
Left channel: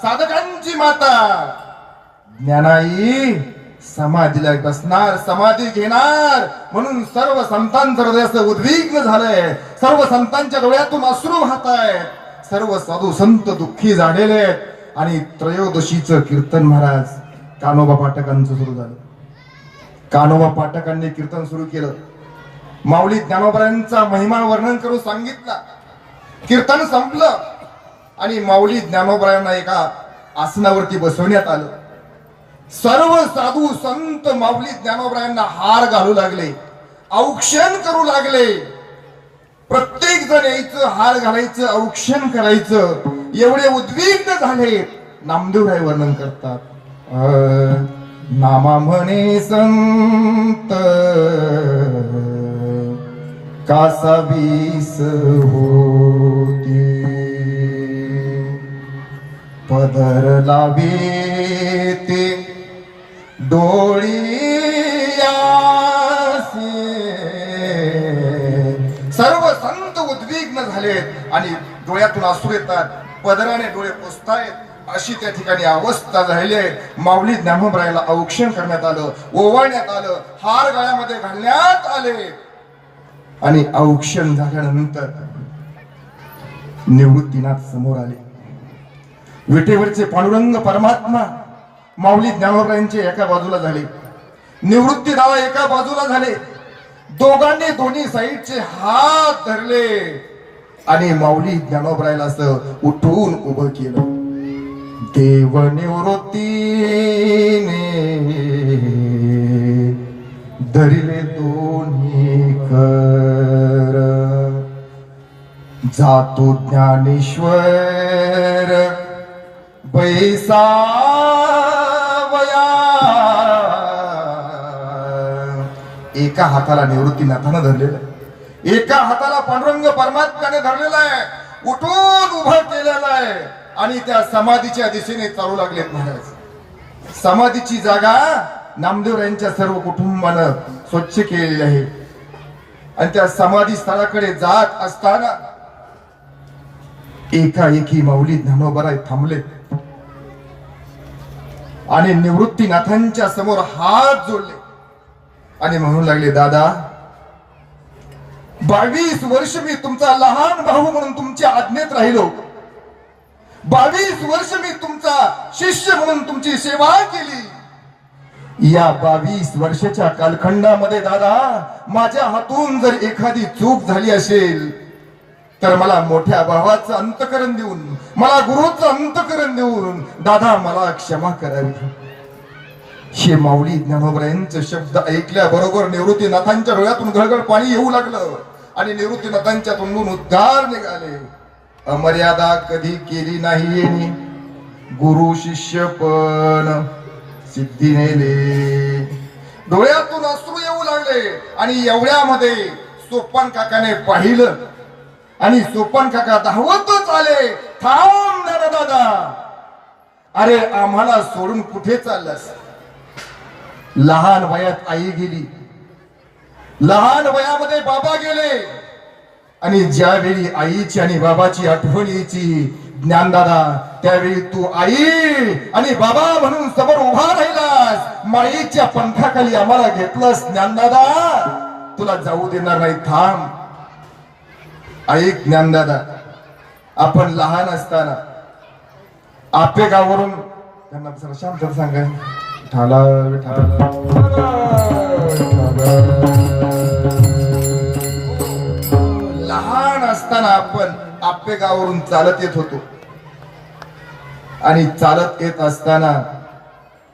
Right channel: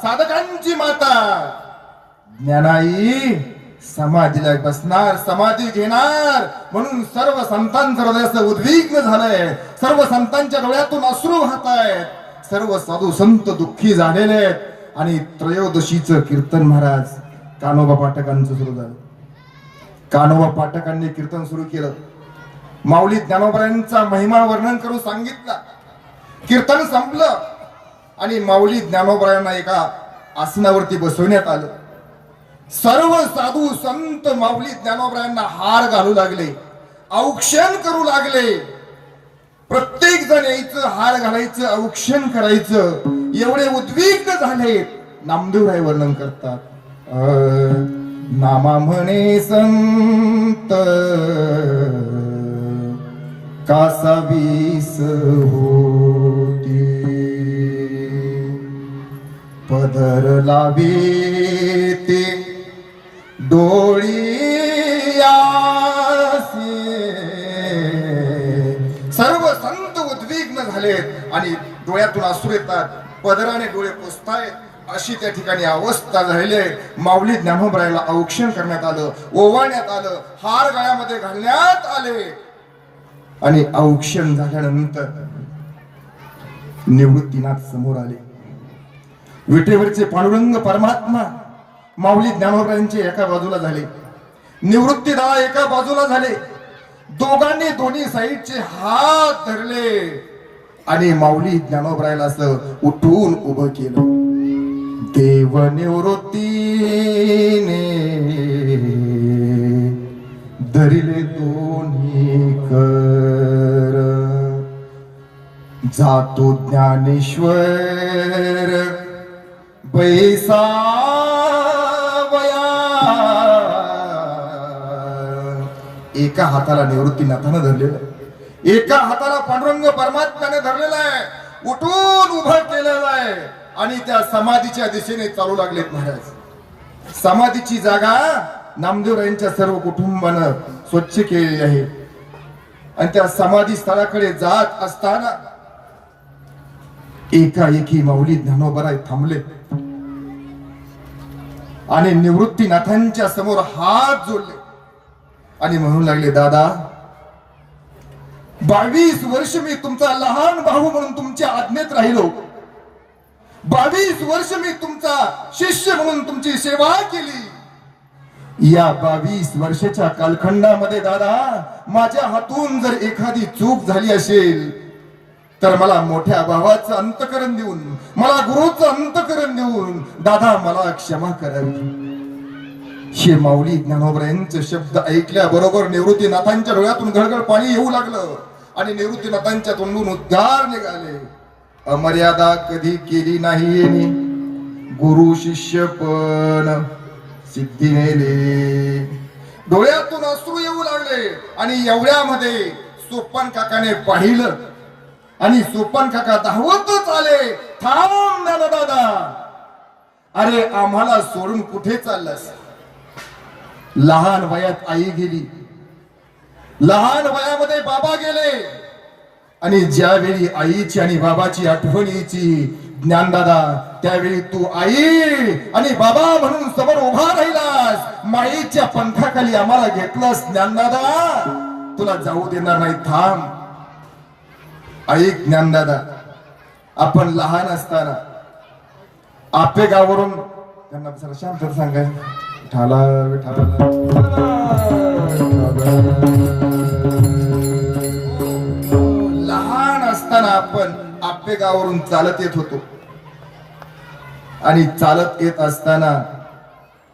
साधकांची माता ज्ञानाई समाधीला बसणार, समाधी घेणार. म्हणून सर्व संतांचं हृदय असं उद्विग्न झालंय. सर्व संतांच्या डोळ्यातून अश्रू वाहत आहेत. सर्व साधू संत दुःखी झालेले आहेत. आणि त्रयोदशीचं कीर्तन महाराज कान्होबा पाठकांचं सुरू झालं. कान्होबा पाठकांनी कीर्तन सुरू केलं. माऊली ज्ञानोबरायांचा महिमा वर्णन करून सांगितला. कीर्तन संपलं आणि माऊली ज्ञानोबरायांना एका आसनावरती बसवण्यात आलं. सर्व साधू संत माऊली ज्ञानोबरायांना हार घालू लागले, औक्षण करू लागले. प्रत्येक जण यायचं, हार घालायचं, औक्षण करायचं. एवढे उद्विग्न झाले. नामदेवराय वर्णन करतात, नामा म्हणे संत कासावीस होती, पदर लावे ते डोळी सर्व संत उद्विग्न झालेत आणि डोळ्यातून अश्रू येतात, पदराने डोळे पुसतायत. अशी त्या ठिकाणी अवस्था झालेली. माऊली ज्ञानोबरायाला औक्षण करण्यात आलं, ओवाळण्यात आलं, हार गळ्यामध्ये घालण्यात आले. आणि औक्षण झाल्यानंतर निवृत्तीनाथ समोर आले. विटेवरचे पांडुरंग परमात्मा माऊली ज्ञानोबरायांचे एका बाजूला झाले, निवृत्ती दादा एका बाजूला झाले. दोघांनी दोन्ही साईडचे हात धरले आणि माऊली ज्ञानोबरायाला असं उठून उभं केलं. देव निवृत्तीने धरिले दोन्ही कर, जातो ज्ञानेश्वर बैसावया. एका हाताला निवृत्तीनाथानं धरलेलं, एका हाताला पांडुरंग परमात्म्याने धरलेला आहे, उठून उभं केलेलं आहे आणि त्या समाधीच्या दिशेने चालू लागलेत. महाराज समाधीची जागा नामदेवरायांच्या सर्व कुटुंबानं स्वच्छ केलेली आहे. आणि त्या समाधी स्थळाकडे जात असताना एकाएकी माऊली ज्ञानोबराय थांबले आणि निवृत्तीनाथांच्या समोर हात जोडले आणि म्हणू लागले, दादा 22 वर्ष मी तुमचा लहान भाऊ म्हणून तुमच्या आज्ञेत राहिलो, 22 वर्ष मी तुमचा शिष्य म्हणून तुमची सेवा केली. या 22 वर्षाच्या कालखंडामध्ये दादा माझ्या हातून जर एखादी चूक झाली असेल तर मला मोठ्या भावाचं अंतकरण देऊन, मला गुरुचं अंतकरण देऊन दादा मला क्षमा करावी. हे माऊली ज्ञानोबरायांचे शब्द ऐकल्याबरोबर निवृत्तीनाथांच्या डोळ्यातून गळगळ पाणी येऊ लागलं आणि निवृत्तीनाथांच्या तोंडून उद्गार निघाले. अमर्यादा कधी केली नाही यांनी, गुरु शिष्य पण सिद्धी नेले. डोळ्यातून अश्रू येऊ लागले आणि एवढ्यामध्ये सोपान काकाने पाहिलं आणि सोपान काका धावतच आले. थांब दादा, अरे आम्हाला सोडून कुठे चाललास? लहान वयात आई गेली, लहान वयामध्ये बाबा गेले आणि ज्यावेळी आईची आणि बाबाची आठवण यायची ज्ञानदादा, त्यावेळी तू आई आणि बाबा म्हणून समोर उभा राहिलास. माईच्या पंखाखाली आम्हाला घेतलंस. ज्ञानदादा तुला जाऊ देणार नाही, थांब. ऐक ज्ञानदादा, आपण लहान असताना आपेगावरून त्यांना शांत सांगा, ठाला लहान असताना आपण आपेगावरून चालत येत होतो आणि चालत येत असताना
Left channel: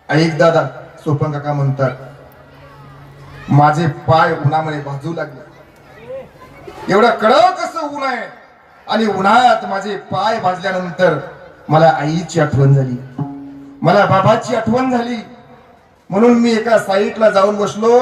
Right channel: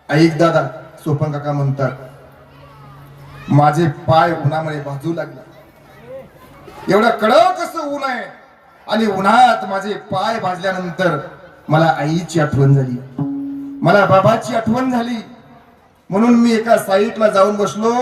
ऐक दादा, सोपन काका म्हणतात, माझे पाय उन्हामध्ये भाजू लागले. एवढं कडक असं ऊन आहे आणि उन्हाळ्यात माझे पाय भाजल्यानंतर मला आईची आठवण झाली, मला बाबाची आठवण झाली. म्हणून मी एका साईडला जाऊन बसलो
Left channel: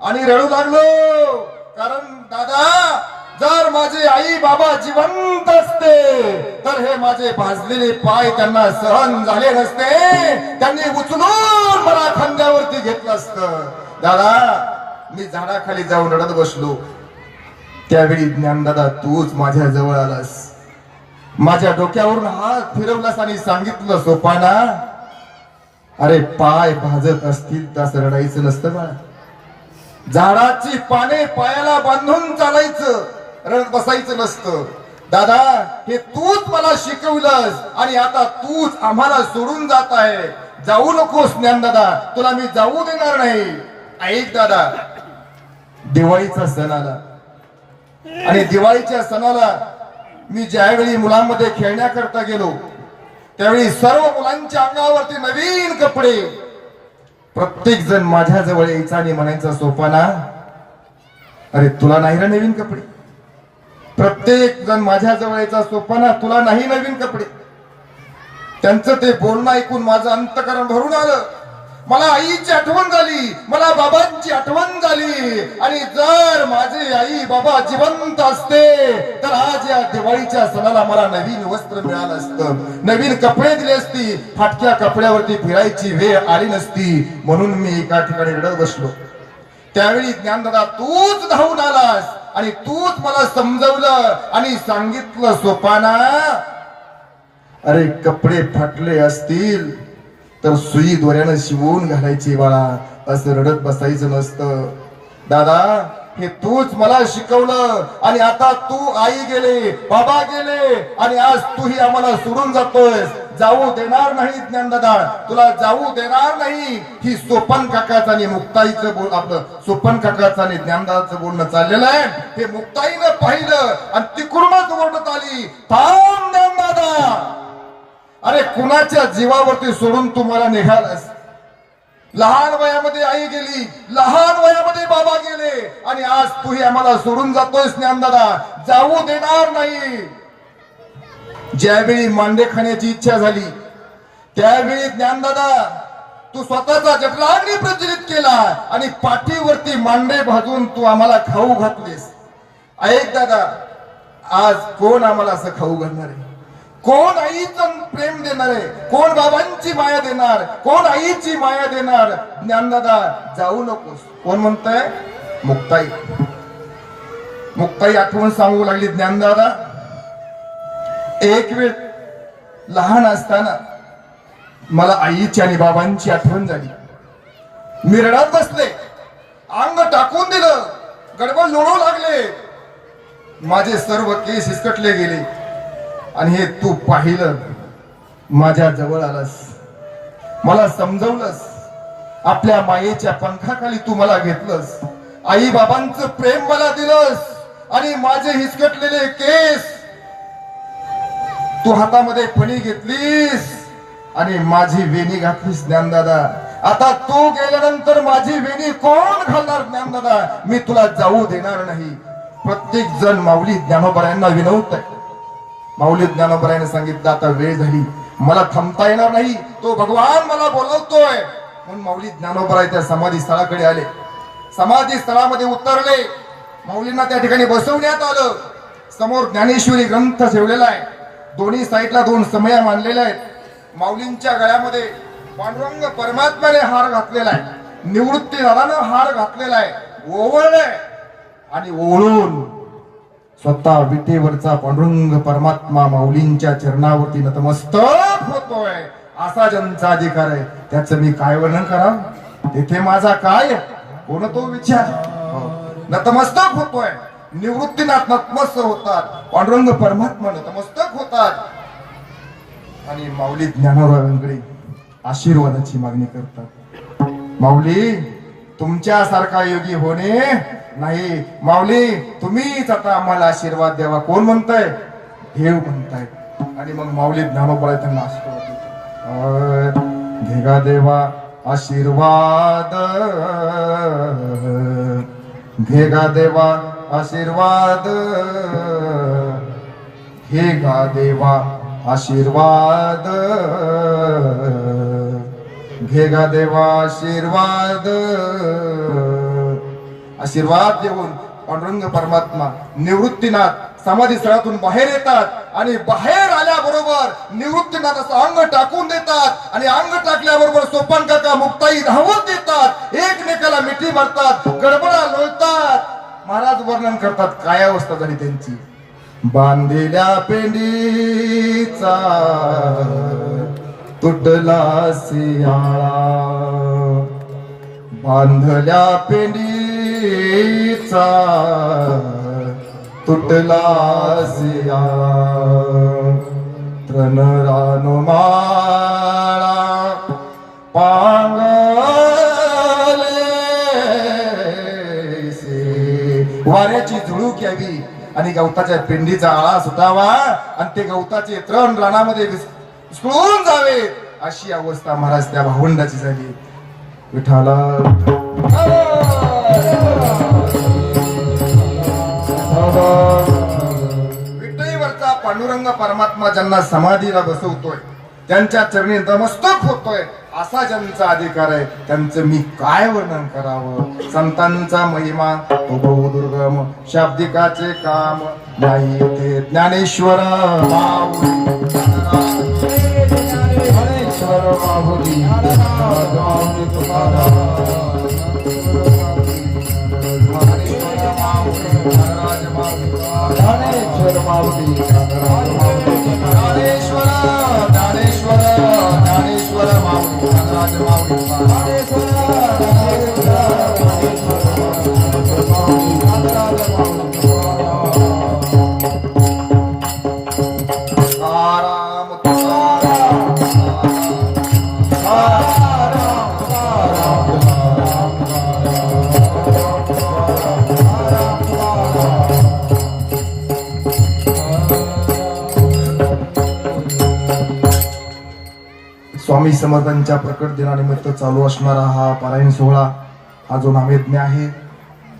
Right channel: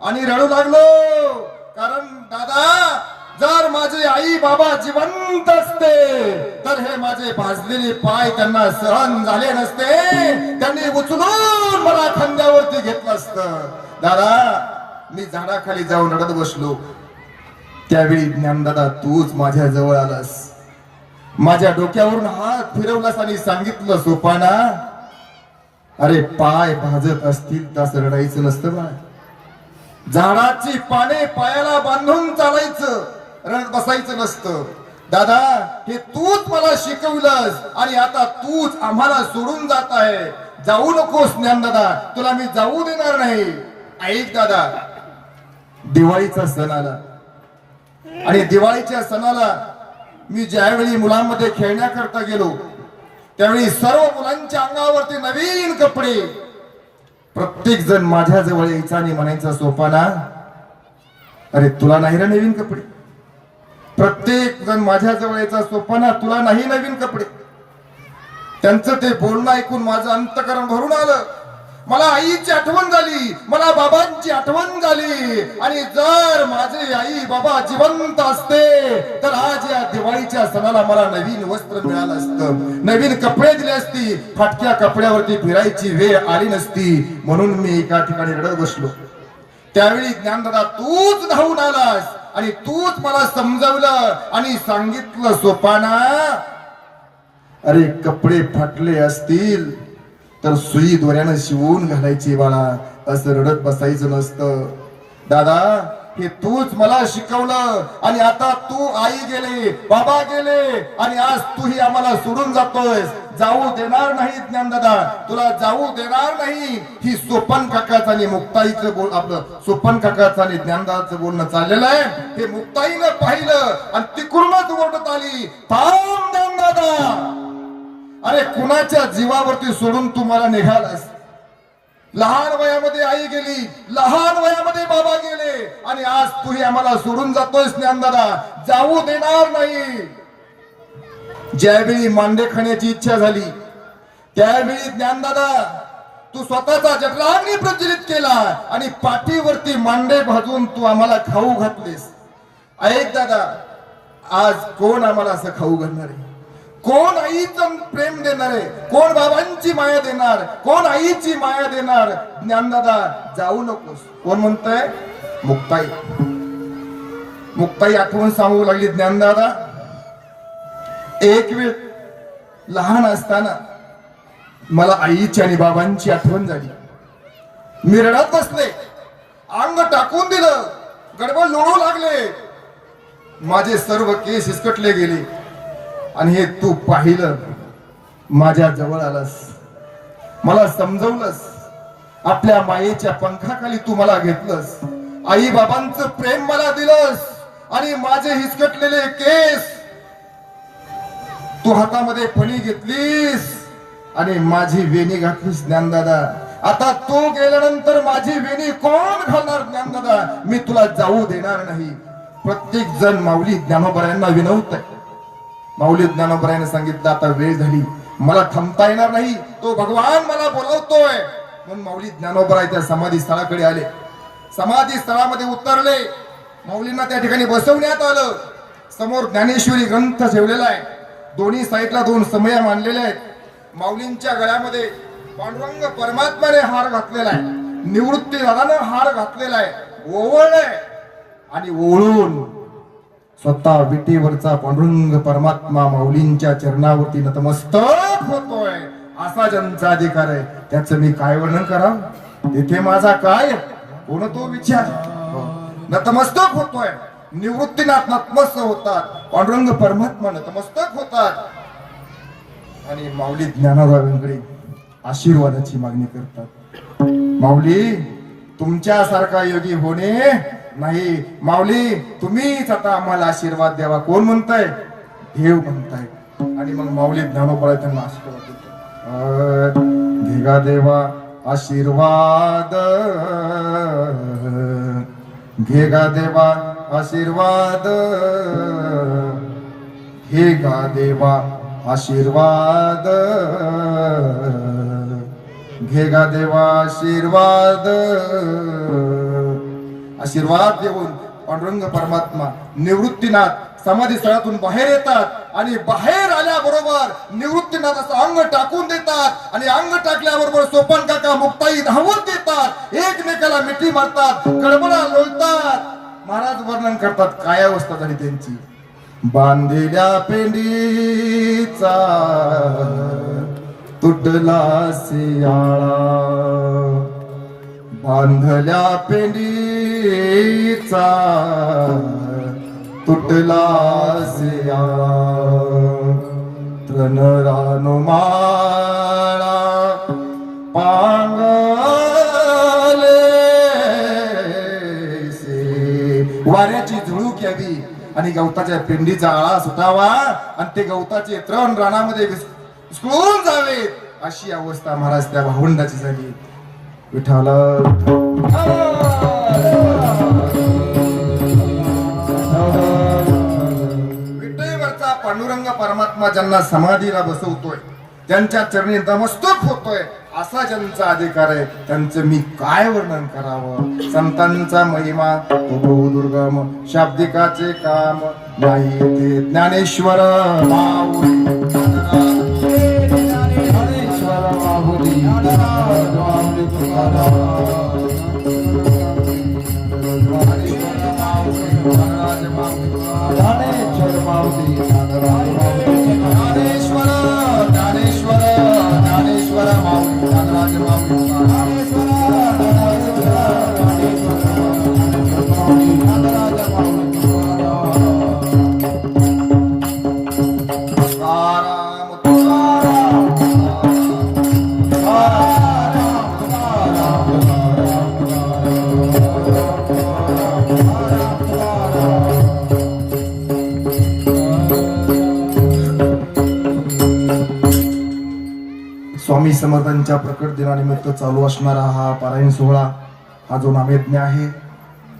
आणि रडू लागलो. कारण दादा, जर माझे आई बाबा जिवंत असते तर हे माझे भाजलेले पाय त्यांना सहन झाले नसते. त्यांनी उचलून मला खांद्यावरती घेतलं असतं. दादा, मी झाडाखाली जाऊन रडत बसलो. त्यावेळी ज्ञानदादा तूच माझ्या जवळ आलास, माझ्या डोक्यावरून हात फिरवलास आणि सांगितलं, सोपाना, अरे पाय भाजत असतील तर रडायचं नसतं बा. झाडाची पाने पायाला बांधून चालायचं, रडत बसायचं नसतं. दादा, हे तूच मला शिकवलंस आणि आता तूच आम्हाला सोडून जात आहे. जाऊ नकोस ज्ञानदादा, तुला मी जाऊ देणार नाही. ऐक दादा, दिवाळीचा सण आला आणि दिवाळीच्या सणाला मी ज्यावेळी मुलांमध्ये खेळण्याकरता गेलो त्यावेळी सर्व मुलांच्या अंगावरती नवीन कपडे. प्रत्येक जण माझ्या जवळ यायचा आणि म्हणायचा, सोपाना, अरे तुला नाही रे नवीन कपडे. प्रत्येक जण माझ्या जवळ यायचा, सोपाना, तुला नाही नवीन कपडे. त्यांचं ते बोलणं ऐकून माझं अंतकरण भरून आलं. मला आईची आठवण झाली, मला बाबांची आठवण झाली. आणि जर माझे आई बाबा जिवंत असते तर आज या दिवाळीच्या सणाला मला नवीन वस्त्र मिळालं असतं, नवीन कपडे दिले असती, फाटक्या कपड्यावरती फिरायची वेळ आली नसती. म्हणून मी एका ठिकाणी रडत बसलो. त्यावेळी ज्ञानदादा तूच धावून आलास आणि तूच मला समजवलं आणि सांगितलं, सोपाना, अरे कपडे फाटले असतील तर सुई दोऱ्यानं शिवून घालायची बाळा, असं रडत बसायचं नसतं. दादा, हे तूच मला शिकवलं आणि आता तू, आई गेले, बाबा गेले आणि आज तूही आम्हाला सोडून जातोय. जाऊ देणार नाही ज्ञानदादा, तुला जाऊ देणार नाही. ही सोपन काकाचं आणि मुक्ताईचं आपलं सोपन काकाचं आणि ज्ञानदादाचं बोलणं चाललेलं आहे. हे मुक्ताईनं पाहिलं आणि तिकडूनच ओढत आली, थांब ज्ञानदादा, अरे कुणाच्या जीवावरती सोडून तुम्हाला निघालास? लहान वयामध्ये आई गेली, लहान वयामध्ये बाबा गेले आणि आज तूही आम्हाला सोडून जातोयस ज्ञानदादा, जाऊ देणार नाही. ज्यावेळी मांडे खाण्याची इच्छा झाली त्यावेळी ज्ञानदादा तू स्वतःचा जठराग्नी प्रज्वलित केला आणि पाठीवरती मांडे भाजून तू आम्हाला खाऊ घातलेस. ऐक दादा, आज कोण आम्हाला असं खाऊ घालणार आहे? कोण आईचं प्रेम देणार आहे? कोण बाबांची माया देणार? कोण आईची माया देणार? ज्ञानदादा, जाऊ नकोस. कोण म्हणतंय? मुक्ताई. मुक्ताई आठवण सांगू लागली, ज्ञानदादा, एक वेळ लहान असताना मला आईची आणि बाबांची आठवण झाली. मी रडत बसले, अंग टाकून दिलं, गडबड लोळू लागले, माझे सर्व केस हिसकटले गेले आणि हे तू पाहिलं, माझ्या जवळ आलास, मला समजवलंस, आपल्या मायेच्या पंखाखाली तू मला घेतलंस, आई बाबांचं प्रेम मला दिलंस आणि माझे हिसकटलेले केस तू हातामध्ये फणी घेतलीस आणि माझी वेणी घातलीस ज्ञानदादा. आता तू गेल्यानंतर माझी वेणी कोण घालणार ज्ञानदादा? मी तुला जाऊ देणार नाही. प्रत्येक जण माऊली ज्ञानोबरायांना विनवत. माऊली ज्ञानोबरायाने सांगितलं आता वेळ झाली, मला थांबता येणार नाही, तो भगवान मला बोलवतोय. म्हणून माऊली ज्ञानोबराय त्या समाधी स्थळाकडे आले. समाधी स्थळामध्ये उतरले. माऊलींना त्या ठिकाणी बसवण्यात आलं. समोर ज्ञानेश्वरी ग्रंथ ठेवलेला आहे. दोन्ही साईडला दोन समया मांडलेल्या आहेत. माऊलींच्या गळ्यामध्ये पांडुरंग परमात्म्याने हार घातलेला आहे. निवृत्ती दादानं हार घातलेला आहे. ओवळले आणि ओळून स्वतः विटेवरचा पांडुरंग परमात्मा माऊलींच्या चरणावरती नतमस्तक होतोय. असा ज्यांचा अधिकार आहे त्याचं मी काय वर्णन करावं? तिथे माझा काय कोण तो विचार. नतमस्तक होतोय. निवृत्तीनाथ नतमस्तक होतात. पांडुरंग परमात्मा नतमस्तक होतात आणि माऊली ज्ञानोबरायांकडे आशीर्वादाची मागणी करतात. माऊली तुमच्यासारखा योगी होणे नाही. माऊली तुम्हीच आता आम्हाला आशीर्वाद द्यावा. कोण म्हणताय? देव म्हणताय. आणि मग माऊली ज्ञानोबराय त्यांना आशीर्वाद देतात. घेगा देवा आशीर्वाद, घेगा देवा आशीर्वाद, घेगा देवा आशीर्वाद, घेगा देवा आशीर्वाद. आशीर्वाद देऊन पांडुरंग परमात्मा निवृत्तीनाथ समाधी स्थळातून बाहेर येतात आणि बाहेर आल्याबरोबर निवृत्तीनाथाचं अंग टाकून देतात आणि अंग टाकल्याबरोबर सोपान काका मुक्ताई धावत देतात. एकमेकाला मिठी मारतात, गडबडा लोळतात. महाराज वर्णन करतात काय अवस्था झाली त्यांची. बांधलेल्या पेंडीचा तुटला सियाळा, बांधल्या पेंडीचा तुटला सियाळा. तृण रानमाळा पांगले से. वाऱ्याची झुळूक यावी आणि गवताच्या पेंडीचा आळा सुटावा आणि ते गवताचे तृण रानामध्ये विस्कळून जावे अशी अवस्था महाराज त्या भावंडाची झाली. विठाला विठ्ठलीवरचा पांडुरंग परमात्मा ज्यांना समाधीला बसवतोय, त्यांच्या चरणी नतमस्तक होतोय, असा ज्यांचा अधिकार आहे त्यांचं मी काय वर्णन करावं. संतांचा महिमा तो बहुदुर्गम, शाब्दिकाचे काम नाही ते. ज्ञानेश्वर माऊली, ज्ञानेश्वर माऊली, स्वामी समर्थांच्या प्रकट दिनानिमित्त चालू असणारा हा पारायण सोहळा, हा जो नामयज्ञ आहे,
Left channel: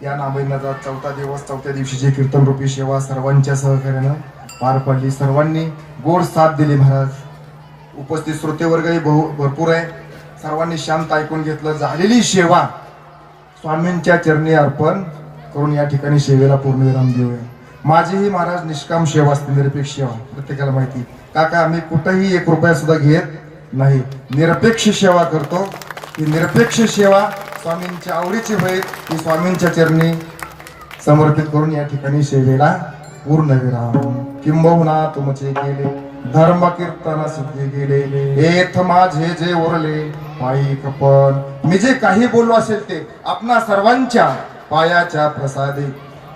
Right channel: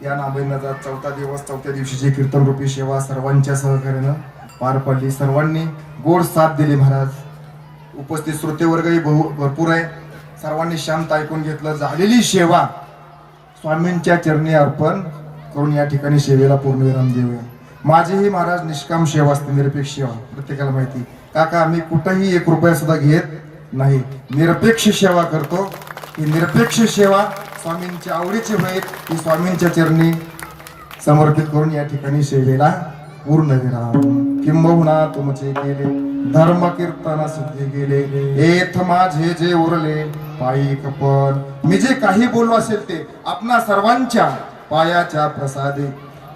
या नामयज्ञाचा 4था दिवस, 4थ्या दिवशीची कीर्तन रूपी सेवा सर्वांच्या सहकार्यानं पार पडली. सर्वांनी गोड साथ दिली. महाराज उपस्थित श्रोतेवर्गही भरपूर आहे. सर्वांनी शांत ऐकून घेतलं. झालेली सेवा स्वामींच्या चरणी अर्पण करून या ठिकाणी सेवेला पूर्णविराम देऊया. माझीही महाराज निष्काम सेवा असते, निरपेक्ष सेवा. प्रत्येकाला माहिती काका आम्ही कुठेही 1 रुपया सुद्धा घेत नाही, निरपेक्ष सेवा करतो. ही निरपेक्ष सेवा स्वामींच्या आवडीची होईल, ती स्वामींच्या चरणी समर्पित करून या ठिकाणी सेवेला पूर्णविराम. किंबहुना तुमचे केले धर्म कीर्तन सिद्धी गेले, एथ माझे जे उरले पायी कपन. मी जे काही बोललो असेल ते आपणा सर्वांच्या पायाच्या प्रसादे,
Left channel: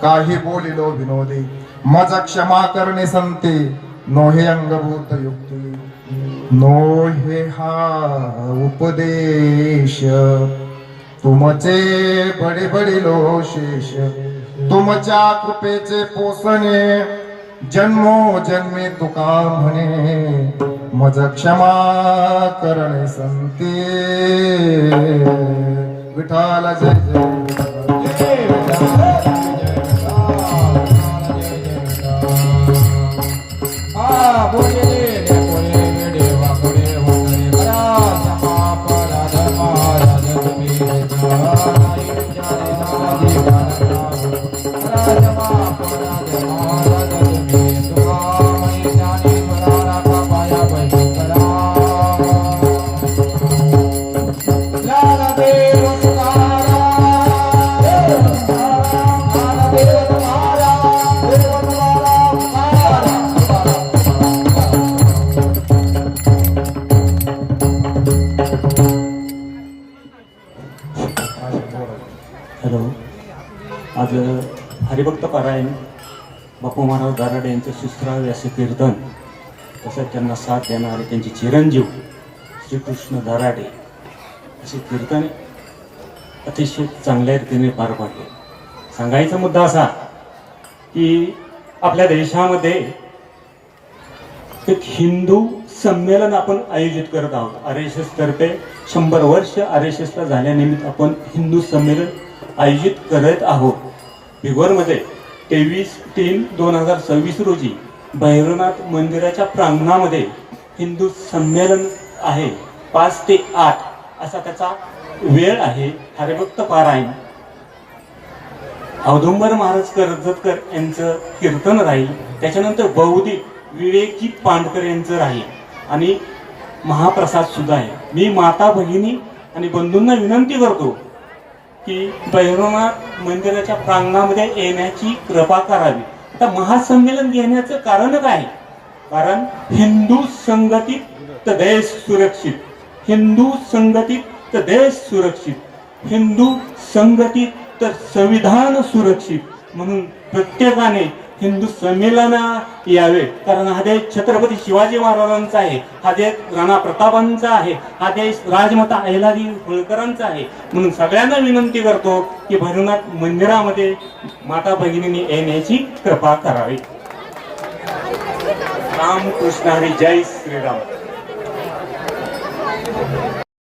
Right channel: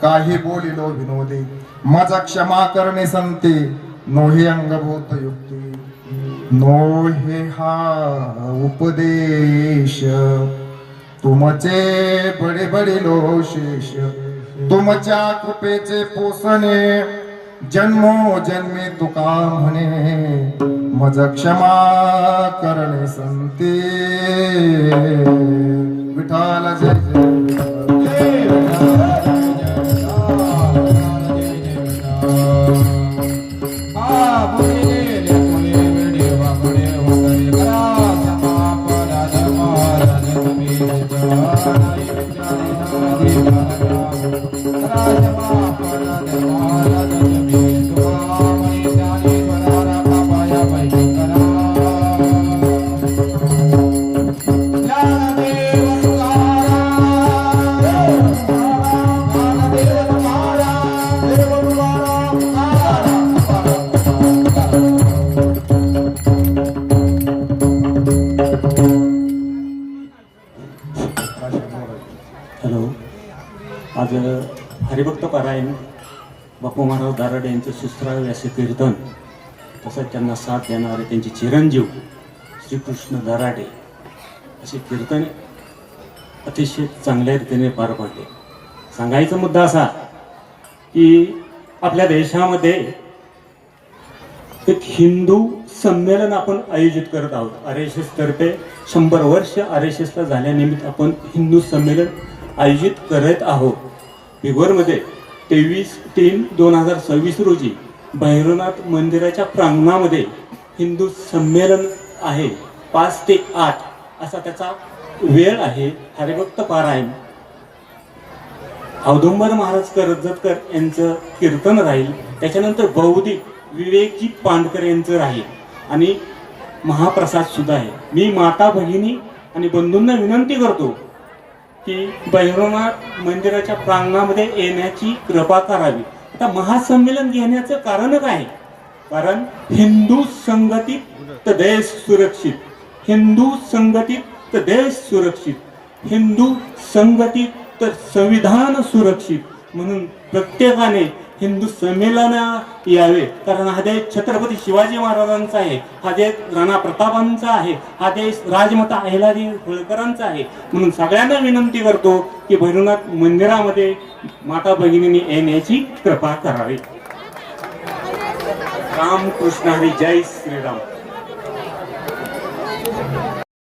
काही बोलिलो विनोदे. मज क्षमा करणे संते, नोहे अंगभूत युक्ती. नोहे हा उपदेश, तुमचे बडे बडे लो शेष. तुमच्या कृपेचे पोसणे जन्मो जन्मी तुका म्हणे मज क्षमा करणे संते विठाल जय जय हॅलो. आज हरिभक्त पारायण बापू महाराज दाराडे यांचं शिस्त्रावे असे कीर्तन, तसंच त्यांना साथ देणारे त्यांचे चिरंजीव श्रीकृष्ण दाराडे असे कीर्तन अतिशय चांगल्या रीतीने पार पाडले. सांगायचा मुद्दा असा की आपल्या देशामध्ये एक हिंदू संमेलन आपण आयोजित करत आहोत. RSS तर्फे 100 वर्ष RSSला झाल्यानिमित्त आपण हिंदू संमेलन आयोजित करत आहोत. पिगोरमध्ये 23/3/2026 रोजी भैरवनाथ मंदिराच्या प्रांगणामध्ये हिंदू संमेलन आहे. 5 ते 8 असा त्याचा वेळ आहे. हरिभक्त पारायण औदुंबर महाराज कर्जतकर यांचं कीर्तन राहील. त्याच्यानंतर बौद्धिक विवेकजी पांडकर यांचं राहील आणि महाप्रसाद सुद्धा आहे. मी माता भगिनी आणि बंधूंना विनंती करतो की भैरवनाथ मंदिराच्या प्रांगणामध्ये येण्याची कृपा करावी. आता महासंमेलन घेण्याचं कारण काय? कारण हिंदू संघटित तर देश सुरक्षित, हिंदू संघटित तर देश सुरक्षित, हिंदू संघटित तर संविधान सुरक्षित. म्हणून प्रत्येकाने हिंदू संमेलना यावे. कारण हा देश छत्रपती शिवाजी महाराजांचा आहे, हा देश राणा प्रतापांचा आहे, हा देश राजमाता अहिल्यादेवी होळकरांचा आहे. म्हणून सगळ्यांना विनंती करतो की भैरवनाथ मंदिरामध्ये माता भगिनींनी येण्याची कृपा करावी. रामकृष्ण हरी. जय श्रीराम.